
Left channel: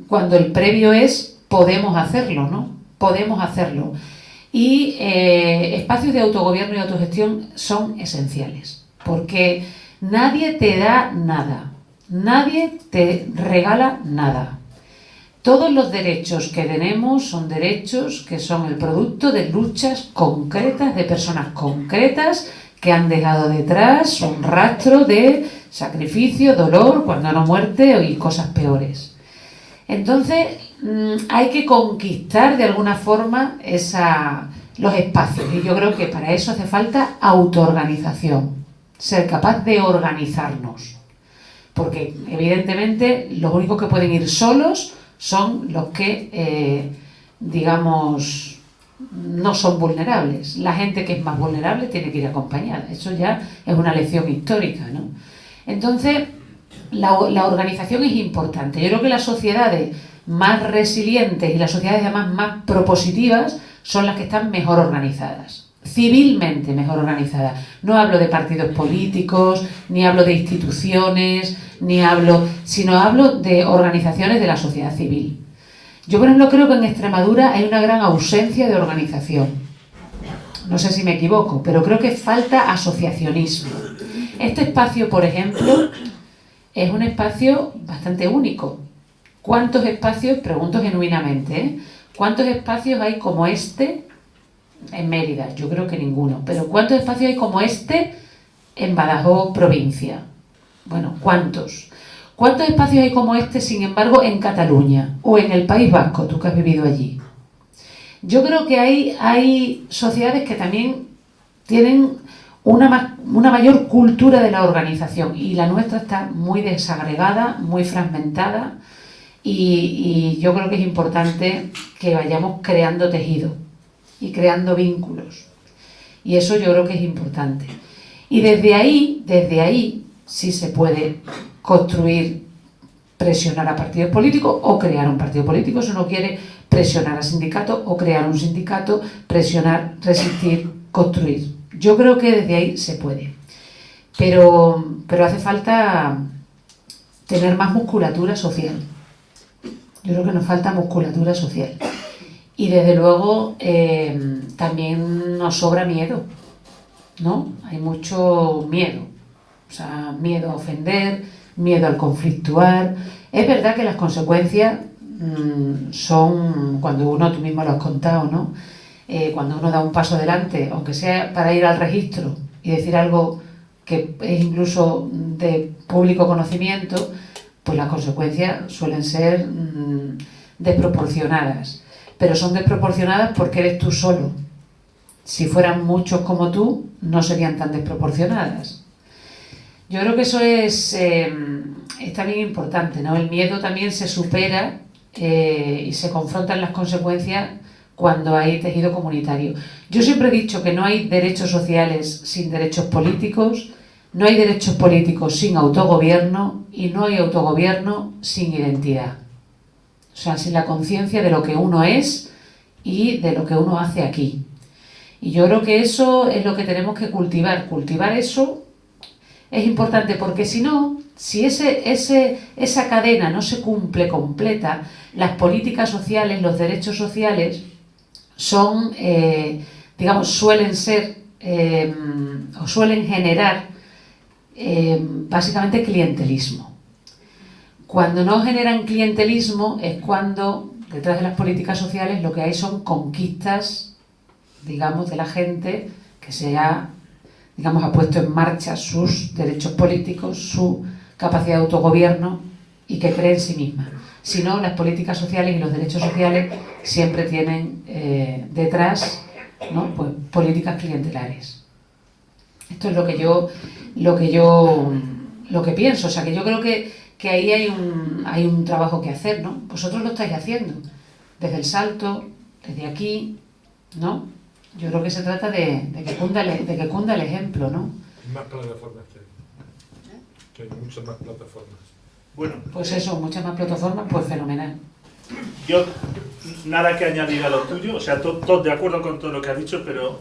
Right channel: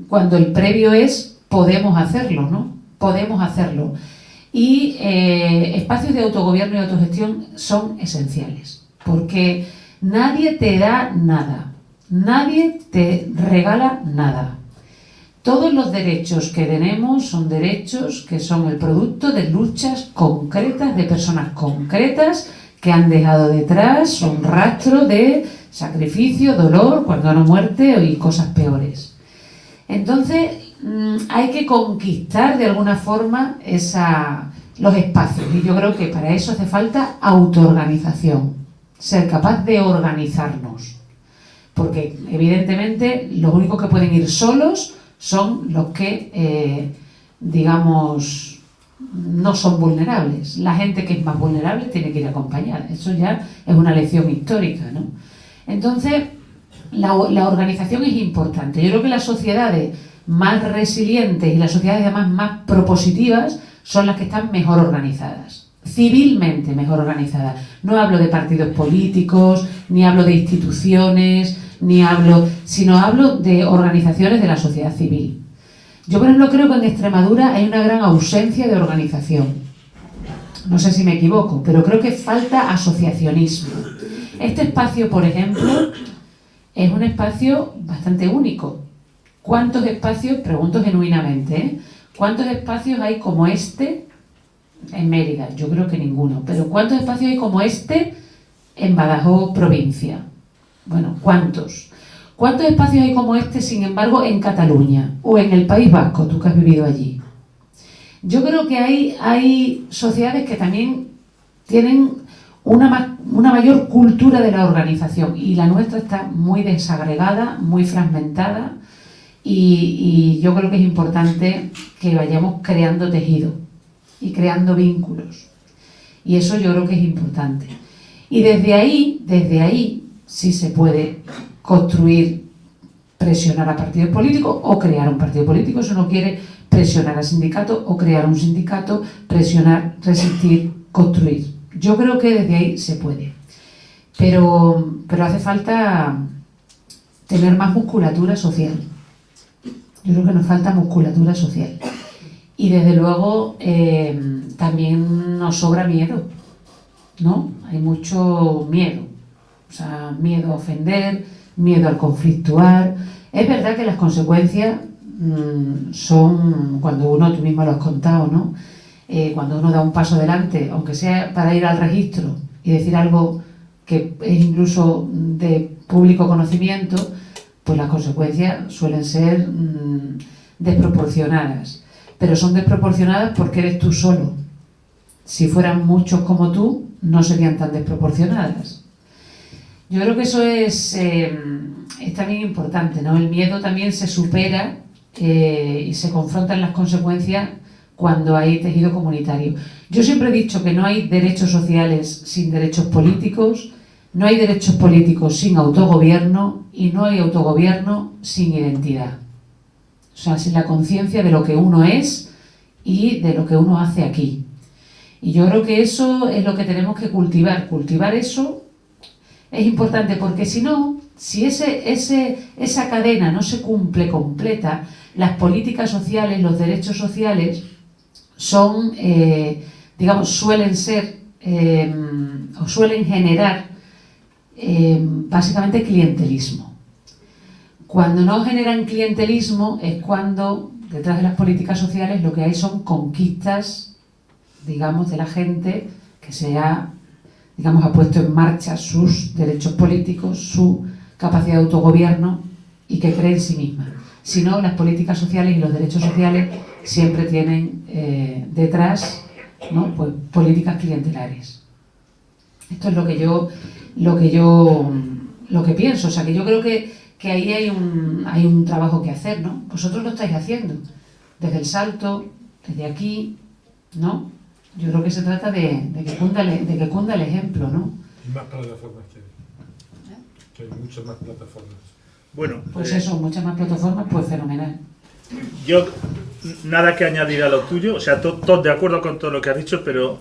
cuando el previo es podemos hacerlo, ¿no? Podemos hacerlo. Y espacios de autogobierno y autogestión son esenciales, porque nadie te da nada, nadie te regala nada. Todos los derechos que tenemos son derechos que son el producto de luchas concretas de personas concretas que han dejado detrás un rastro de sacrificio, dolor, cuando no muerte y cosas peores. Entonces hay que conquistar de alguna forma los espacios, y yo creo que para eso hace falta autoorganización, ser capaz de organizarnos, porque evidentemente los únicos que pueden ir solos son los que, digamos, no son vulnerables. La gente que es más vulnerable tiene que ir acompañada. Eso ya es una lección histórica, ¿no? Entonces, la organización es importante. Yo creo que las sociedades más resilientes y las sociedades además más propositivas son las que están mejor organizadas, civilmente mejor organizadas. No hablo de partidos políticos, ni hablo de instituciones, sino hablo de organizaciones de la sociedad civil. Yo, por ejemplo, creo que en Extremadura hay una gran ausencia de organización. No sé si me equivoco, pero creo que falta asociacionismo. Este espacio, por ejemplo, es un espacio bastante único. ¿Cuántos espacios, pregunto genuinamente, cuántos espacios hay como este en Mérida? Yo creo que ninguno. Pero ¿cuántos espacios hay como este en Badajoz, provincia? Bueno, ¿cuántos? ¿Cuántos espacios hay como este, sin embargo, en Cataluña o en el País Vasco, tú que has vivido allí? Yo creo que hay sociedades que también tienen una mayor cultura de la organización, y la nuestra está muy desagregada, muy fragmentada, y yo creo que es importante que vayamos creando tejido y creando vínculos, y eso yo creo que es importante. Y desde ahí sí se puede construir, presionar a partidos políticos o crear un partido político si uno quiere, presionar a sindicatos o crear un sindicato, presionar, resistir, construir. Yo creo que desde ahí se puede, pero hace falta tener más musculatura social. Yo creo que nos falta musculatura social. Y desde luego también nos sobra miedo, ¿no? Hay mucho miedo. O sea, miedo a ofender, miedo al conflictuar. Es verdad que las consecuencias son, cuando uno, tú mismo lo has contado, ¿no? Cuando uno da un paso adelante, aunque sea para ir al registro y decir algo que es incluso de público conocimiento, pues las consecuencias suelen ser desproporcionadas. Pero son desproporcionadas porque eres tú solo. Si fueran muchos como tú, no serían tan desproporcionadas. Yo creo que eso es también importante, ¿no? El miedo también se supera y se confrontan las consecuencias cuando hay tejido comunitario. Yo siempre he dicho que no hay derechos sociales sin derechos políticos, no hay derechos políticos sin autogobierno y no hay autogobierno sin identidad. O sea, sin la conciencia de lo que uno es y de lo que uno hace aquí. Y yo creo que eso es lo que tenemos que cultivar. Cultivar eso es importante porque si no, si esa cadena no se cumple completa, las políticas sociales, los derechos sociales son, suelen ser o suelen generar básicamente clientelismo. Cuando no generan clientelismo es cuando detrás de las políticas sociales lo que hay son conquistas, digamos, de la gente que se ha puesto en marcha sus derechos políticos, su capacidad de autogobierno y que cree en sí misma. Si no, las políticas sociales y los derechos sociales siempre tienen detrás, ¿no? Pues, políticas clientelares. Esto es lo que pienso. O sea, que yo creo que ahí hay un trabajo que hacer, ¿no? Vosotros lo estáis haciendo, desde el Salto, desde aquí, ¿no? Yo creo que se trata de que cunda el ejemplo, ¿no? Y más plataformas que hay muchas más plataformas. Bueno, pues eso, muchas más plataformas, pues fenomenal. Yo nada que añadir a lo tuyo, o sea, todo de acuerdo con todo lo que has dicho, pero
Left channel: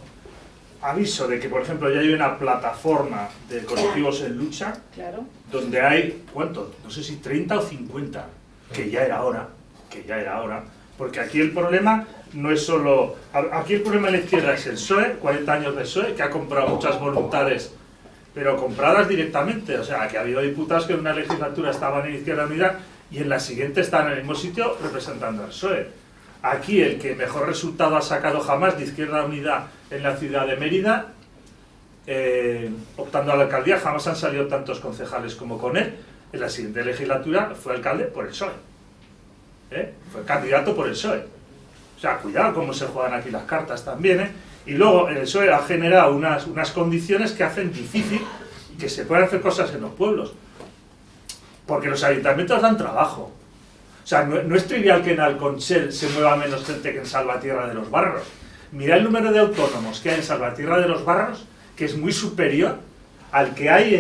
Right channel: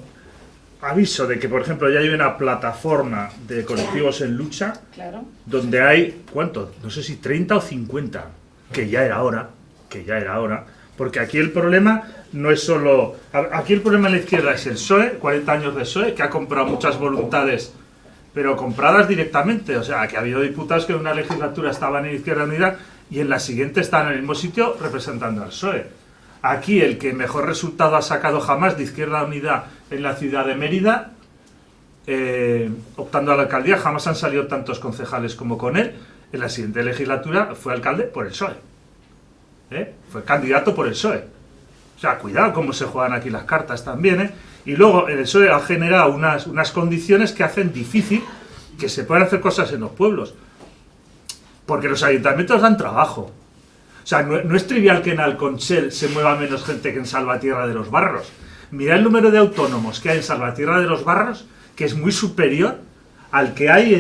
aviso de que, por ejemplo, ya hay una plataforma de colectivos en lucha, Claro. donde hay, ¿cuántos? No sé si 30 o 50, que ya era hora, porque aquí el problema no es solo... Aquí el problema en la izquierda es el PSOE, 40 años de PSOE, que ha comprado muchas voluntades, pero compradas directamente. O sea, que ha habido diputados que en una legislatura estaban en Izquierda Unida y en la siguiente están en el mismo sitio representando al PSOE. Aquí el que mejor resultado ha sacado jamás de Izquierda Unida en la ciudad de Mérida, optando a la alcaldía, jamás han salido tantos concejales como con él. En la siguiente legislatura fue alcalde por el PSOE. Fue candidato por el PSOE. O sea, cuidado cómo se juegan aquí las cartas también, Y luego el PSOE ha generado unas condiciones que hacen difícil que se puedan hacer cosas en los pueblos. Porque los ayuntamientos dan trabajo. O sea, no es trivial que en Alconchel se mueva menos gente que en Salvatierra de los Barros. Mira el número de autónomos que hay en Salvatierra de los Barros, que es muy superior al que hay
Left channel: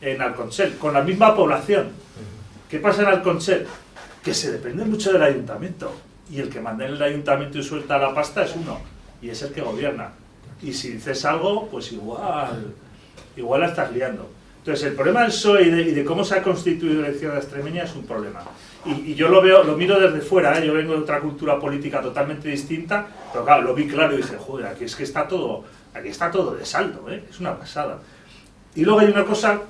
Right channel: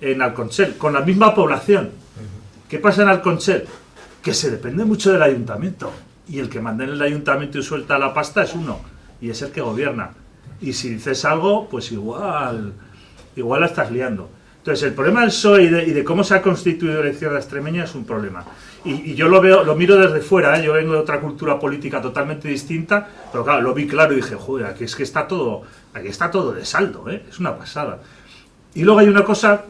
en Alconchel, con la misma población. ¿Qué pasa en Alconchel? Que se depende mucho del ayuntamiento. Y el que manda en el ayuntamiento y suelta la pasta es uno. Y es el que gobierna. Y si dices algo, pues igual la estás liando. Entonces, el problema del PSOE y de cómo se ha constituido la izquierda extremeña es un problema. Y yo lo miro desde fuera, Yo vengo de otra cultura política totalmente distinta, pero claro, lo vi claro y dije, joder, aquí está todo de saldo, Es una pasada. Y luego hay una cosa,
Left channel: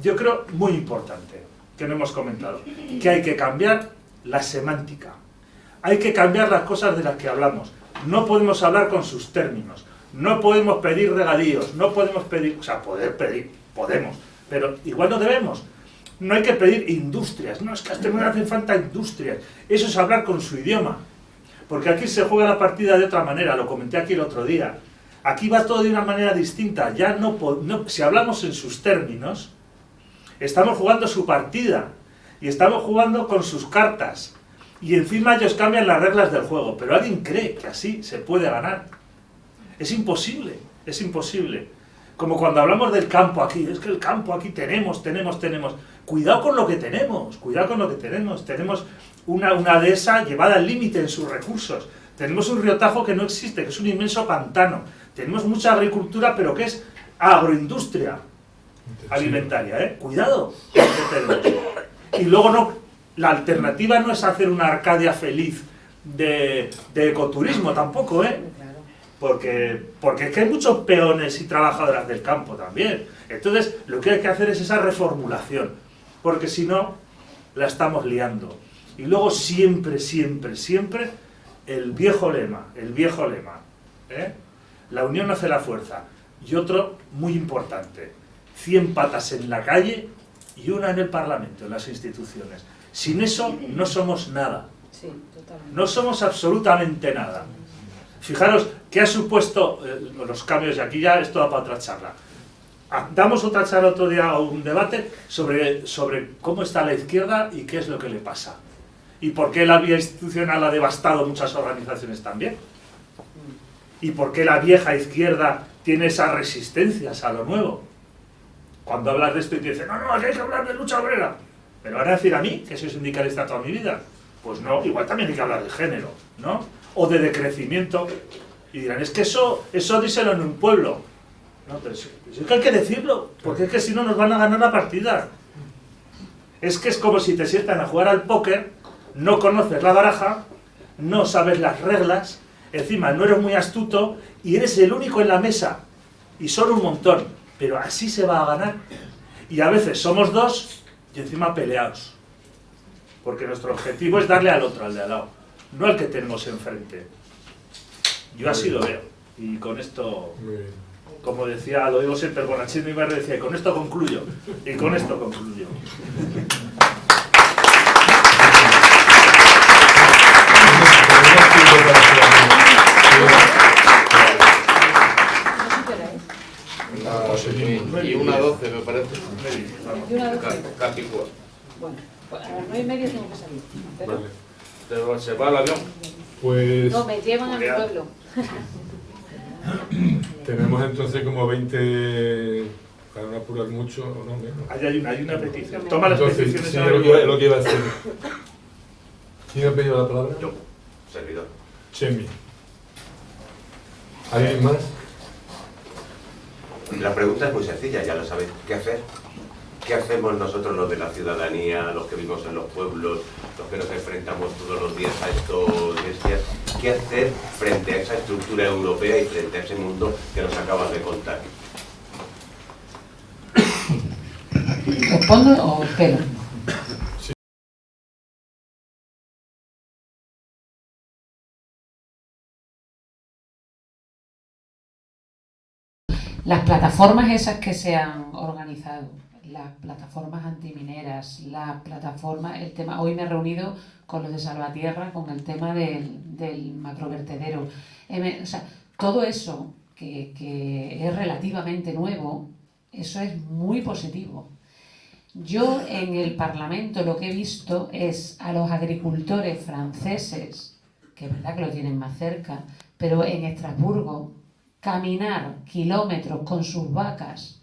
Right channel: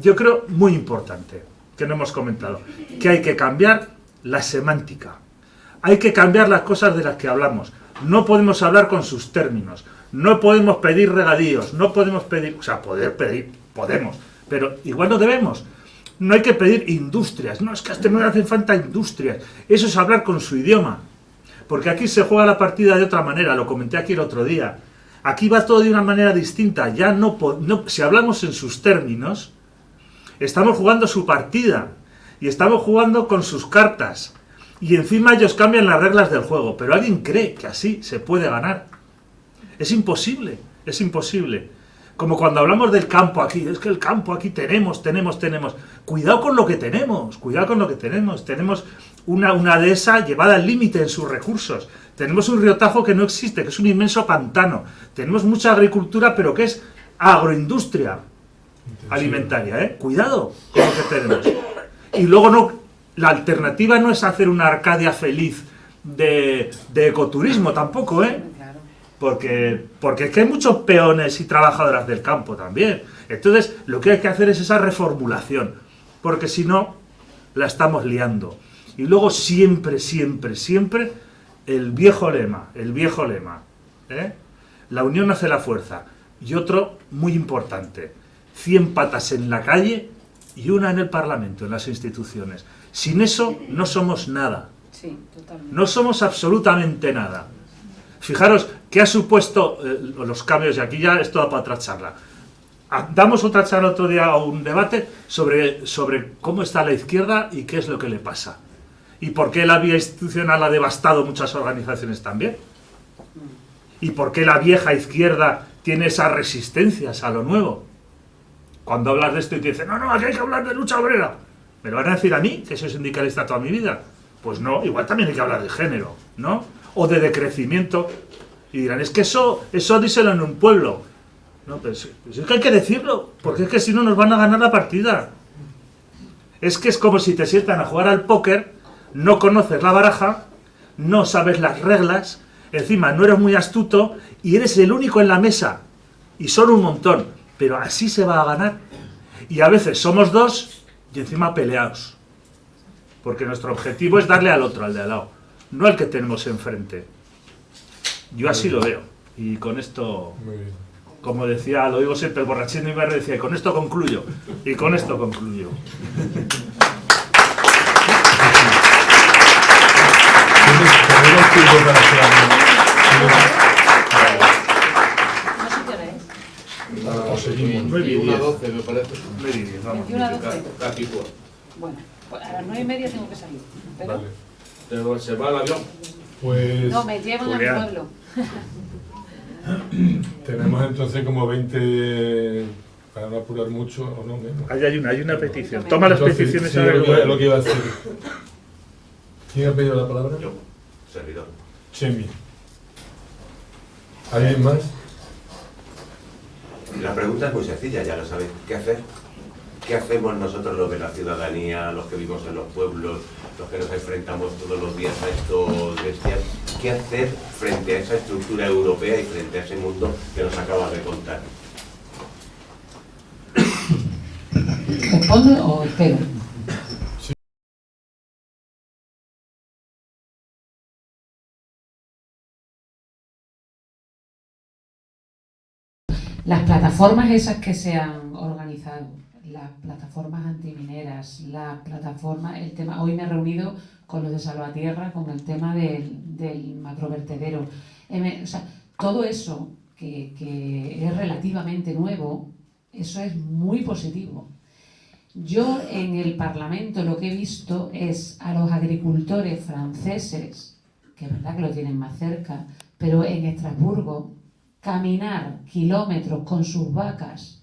yo creo, muy importante, que no hemos comentado, que hay que cambiar la semántica. Hay que cambiar las cosas de las que hablamos. No podemos hablar con sus términos. No podemos pedir regadíos. No podemos pedir... O sea, poder pedir, podemos. Pero igual no debemos. No hay que pedir industrias. No, es que a este no le hacen falta industrias. Eso es hablar con su idioma. Porque aquí se juega la partida de otra manera. Lo comenté aquí el otro día. Aquí va todo de una manera distinta. Ya si hablamos en sus términos, estamos jugando su partida. Y estamos jugando con sus cartas. Y encima ellos cambian las reglas del juego. Pero alguien cree que así se puede ganar. Es imposible. Como cuando hablamos del campo aquí. Es que el campo aquí tenemos. Cuidado con lo que tenemos. Tenemos una dehesa llevada al límite en sus recursos. Tenemos un río Tajo que no existe, que es un inmenso pantano. Tenemos mucha agricultura, pero que es agroindustria alimentaria. Cuidado con lo que tenemos. Y luego La alternativa no es hacer una Arcadia feliz de ecoturismo tampoco, ¿eh? Porque es que hay muchos peones y trabajadoras del campo también. Entonces, lo que hay que hacer es esa reformulación, porque si no, la estamos liando. Y luego siempre, siempre, siempre, el viejo lema, ¿eh? La unión hace la fuerza. Y otro muy importante, 100 patas en la calle y una en el Parlamento, en las instituciones. Sin eso no somos nada. Sí, totalmente. No somos absolutamente nada. Fijaros qué ha supuesto los cambios, y aquí ya es toda para otra charla. Damos otra charla otro día, o un debate sobre cómo está la izquierda y qué es lo que le pasa. Y por qué la vía institucional ha devastado muchas organizaciones también. Y por qué la vieja izquierda tiene esas resistencias a lo nuevo. Cuando hablas de esto y te dicen, no, aquí hay que hablar de lucha obrera. ¿Me lo van a decir a mí, que soy sindicalista toda mi vida? Pues no, igual también hay que hablar de género, ¿no? O de decrecimiento. Y dirán, es que eso díselo en un pueblo. No, pues es que hay que decirlo, porque es que si no nos van a ganar la partida. Es que es como si te sientan a jugar al póker, no conoces la baraja, no sabes las reglas, encima no eres muy astuto y eres el único en la mesa. Y son un montón, pero así se va a ganar. Y a veces somos dos y encima peleados. Porque nuestro objetivo es darle al otro, al de al lado, no al que tenemos enfrente. Yo así lo veo. Y con esto, como decía, lo digo siempre, el borrachín de mi barrio decía, y con esto concluyo. Y con esto concluyo. Una 12 me parece. Casi cuatro. Bueno, pues a las 9:30 tengo que salir. Pero Vale. ¿Se va el avión? Pues no, me llevan a mi pueblo. tenemos entonces como 20, para no apurar mucho, o no menos. Hay una petición. Toma las Entonces, peticiones sí, en el lo que iba a decir. ¿Quién ha pedido la palabra? Yo, servidor. Chemi. ¿Alguien más? La pregunta es muy sencilla, ya lo sabéis. ¿Qué hacer? ¿Qué hacemos nosotros los de la ciudadanía, los que vivimos en los pueblos, los que nos enfrentamos todos los días a estos bestias? ¿Qué hacer frente a esa estructura europea y frente a ese mundo que nos acabas de contar? ¿Respondo o espero? Las plataformas esas que se han organizado, las plataformas antimineras, las plataformas, el tema, hoy me he reunido con los de Salvatierra con el tema del macrovertedero. O sea, todo eso que es relativamente nuevo, eso es muy positivo. Yo en el Parlamento lo que he visto es a los agricultores franceses, que es verdad que lo tienen más cerca, pero en Estrasburgo, caminar kilómetros con sus vacas,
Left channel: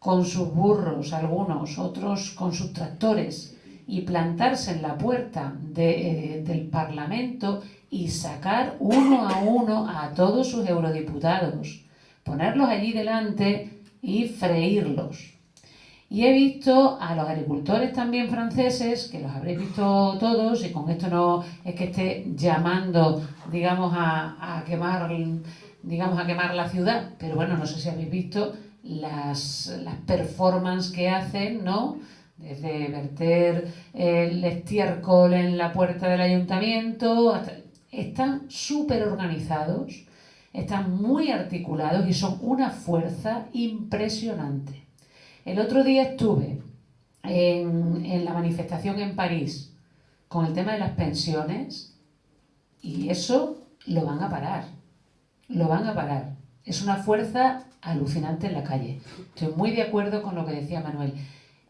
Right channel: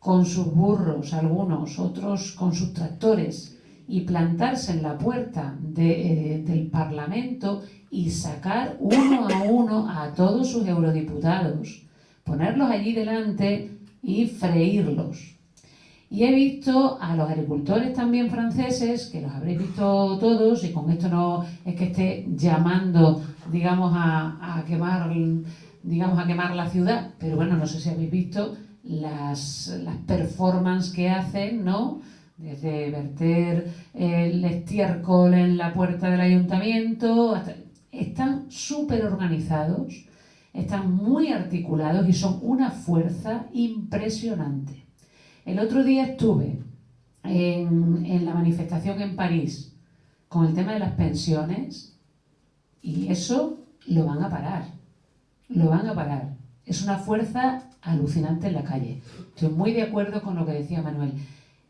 con sus burros, algunos, otros con sus tractores, y plantarse en la puerta del Parlamento y sacar uno a uno a todos sus eurodiputados, ponerlos allí delante y freírlos. Y he visto a los agricultores también franceses, que los habréis visto todos, y con esto no es que esté llamando, digamos, a quemar la ciudad, pero bueno, no sé si habéis visto las performances que hacen, ¿no? Desde verter el estiércol en la puerta del ayuntamiento, están súper organizados, están muy articulados y son una fuerza impresionante. El otro día estuve en la manifestación en París con el tema de las pensiones y eso lo van a parar. Lo van a parar. Es una fuerza alucinante en la calle. Estoy muy de acuerdo con lo que decía Manuel.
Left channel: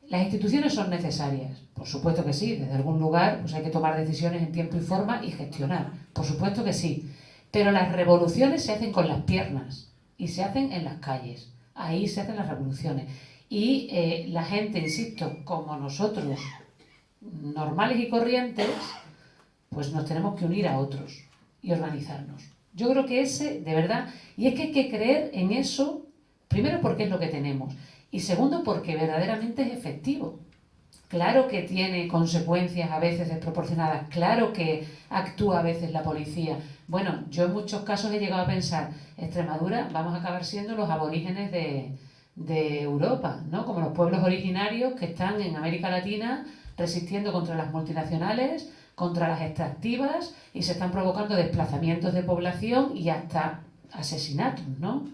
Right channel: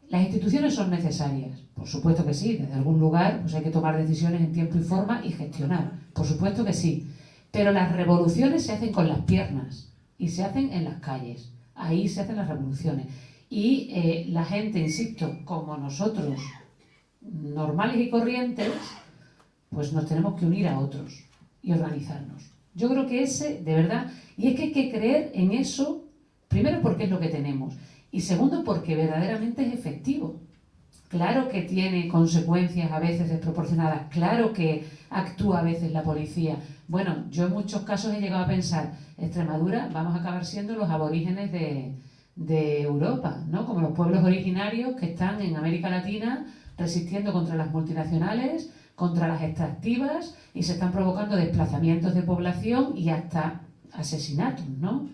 Las instituciones son necesarias, por supuesto que sí. Desde algún lugar pues hay que tomar decisiones en tiempo y forma y gestionar, por supuesto que sí. Pero las revoluciones se hacen con las piernas y se hacen en las calles. Ahí se hacen las revoluciones. Y la gente, insisto, como nosotros, normales y corrientes, pues nos tenemos que unir a otros y organizarnos. Yo creo que ese, de verdad, y es que hay que creer en eso, primero porque es lo que tenemos, y segundo porque verdaderamente es efectivo. claro que tiene consecuencias a veces desproporcionadas, claro que actúa a veces la policía. Bueno, yo en muchos casos he llegado a pensar, Extremadura, vamos a acabar siendo los aborígenes de Europa, ¿no? Como los pueblos originarios que están en América Latina resistiendo contra las multinacionales, contra las extractivas, y se están provocando desplazamientos de población y hasta asesinatos, ¿no?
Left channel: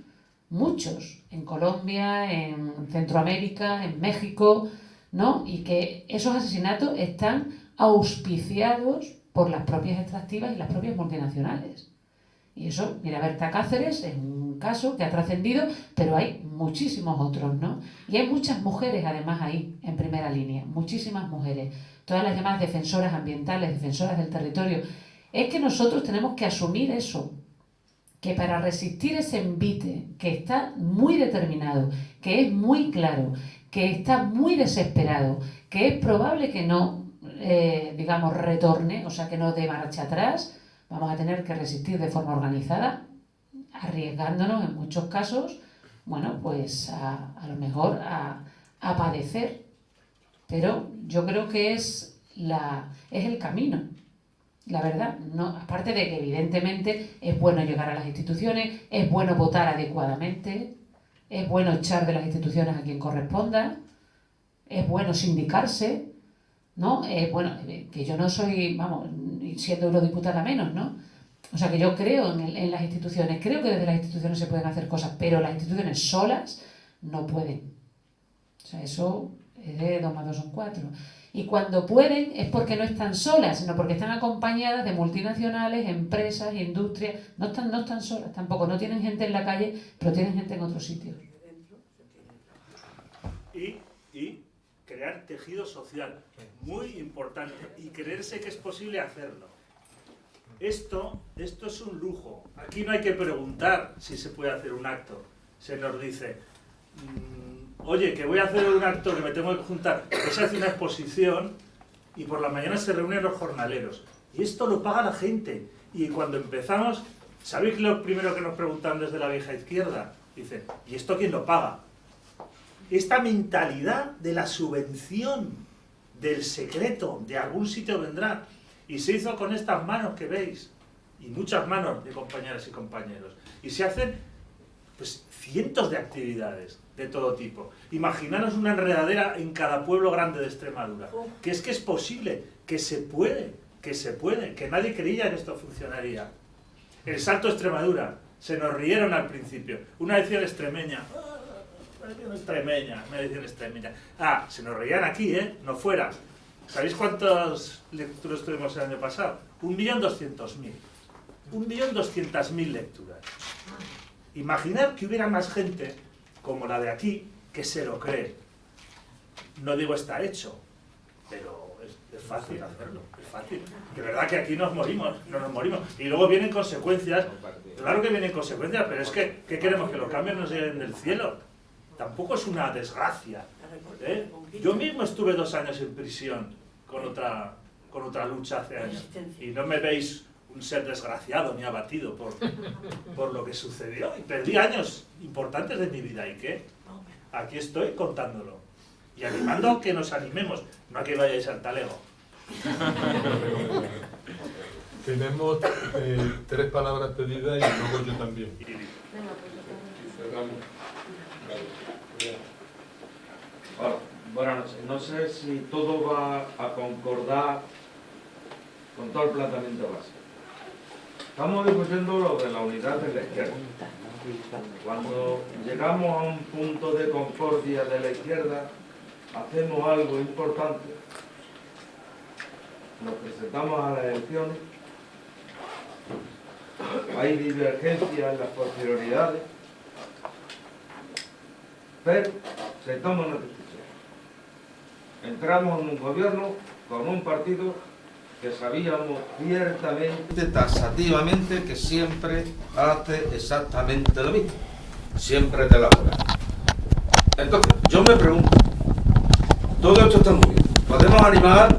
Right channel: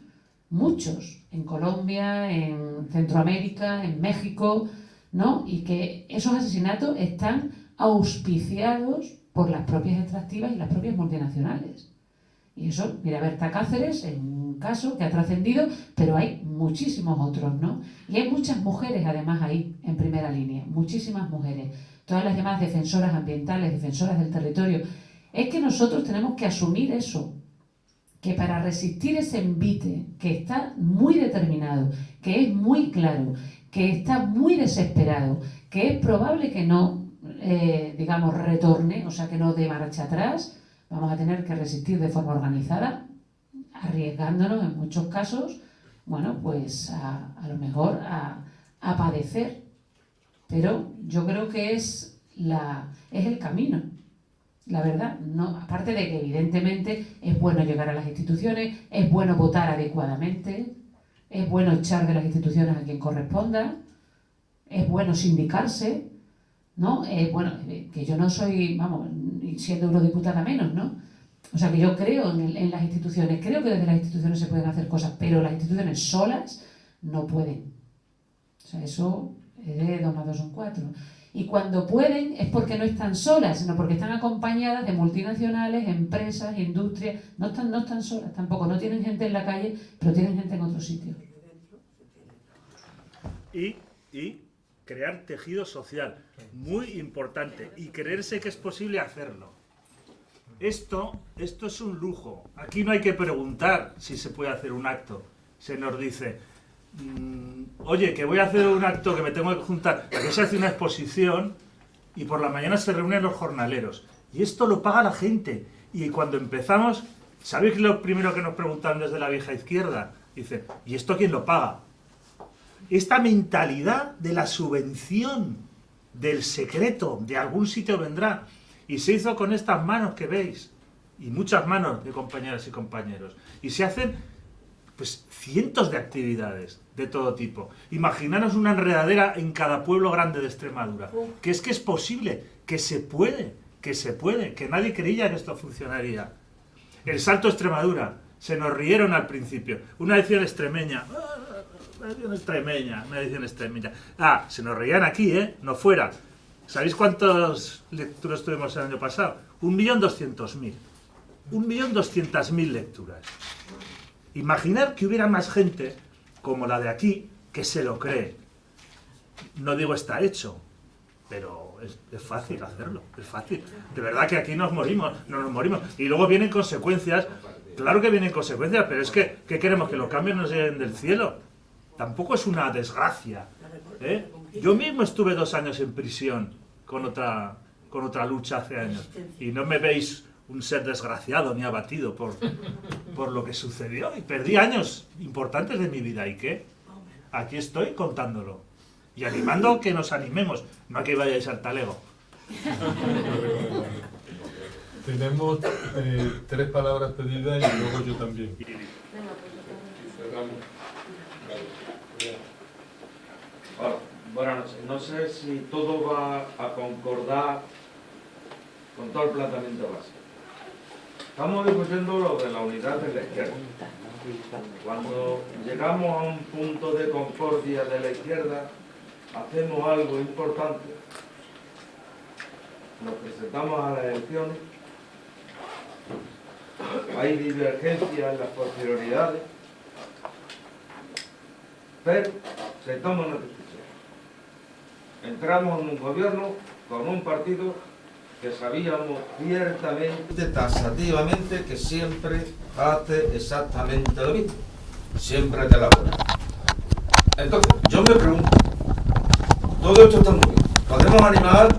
Muchos, en Colombia, en Centroamérica, en México, ¿no? Y que esos asesinatos están auspiciados por las propias extractivas y las propias multinacionales. Y eso, mira, Berta Cáceres es un caso que ha trascendido, pero hay muchísimos otros, ¿no? Y hay muchas mujeres, además, ahí, en primera línea, muchísimas mujeres, todas las llamadas defensoras ambientales, defensoras del territorio. Es que nosotros tenemos que asumir eso, que para resistir ese envite, que está muy determinado, que es muy claro, que está muy desesperado, que es probable que no, digamos, retorne, o sea, que no dé marcha atrás, vamos a tener que resistir de forma organizada, arriesgándonos en muchos casos, bueno, pues a lo mejor a padecer. Pero yo creo que es el camino, la verdad. No, aparte de que evidentemente es bueno llegar a las instituciones, es bueno votar adecuadamente, es bueno echar de las instituciones a quien corresponda, es bueno sindicarse, ¿no? Es bueno, que yo no soy, vamos, siendo eurodiputada menos, ¿no? O sea, que yo creo en las instituciones, creo que desde las instituciones se pueden hacer cosas, pero las instituciones solas no pueden. O sea, eso es de 2 más 2 son 4. Y cuando pueden es porque no están solas, sino porque están acompañadas de multinacionales, empresas, industrias. No están solas tampoco, no tienen gente en la calle, pero tienen gente en otros sitios. Y crear tejido social, muy importante, y creerse que es posible hacerlo. Esto es un lujo. Aquí no hay que preguntar si se puede hacer un acto. Se nos dice, oye, que voy a hacer un acto, que me tengo que juntar. Porque se hace una exposición y por la mañana se reúnen los jornaleros. Y esto lo paga la gente. Y cuando empezamos, ¿sabéis lo primero que nos preguntan desde la vieja izquierda? Dicen, ¿y esto quién lo paga? Esta mentalidad de la subvención, del secreto, de algún sitio vendrá. Y se hizo con estas manos que veis, y muchas manos de compañeras y compañeros. Y se hacen, pues, cientos de actividades de todo tipo. Imaginaros una enredadera en cada pueblo grande de Extremadura. Que es posible, que se puede, que nadie creía que esto funcionaría. El Salto Extremadura, se nos rieron al principio. Una edición extremeña. Una edición extremeña. Ah, se nos reían aquí, no fuera. ¿Sabéis cuántas lecturas tuvimos el año pasado? 1.200.000. 1.200.000 lecturas. Imaginar que hubiera más gente como la de aquí que se lo cree. No digo está hecho, pero es fácil hacerlo, es fácil. De verdad que aquí no nos morimos. Y luego vienen consecuencias, claro que vienen consecuencias, pero es que, ¿qué queremos? ¿Que los cambios nos lleguen del cielo? Tampoco es una desgracia. Yo mismo estuve 2 años en prisión con otra lucha hace años. Y no me veis un ser desgraciado ni abatido por lo que sucedió. Y perdí años importantes de mi vida. ¿Y qué? Aquí estoy contándolo. Y animando a que nos animemos, no a que vayáis al talego. Tenemos 3 palabras pedidas y luego yo también. Hola, buenas noches. No sé si todo va a concordar con todo el planteamiento básico. Estamos discutiendo lo de la unidad de la izquierda. Cuando llegamos a un punto de concordia de la izquierda, hacemos algo importante. Nos presentamos a las elecciones. Hay divergencias en las posterioridades. Pero se toma una decisión. Entramos en un gobierno con un partido que sabíamos ciertamente, taxativamente, que siempre hace exactamente lo mismo. Siempre te la juega. Entonces, yo me pregunto, todo esto está muy bien. Podemos animar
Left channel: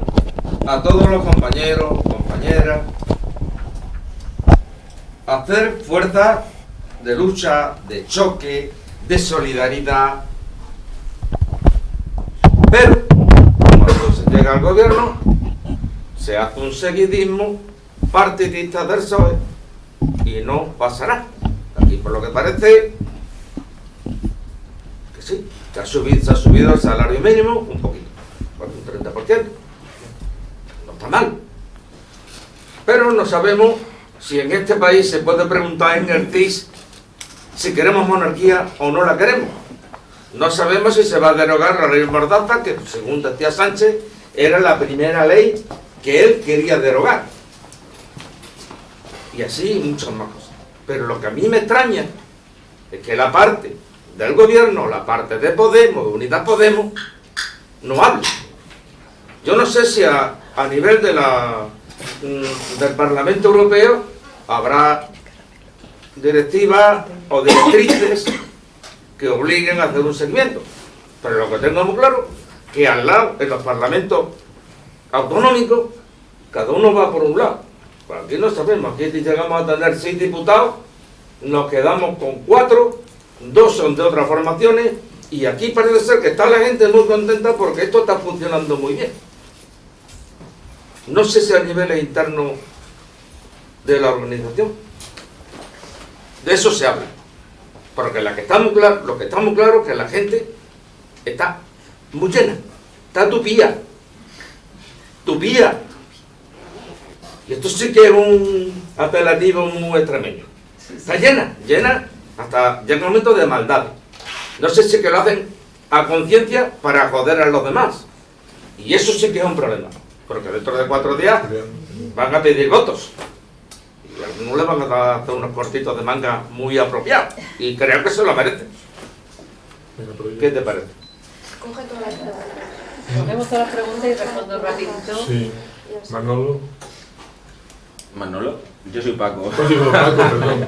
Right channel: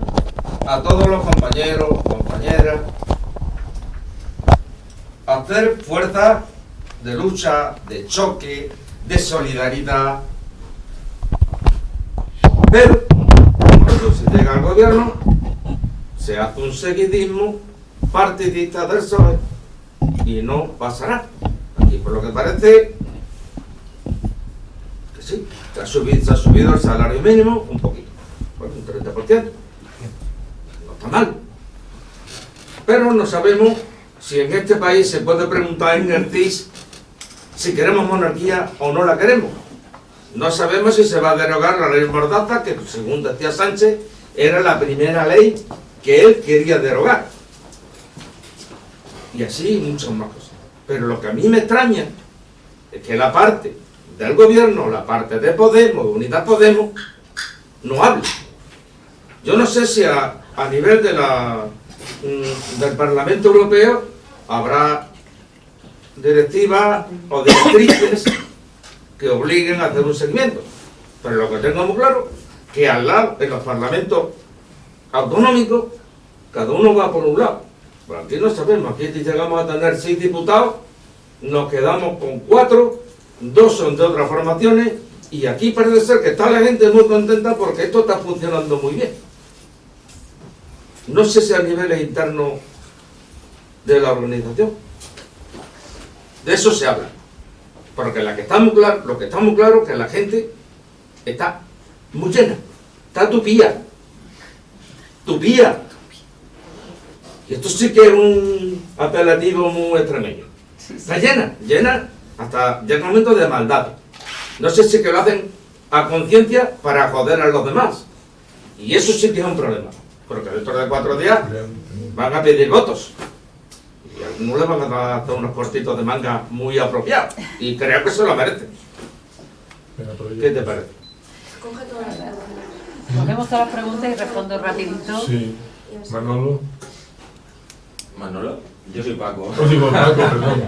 a todos los compañeros, compañeras, a hacer fuerza de lucha, de choque, de solidaridad. Pero, como cuando se llega al gobierno, se hace un seguidismo partidista del PSOE y no pasará. Aquí, por lo que parece, que sí, se ha subido el salario mínimo un poquito, un 30%. No está mal. Pero no sabemos si en este país se puede preguntar en el CIS si queremos monarquía o no la queremos. No sabemos si se va a derogar la ley Mordaza, que según decía Sánchez, era la primera ley que él quería derogar. Y así muchas más cosas. Pero lo que a mí me extraña es que la parte del gobierno, la parte de Podemos, de Unidas Podemos, no hable. Yo no sé si a nivel de del Parlamento Europeo habrá directivas o directrices que obliguen a hacer un seguimiento. Pero lo que tengo muy claro es que al lado, en los parlamentos autonómicos, cada uno va por un lado. Bueno, aquí no sabemos, aquí llegamos a tener 6 diputados, nos quedamos con 4, 2 son de otras formaciones, y aquí parece ser que está la gente muy contenta porque esto está funcionando muy bien. No sé si a nivel interno de la organización. De eso se habla. Porque lo que está muy claro es que la gente está muy llena. Está tupía. Tupía. Y esto sí que es un apelativo muy extremeño. Está llena, hasta llega un momento de maldad. No sé si que lo hacen a conciencia para joder a los demás. Y eso sí que es un problema. Porque dentro de 4 días van a pedir votos. Y a algunos les van a hacer unos cortitos de manga muy apropiados. Y creo que se lo merecen. ¿Qué te parece? Coge todas las preguntas. Cogemos todas las preguntas y respondo rapidito. Sí. Manolo. Manolo, yo soy Paco. Digo, Paco, perdón.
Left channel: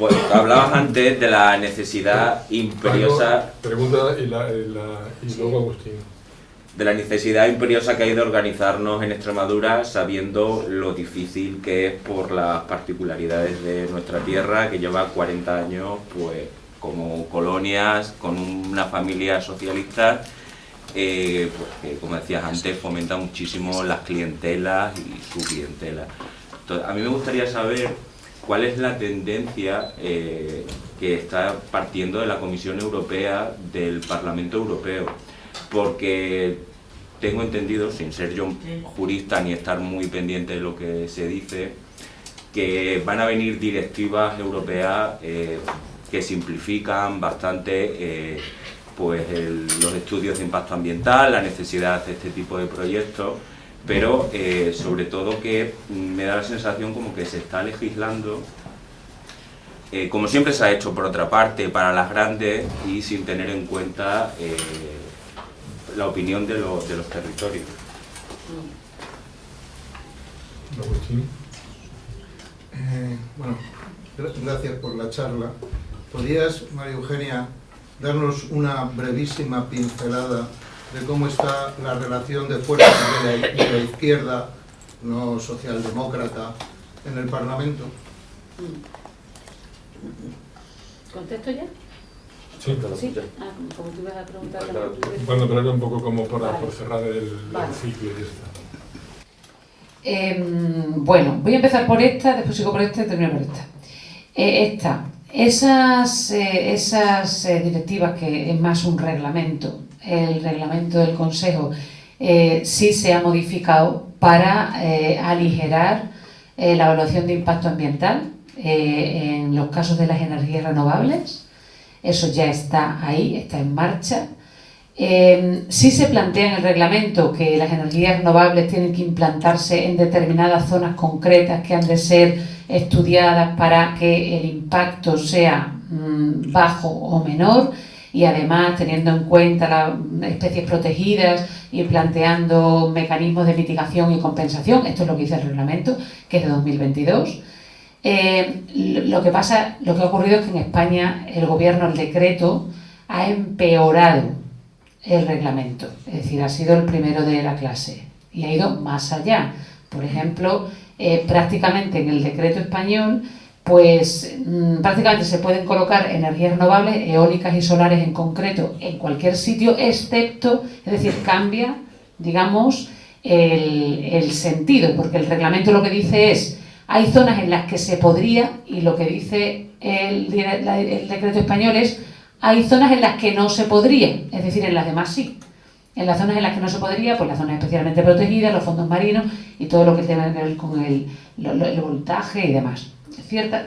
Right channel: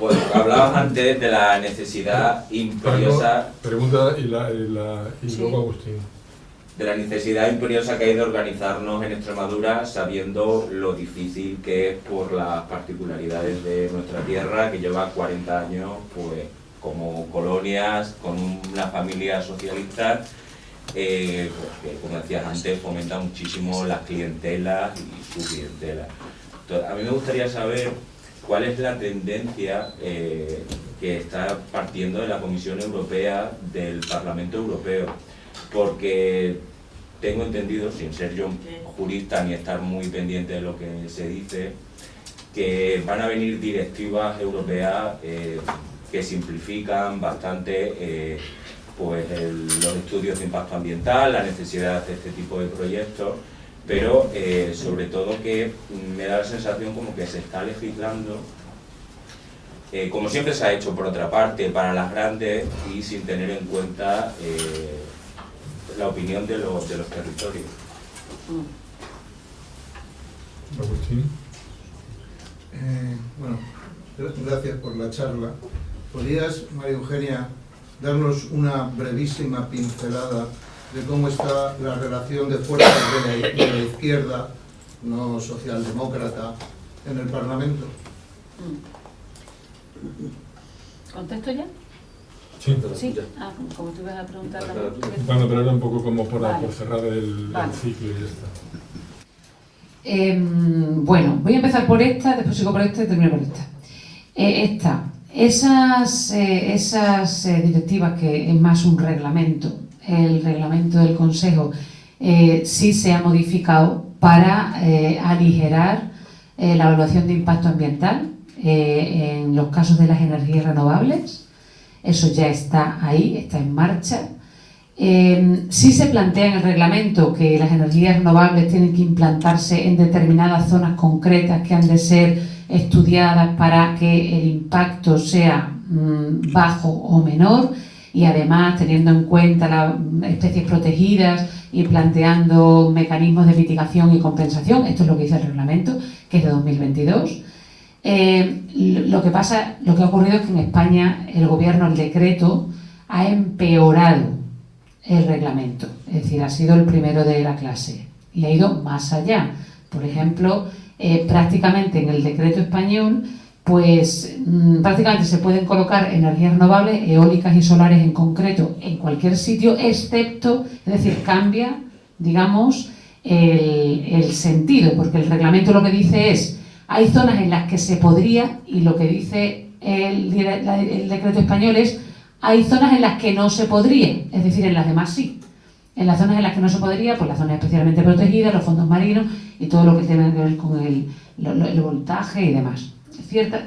Pues hablabas antes de la necesidad imperiosa. Paco, pregunta y Sí. luego Agustín. De la necesidad imperiosa que hay de organizarnos en Extremadura, sabiendo lo difícil que es por las particularidades de nuestra tierra, que lleva 40 años pues como colonias, con una familia socialista, pues, que, como decías antes, fomenta muchísimo las clientelas y su clientela. Entonces, a mí me gustaría saber cuál es la tendencia que está partiendo de la Comisión Europea, del Parlamento Europeo, porque tengo entendido, sin ser yo jurista ni estar muy pendiente de lo que se dice, que van a venir directivas europeas que simplifican bastante pues los estudios de impacto ambiental, la necesidad de este tipo de proyectos, pero sobre todo que me da la sensación como que se está legislando, como siempre se ha hecho por otra parte, para las grandes y sin tener en cuenta la opinión de los territorios. Agustín. Bueno, gracias por la charla. ¿Podrías, María Eugenia, darnos una brevísima pincelada de cómo está la relación de fuerzas de la izquierda, no socialdemócrata, en el Parlamento? ¿Contesto ya? Sí. Sí. Ah, como tú ibas a preguntar la Bueno, pero era un poco como por cerrar el Vale. ciclo y ya está. Bueno, voy a empezar por esta, después sigo por esta y termino por esta. Esas directivas, que es más un reglamento, el reglamento del Consejo, sí se ha modificado para aligerar la evaluación de impacto ambiental en los casos de las energías renovables. Eso ya está ahí, está en marcha. Sí se plantea en el reglamento que las energías renovables tienen que implantarse en determinadas zonas concretas que han de ser estudiadas para que el impacto sea bajo o menor, y además teniendo en cuenta las especies protegidas y planteando mecanismos de mitigación y compensación. Esto es lo que dice el reglamento, que es de 2022. Lo que ha ocurrido es que en España el gobierno, el decreto, ha empeorado el reglamento, es decir, ha sido el primero de la clase y ha ido más allá. Por ejemplo, prácticamente en el decreto español pues prácticamente se pueden colocar energías renovables, eólicas y solares en concreto, en cualquier sitio, excepto, es decir, cambia, digamos, el sentido, porque el reglamento lo que dice es, hay zonas en las que se podría, y lo que dice el decreto español es, hay zonas en las que no se podría, es decir, en las demás sí. En las zonas en las que no se podría, pues las zonas especialmente protegidas, los fondos marinos y todo lo que tiene que ver con el voltaje y demás.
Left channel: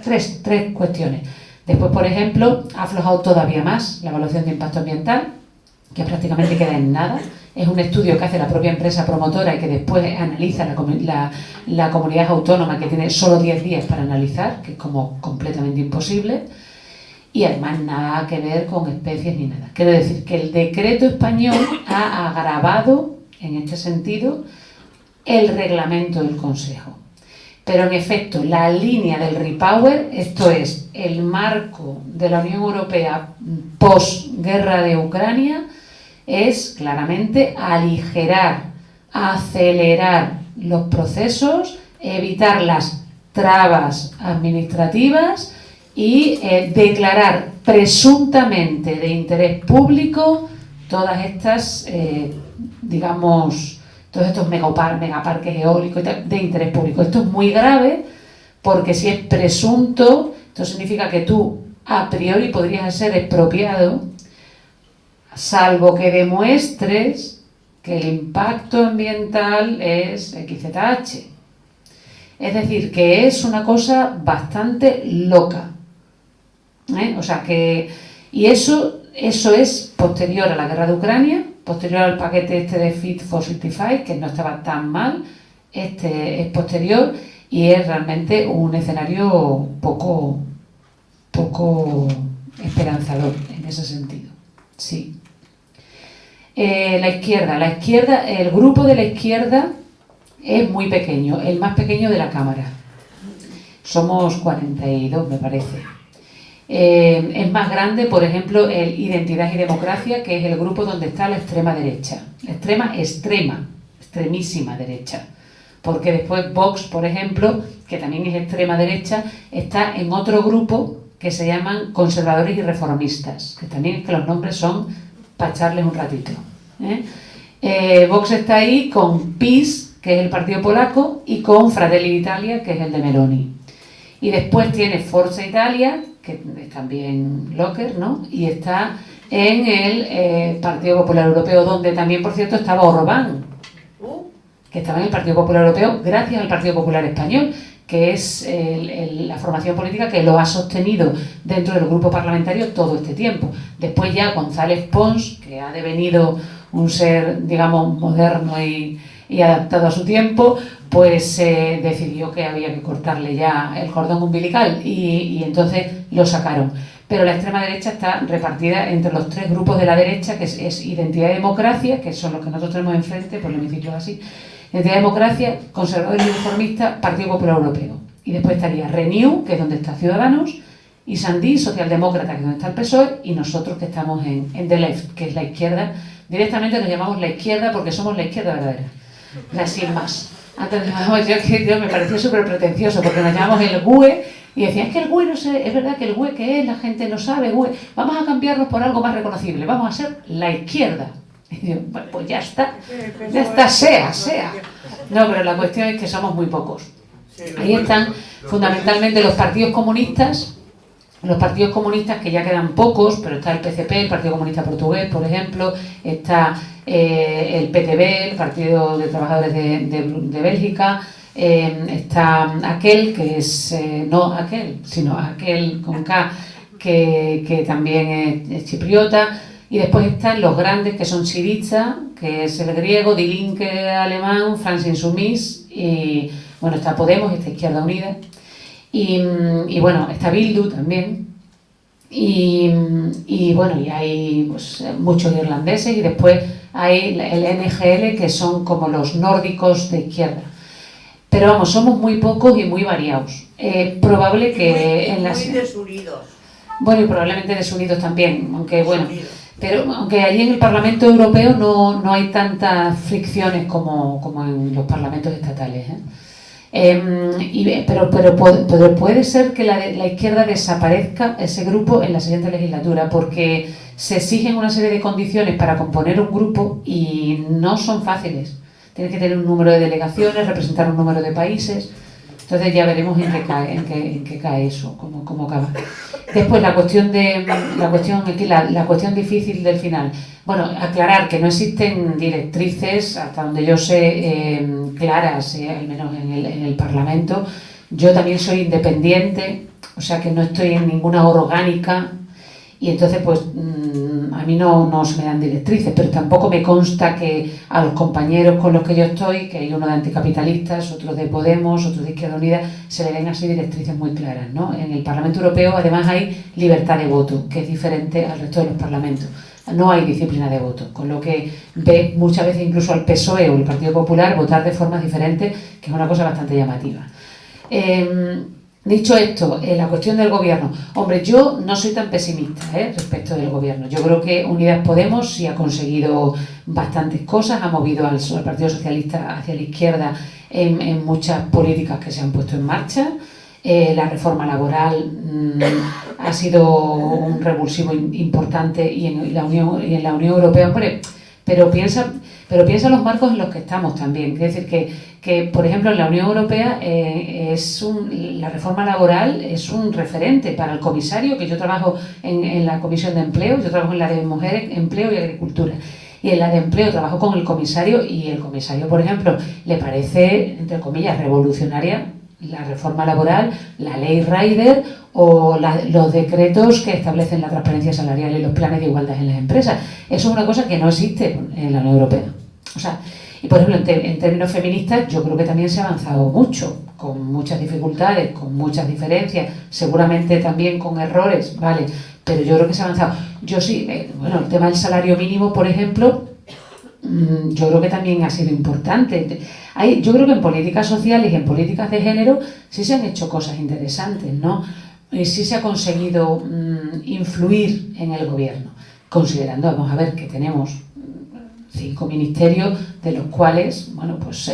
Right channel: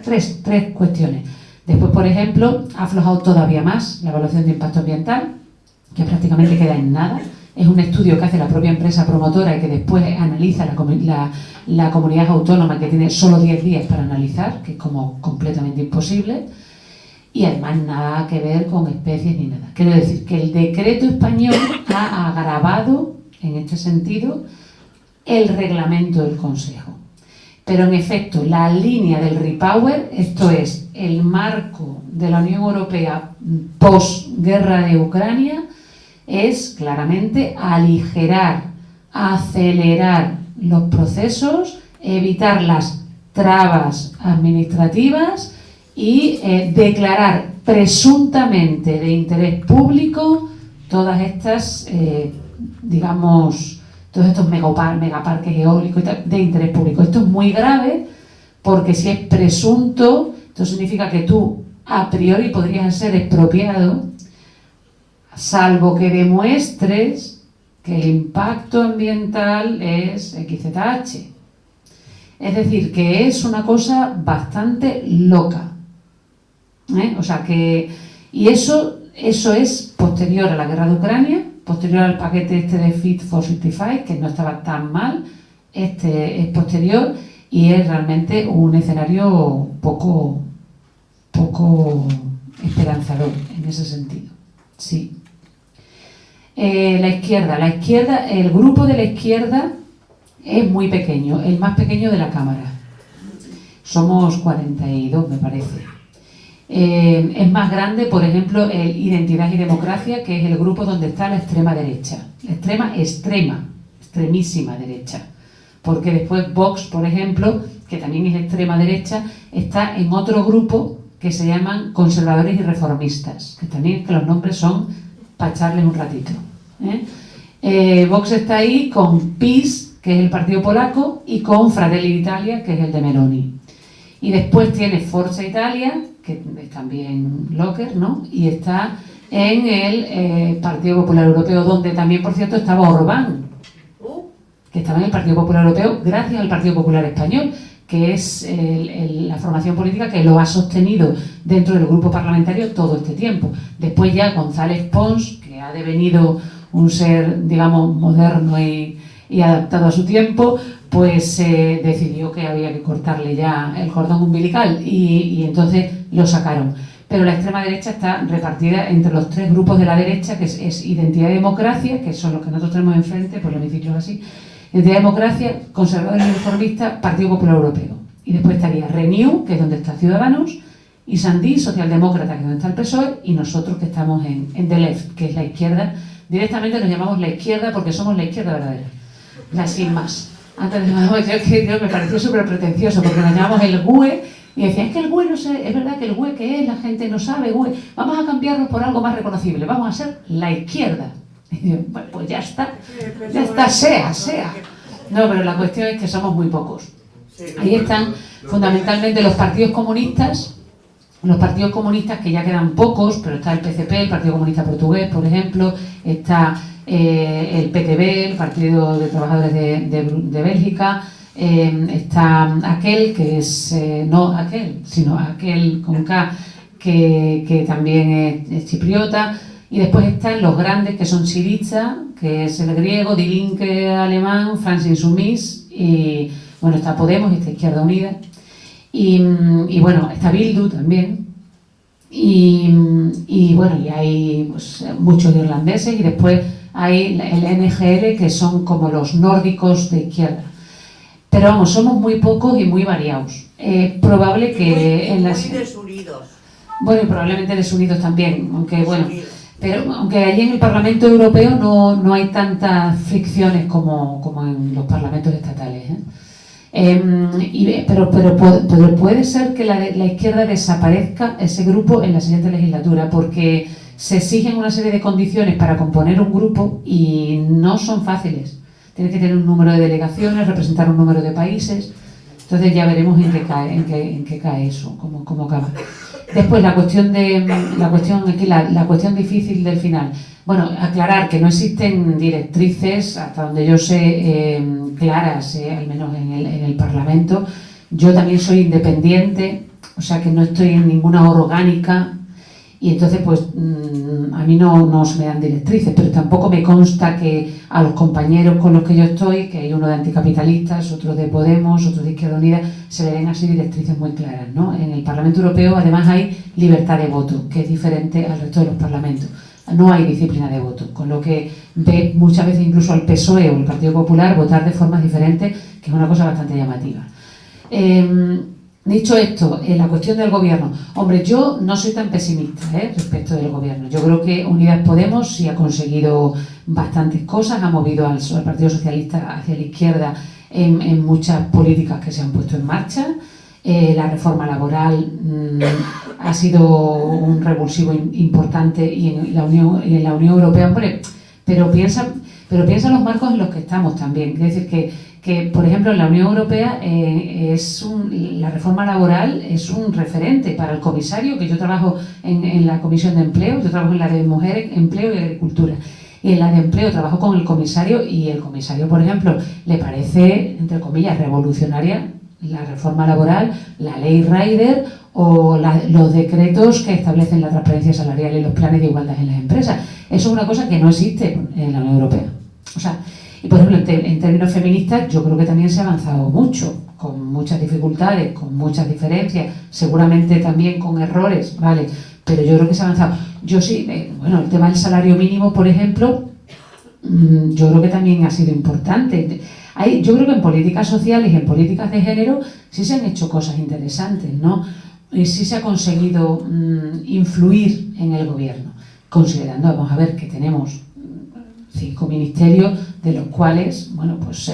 Tres cuestiones. Después, por ejemplo, ha aflojado todavía más la evaluación de impacto ambiental, que prácticamente queda en nada. Es un estudio que hace la propia empresa promotora y que después analiza la comunidad autónoma, que tiene solo 10 días para analizar, que es como completamente imposible. Y además nada que ver con especies ni nada. Quiero decir que el decreto español ha agravado, en este sentido, el reglamento del Consejo. Pero en efecto, la línea del repower, esto es, el marco de la Unión Europea post-guerra de Ucrania, es claramente aligerar, acelerar los procesos, evitar las trabas administrativas y declarar presuntamente de interés público todas estas, digamos, todos estos megaparques eólicos y tal, de interés público. Esto es muy grave porque si es presunto, esto significa que tú a priori podrías ser expropiado, salvo que demuestres que el impacto ambiental es XZH. Es decir, que es una cosa bastante loca. O sea que, y eso es posterior a la guerra de Ucrania, posterior al paquete este de Fit for 55, que no estaba tan mal. Este es posterior y es realmente un escenario poco esperanzador en ese sentido. Sí. La izquierda, el grupo de la izquierda es muy pequeño, el más pequeño de la Cámara. Somos 42, me parece. Es más grande, por ejemplo, el Identidad y Democracia, que es el grupo donde está la extrema derecha. La extremísima derecha. Porque después Vox, por ejemplo, que también es extrema derecha, está en otro grupo que se llaman conservadores y reformistas, que también es que los nombres son para echarles un ratito. Vox está ahí con PiS, que es el partido polaco, y con Fratelli d'Italia, que es el de Meloni. Y después tiene Forza Italia, que es también Locker, ¿no? Y está en el Partido Popular Europeo, donde también, por cierto, estaba Orbán, que estaba en el Partido Popular Europeo gracias al Partido Popular Español, que es la formación política que lo ha sostenido dentro del grupo parlamentario todo este tiempo. Después ya González Pons, que ha devenido un ser, digamos, moderno y adaptado a su tiempo, pues decidió que había que cortarle ya el cordón umbilical y entonces lo sacaron. Pero la extrema derecha está repartida entre los tres grupos de la derecha, que es Identidad y Democracia, que son los que nosotros tenemos enfrente, por el hemiciclo es así, Identidad y Democracia, Conservadores y Reformistas, Partido Popular Europeo. Y después estaría Renew, que es donde está Ciudadanos, y Sandí, Socialdemócrata, que es donde está el PSOE, y nosotros que estamos en The Left, que es la izquierda. Directamente nos llamamos la izquierda porque somos la izquierda verdadera. Ya sin más. Antes nos llamábamos, yo me pareció súper pretencioso porque nos llamamos el GUE y decían, es que el GUE no sé, es verdad que el GUE ¿qué es? La gente no sabe, GUE. Vamos a cambiarnos por algo más reconocible, vamos a ser la izquierda. Y yo, bueno, pues ya está, sea. No, pero la cuestión es que somos muy pocos. Ahí están fundamentalmente los partidos comunistas que ya quedan pocos, pero está el PCP, el Partido Comunista Portugués, por ejemplo, está el PTB, el Partido de Trabajadores de Bélgica, está aquel que es, no aquel, sino aquel con K, que también es chipriota, y después están los grandes que son Syriza, que es el griego, Die Linke alemán, France Insoumise, y bueno, está Podemos, está Izquierda Unida, y bueno, está Bildu también, y bueno, y hay pues, muchos irlandeses, y después hay el NGL, que son como los nórdicos de izquierda. Pero vamos, somos muy pocos y muy variados. Es probable que en las... Muy desunidos. Bueno, y probablemente desunidos también, aunque bueno... Pero aunque allí en el Parlamento Europeo no hay tantas fricciones como en los parlamentos estatales, Pero puede ser que la izquierda desaparezca ese grupo en la siguiente legislatura, porque se exigen una serie de condiciones para componer un grupo y no son fáciles. Tienes que tener un número de delegaciones, representar un número de países. Entonces ya veremos en qué cae eso, cómo acaba. Después la cuestión difícil del final. Bueno, aclarar que no existen directrices, hasta donde yo sé, claras, al menos en el Parlamento. Yo también soy independiente, o sea que no estoy en ninguna orgánica, y entonces pues a mí no se me dan directrices, pero tampoco me consta que a los compañeros con los que yo estoy, que hay uno de anticapitalistas, otro de Podemos, otro de Izquierda Unida, se le den así directrices muy claras, ¿no? En el Parlamento Europeo además hay libertad de voto, que es diferente al resto de los parlamentos. No hay disciplina de voto, con lo que ve muchas veces incluso al PSOE o el Partido Popular votar de formas diferentes, que es una cosa bastante llamativa. Dicho esto, la cuestión del gobierno. Hombre, yo no soy tan pesimista respecto del gobierno. Yo creo que Unidas Podemos sí ha conseguido bastantes cosas, ha movido al Partido Socialista hacia la izquierda en muchas políticas que se han puesto en marcha. La reforma laboral ha sido un revulsivo importante y en la Unión Europea, hombre, pero piensa los marcos en los que estamos también. Es decir, que por ejemplo, en la Unión Europea la reforma laboral es un referente para el comisario, que yo trabajo en la Comisión de Empleo, yo trabajo en la de Mujeres, Empleo y Agricultura. Y en la de Empleo trabajo con el comisario, y el comisario, por ejemplo, le parece, entre comillas, revolucionaria la reforma laboral, la ley Rider o los decretos que establecen la transparencia salarial y los planes de igualdad en las empresas. Eso es una cosa que no existe en la Unión Europea. O sea, y por ejemplo, en términos feministas, yo creo que también se ha avanzado mucho, con muchas dificultades, con muchas diferencias, seguramente también con errores, ¿vale? Pero yo creo que se ha avanzado. Yo sí, bueno, el tema del salario mínimo, por ejemplo, yo creo que también ha sido importante. Yo creo que en políticas sociales y en políticas de género sí se han hecho cosas interesantes, ¿no? Y sí se ha conseguido influir en el gobierno, considerando, vamos a ver, que tenemos 5 ministerios, de los cuales, bueno, pues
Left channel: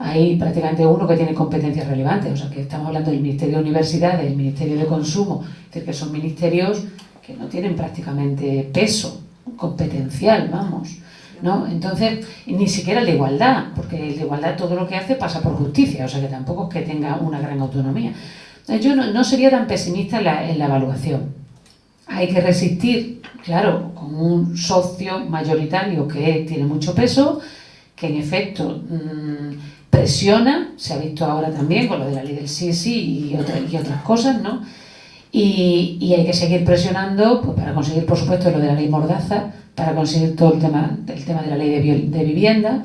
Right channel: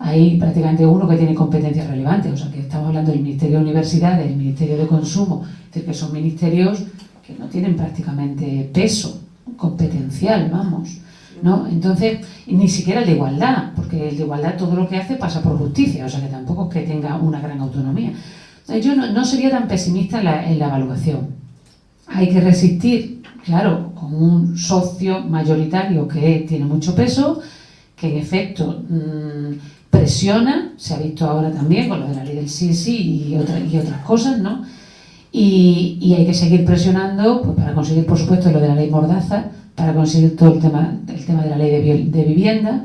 hay prácticamente uno que tiene competencias relevantes. O sea, que estamos hablando del Ministerio de Universidades, del Ministerio de Consumo, es decir, que son ministerios que no tienen prácticamente peso competencial, vamos, ¿no? Entonces, ni siquiera el de igualdad, porque el de igualdad todo lo que hace pasa por justicia, o sea que tampoco es que tenga una gran autonomía. Yo no sería tan pesimista en la evaluación. Hay que resistir, claro, con un socio mayoritario que tiene mucho peso, que en efecto presiona, se ha visto ahora también con lo de la ley del sí y otras cosas, ¿no? Y hay que seguir presionando pues, para conseguir, por supuesto, lo de la ley Mordaza, para conseguir todo el tema de la ley de vivienda,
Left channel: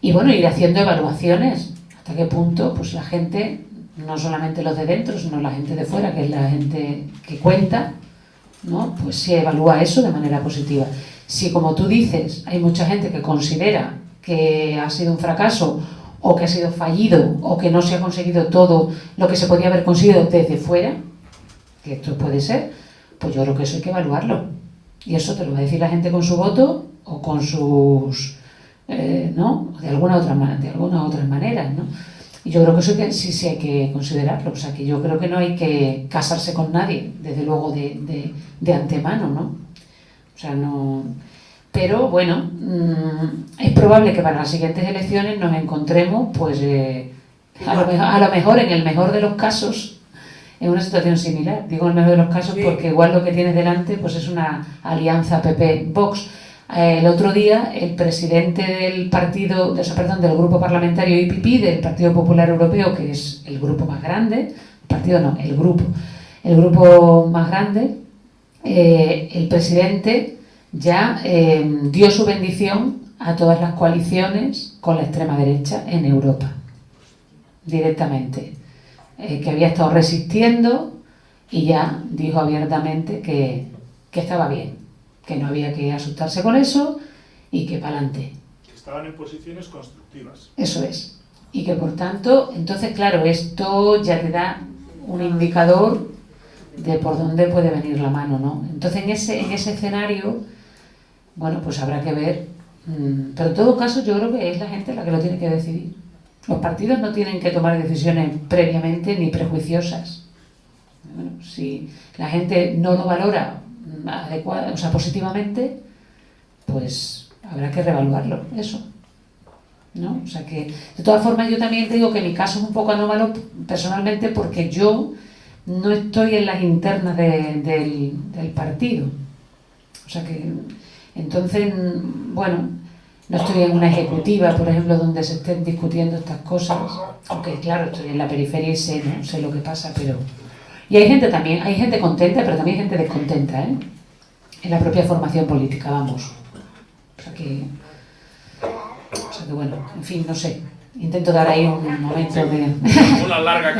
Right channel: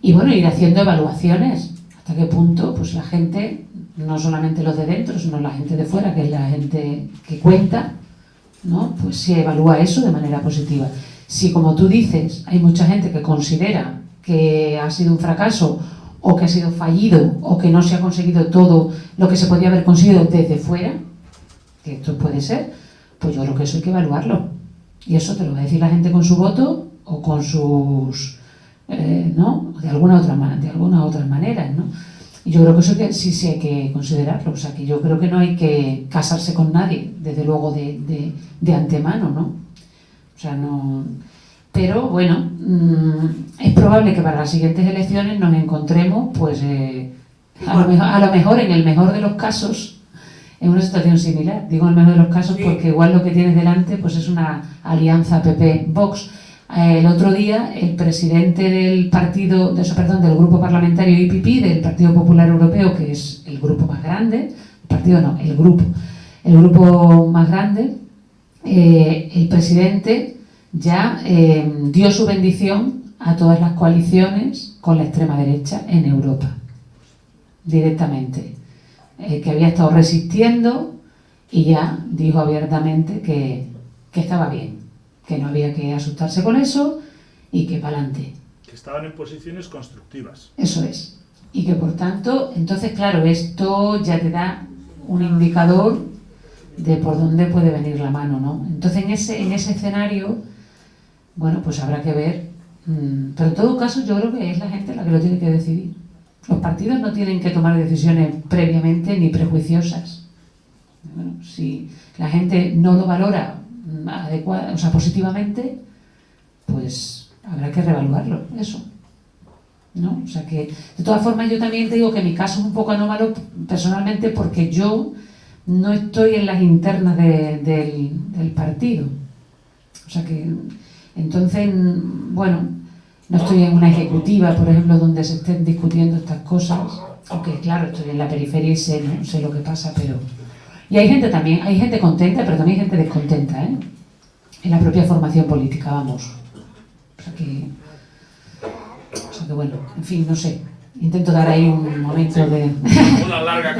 y bueno, ir haciendo evaluaciones hasta qué punto pues la gente, no solamente los de dentro, sino la gente de fuera, que es la gente que cuenta, ¿no? Pues si evalúa eso de manera positiva. Si, como tú dices, hay mucha gente que considera que ha sido un fracaso o que ha sido fallido o que no se ha conseguido todo lo que se podía haber conseguido desde fuera, que esto puede ser, pues yo creo que eso hay que evaluarlo. Y eso te lo va a decir la gente con su voto o con sus... ¿no? De alguna otra manera, ¿no? Y yo creo que eso sí hay que considerarlo. O sea, que yo creo que no hay que casarse con nadie, desde luego de antemano, ¿no? O sea, no... Pero, bueno, es probable que para las siguientes elecciones nos encontremos, pues, a lo mejor, en el mejor de los casos, en una situación similar. Digo en el mejor de los casos porque igual lo que tienes delante pues es una alianza PP-Vox. El otro día el presidente del del grupo parlamentario IPP, del Partido Popular Europeo, que es el grupo más grande, el grupo más grande, el presidente ya dio su bendición a todas las coaliciones con la extrema derecha en Europa, directamente. Que había estado resistiendo y ya dijo abiertamente que estaba bien, que no había que asustarse con eso y que para adelante. Que estaban en posiciones constructivas. Eso es. Y que por tanto, entonces claro, esto ya te da un indicador de por dónde puede venir la mano, ¿no? Entonces en ese escenario, bueno, pues habrá que ver, pero en todo caso yo creo que es la gente la que lo tiene que decidir. Los partidos no tienen que tomar decisiones previamente ni prejuiciosas. Bueno, si la gente no lo valora positivamente, pues habrá que reevaluarlo, eso, ¿no? O sea que, de todas formas, yo también te digo que mi caso es un poco anómalo personalmente porque yo no estoy en las internas del partido. O sea que, entonces, bueno, no estoy en una ejecutiva, por ejemplo, donde se estén discutiendo estas cosas, aunque claro, estoy en la periferia y sé, ¿no? Sé lo que pasa, pero... Y hay gente también, hay gente contenta, pero también hay gente descontenta, ¿eh? En la propia formación política, vamos. O sea que bueno, en fin, no sé. Intento dar ahí un momento de... Una larga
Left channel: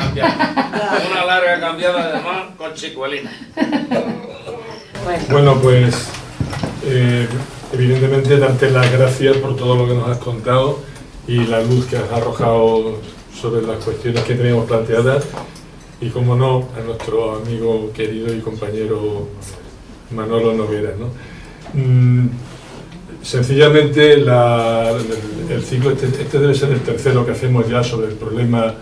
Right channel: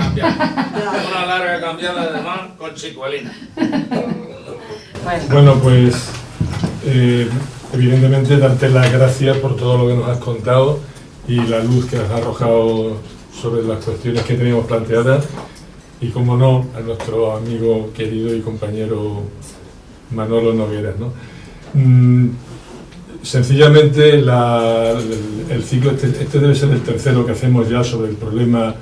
cambiada además con chicuelina. Bueno, pues evidentemente darte las gracias por todo lo que nos has contado y la luz que has arrojado sobre las cuestiones que teníamos planteadas y, como no, a nuestro amigo querido y compañero Manolo Nogueras, ¿no? Sencillamente el ciclo este debe ser el tercero que hacemos ya sobre el problema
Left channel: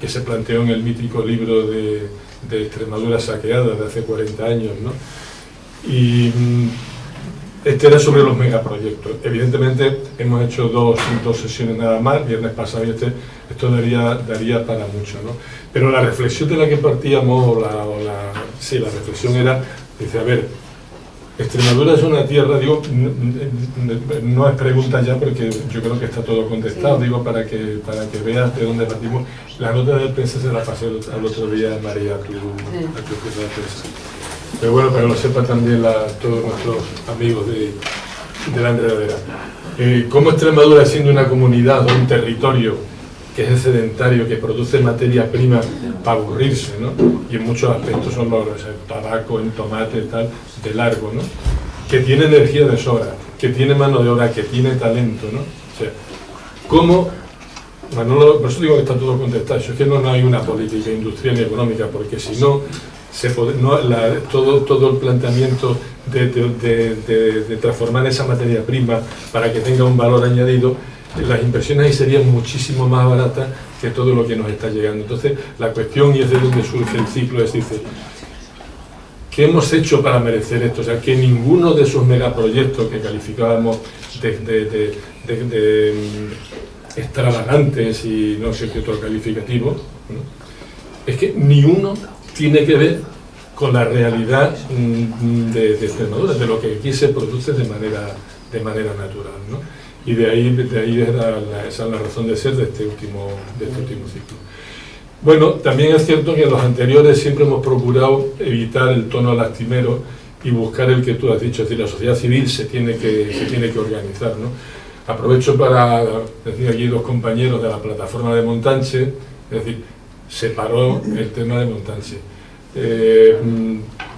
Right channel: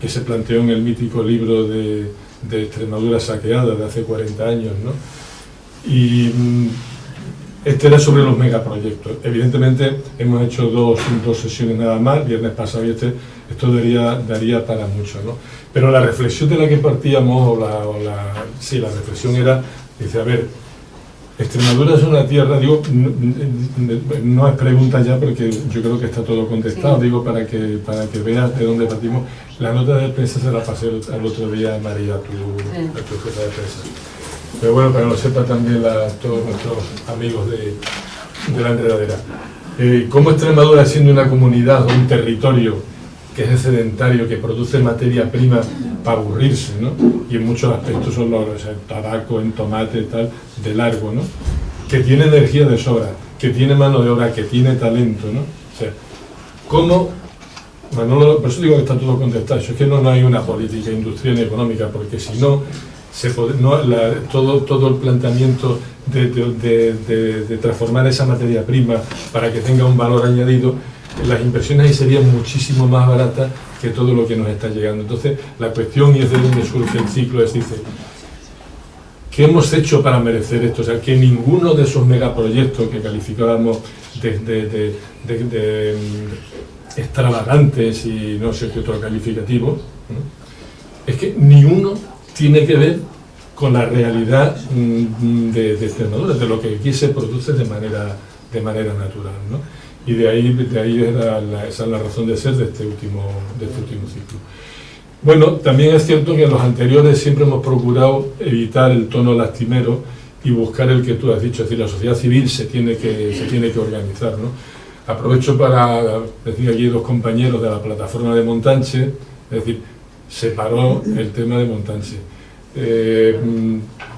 que se planteó en el mítico libro de Extremadura saqueada de hace 40 años, ¿no? Y este era sobre los megaproyectos. Evidentemente hemos hecho dos sesiones nada más, viernes pasado y esto daría para mucho, ¿no? Pero la reflexión de la que partíamos, la reflexión era, dice, a ver, Extremadura es una tierra, digo, no es pregunta ya porque yo creo que está todo contestado, sí. Digo, para que veas de dónde partimos. La nota de prensa se la pasé al otro día a María, a tu jefa de prensa. Pero bueno, para que lo sepan también todos nuestros amigos de la enredadera. Como Extremadura, siendo una comunidad o un territorio que es sedentario, que produce materia prima para aburrirse, ¿no? Y en muchos aspectos son los tabaco, en tomate, tal, de largo, ¿no? Que tiene energía de sobra, que tiene mano de obra, que tiene talento, ¿no? O sea, ¿cómo? Manolo, por eso digo que está todo contestado. Eso es que no hay una política industrial ni económica, porque si no, todo el planteamiento de transformar esa materia prima para que tenga un valor añadido, las inversiones ahí serían muchísimo más baratas que todo lo que nos está llegando. Entonces, la cuestión, y es de donde surge el ciclo, es, dice, ¿qué hemos hecho para merecer esto? O sea, que ninguno de esos megaproyectos que calificábamos de extravagantes y no sé qué otro calificativo, ¿no? Es que ni uno tiene que ver con la realidad de Extremadura, de lo que aquí se produce de manera natural, ¿no? Y de ahí esa es la razón de ser de este último ciclo. Bueno, también es cierto que en los anteriores siempre hemos procurado evitar el tono lastimero y buscar el que tú has dicho, es decir, la sociedad civil se tiene que organizar, ¿no? Aprovecho para decir, aquí dos compañeros de la plataforma de Montanche, es decir, se paró el tema de Montanche.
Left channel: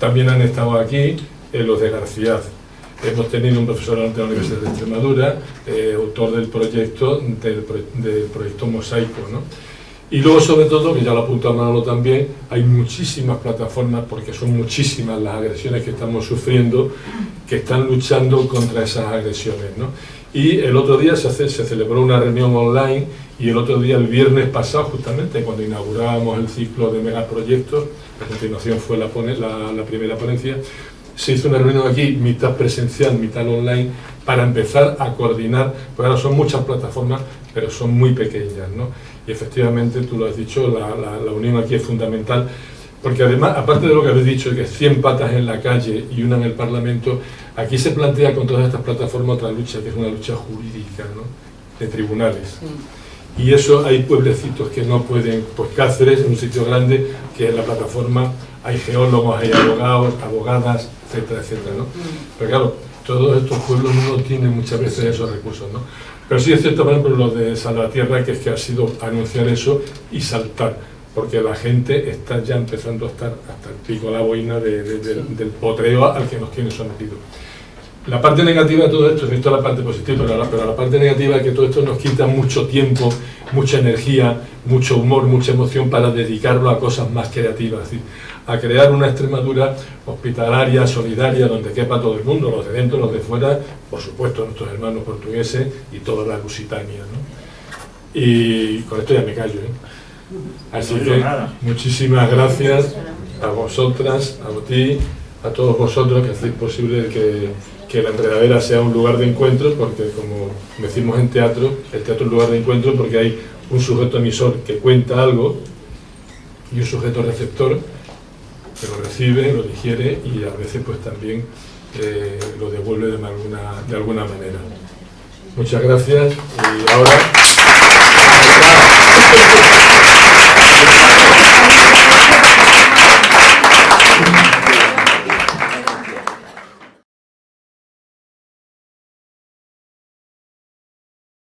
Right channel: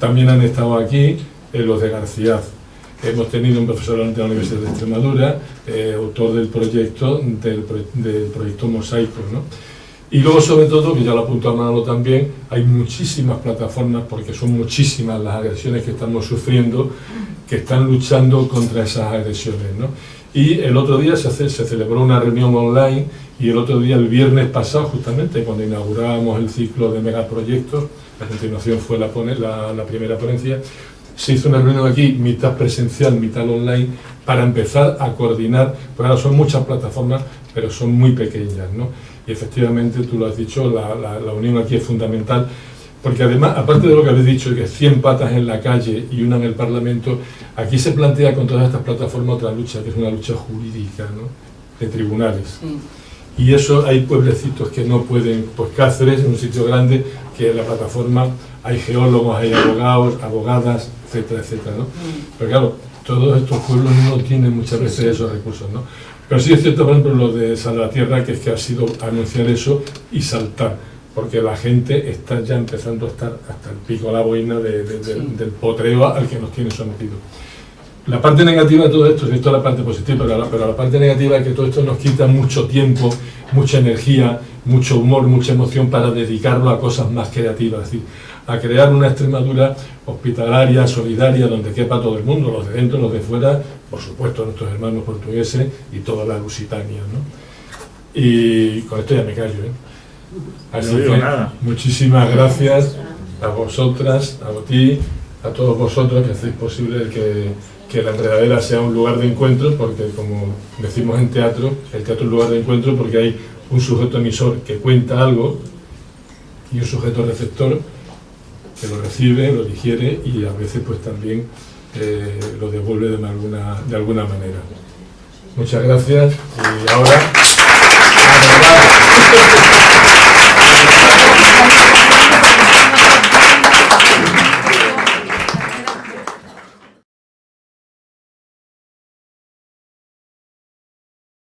También han estado aquí los de García. Hemos tenido un profesor de la Universidad de Extremadura, autor del proyecto Mosaico, ¿no? Y luego, sobre todo, que ya lo ha apuntado Manolo también, hay muchísimas plataformas, porque son muchísimas las agresiones que estamos sufriendo, que están luchando contra esas agresiones, ¿no? Y el otro día se celebró una reunión online, y el otro día, el viernes pasado, justamente, cuando inaugurábamos el ciclo de megaproyectos, a continuación fue la primera ponencia, se hizo una reunión aquí, mitad presencial, mitad online, para empezar a coordinar, porque ahora son muchas plataformas, pero son muy pequeñas, ¿no? Y efectivamente, tú lo has dicho, la unión aquí es fundamental, porque además, aparte de lo que habéis dicho, de que 100 patas en la calle y una en el Parlamento, aquí se plantea con todas estas plataformas otra lucha, que es una lucha jurídica, ¿no? De tribunales. Y eso, hay pueblecitos que no pueden, pues Cáceres, en un sitio grande, que en la plataforma hay geólogos, hay abogados, abogadas, etcétera, etcétera, ¿no? Pero claro, todos estos pueblos no tienen muchas veces esos recursos, ¿no? Pero sí es cierto, por ejemplo, lo de Salvatierra, que es que ha sido anunciar eso y saltar, porque la gente está ya empezando a estar hasta el pico a la boina del potreo al que nos tiene sometidos. La parte negativa de todo esto, esto es la parte positiva, pero la parte negativa es que todo esto nos quita mucho tiempo, mucha energía, mucho humor, mucha emoción para dedicarlo a cosas más creativas, es decir, a crear una Extremadura hospitalaria, solidaria, donde quepa todo el mundo, los de dentro, los de fuera, por supuesto nuestros hermanos portugueses y toda la Lusitania, ¿no? Y con esto ya me callo, ¿eh? Así No digo que nada. muchísimas gracias a vosotras, a ti, a todos vosotros que hacéis posible que la Enredadera sea un lugar de encuentro, porque como decimos en teatro, el teatro es un lugar de encuentro porque hay un sujeto emisor que cuenta algo y un sujeto receptor que lo recibe, lo digiere y a veces pues también lo devuelve de alguna manera. Muchas gracias y ahora...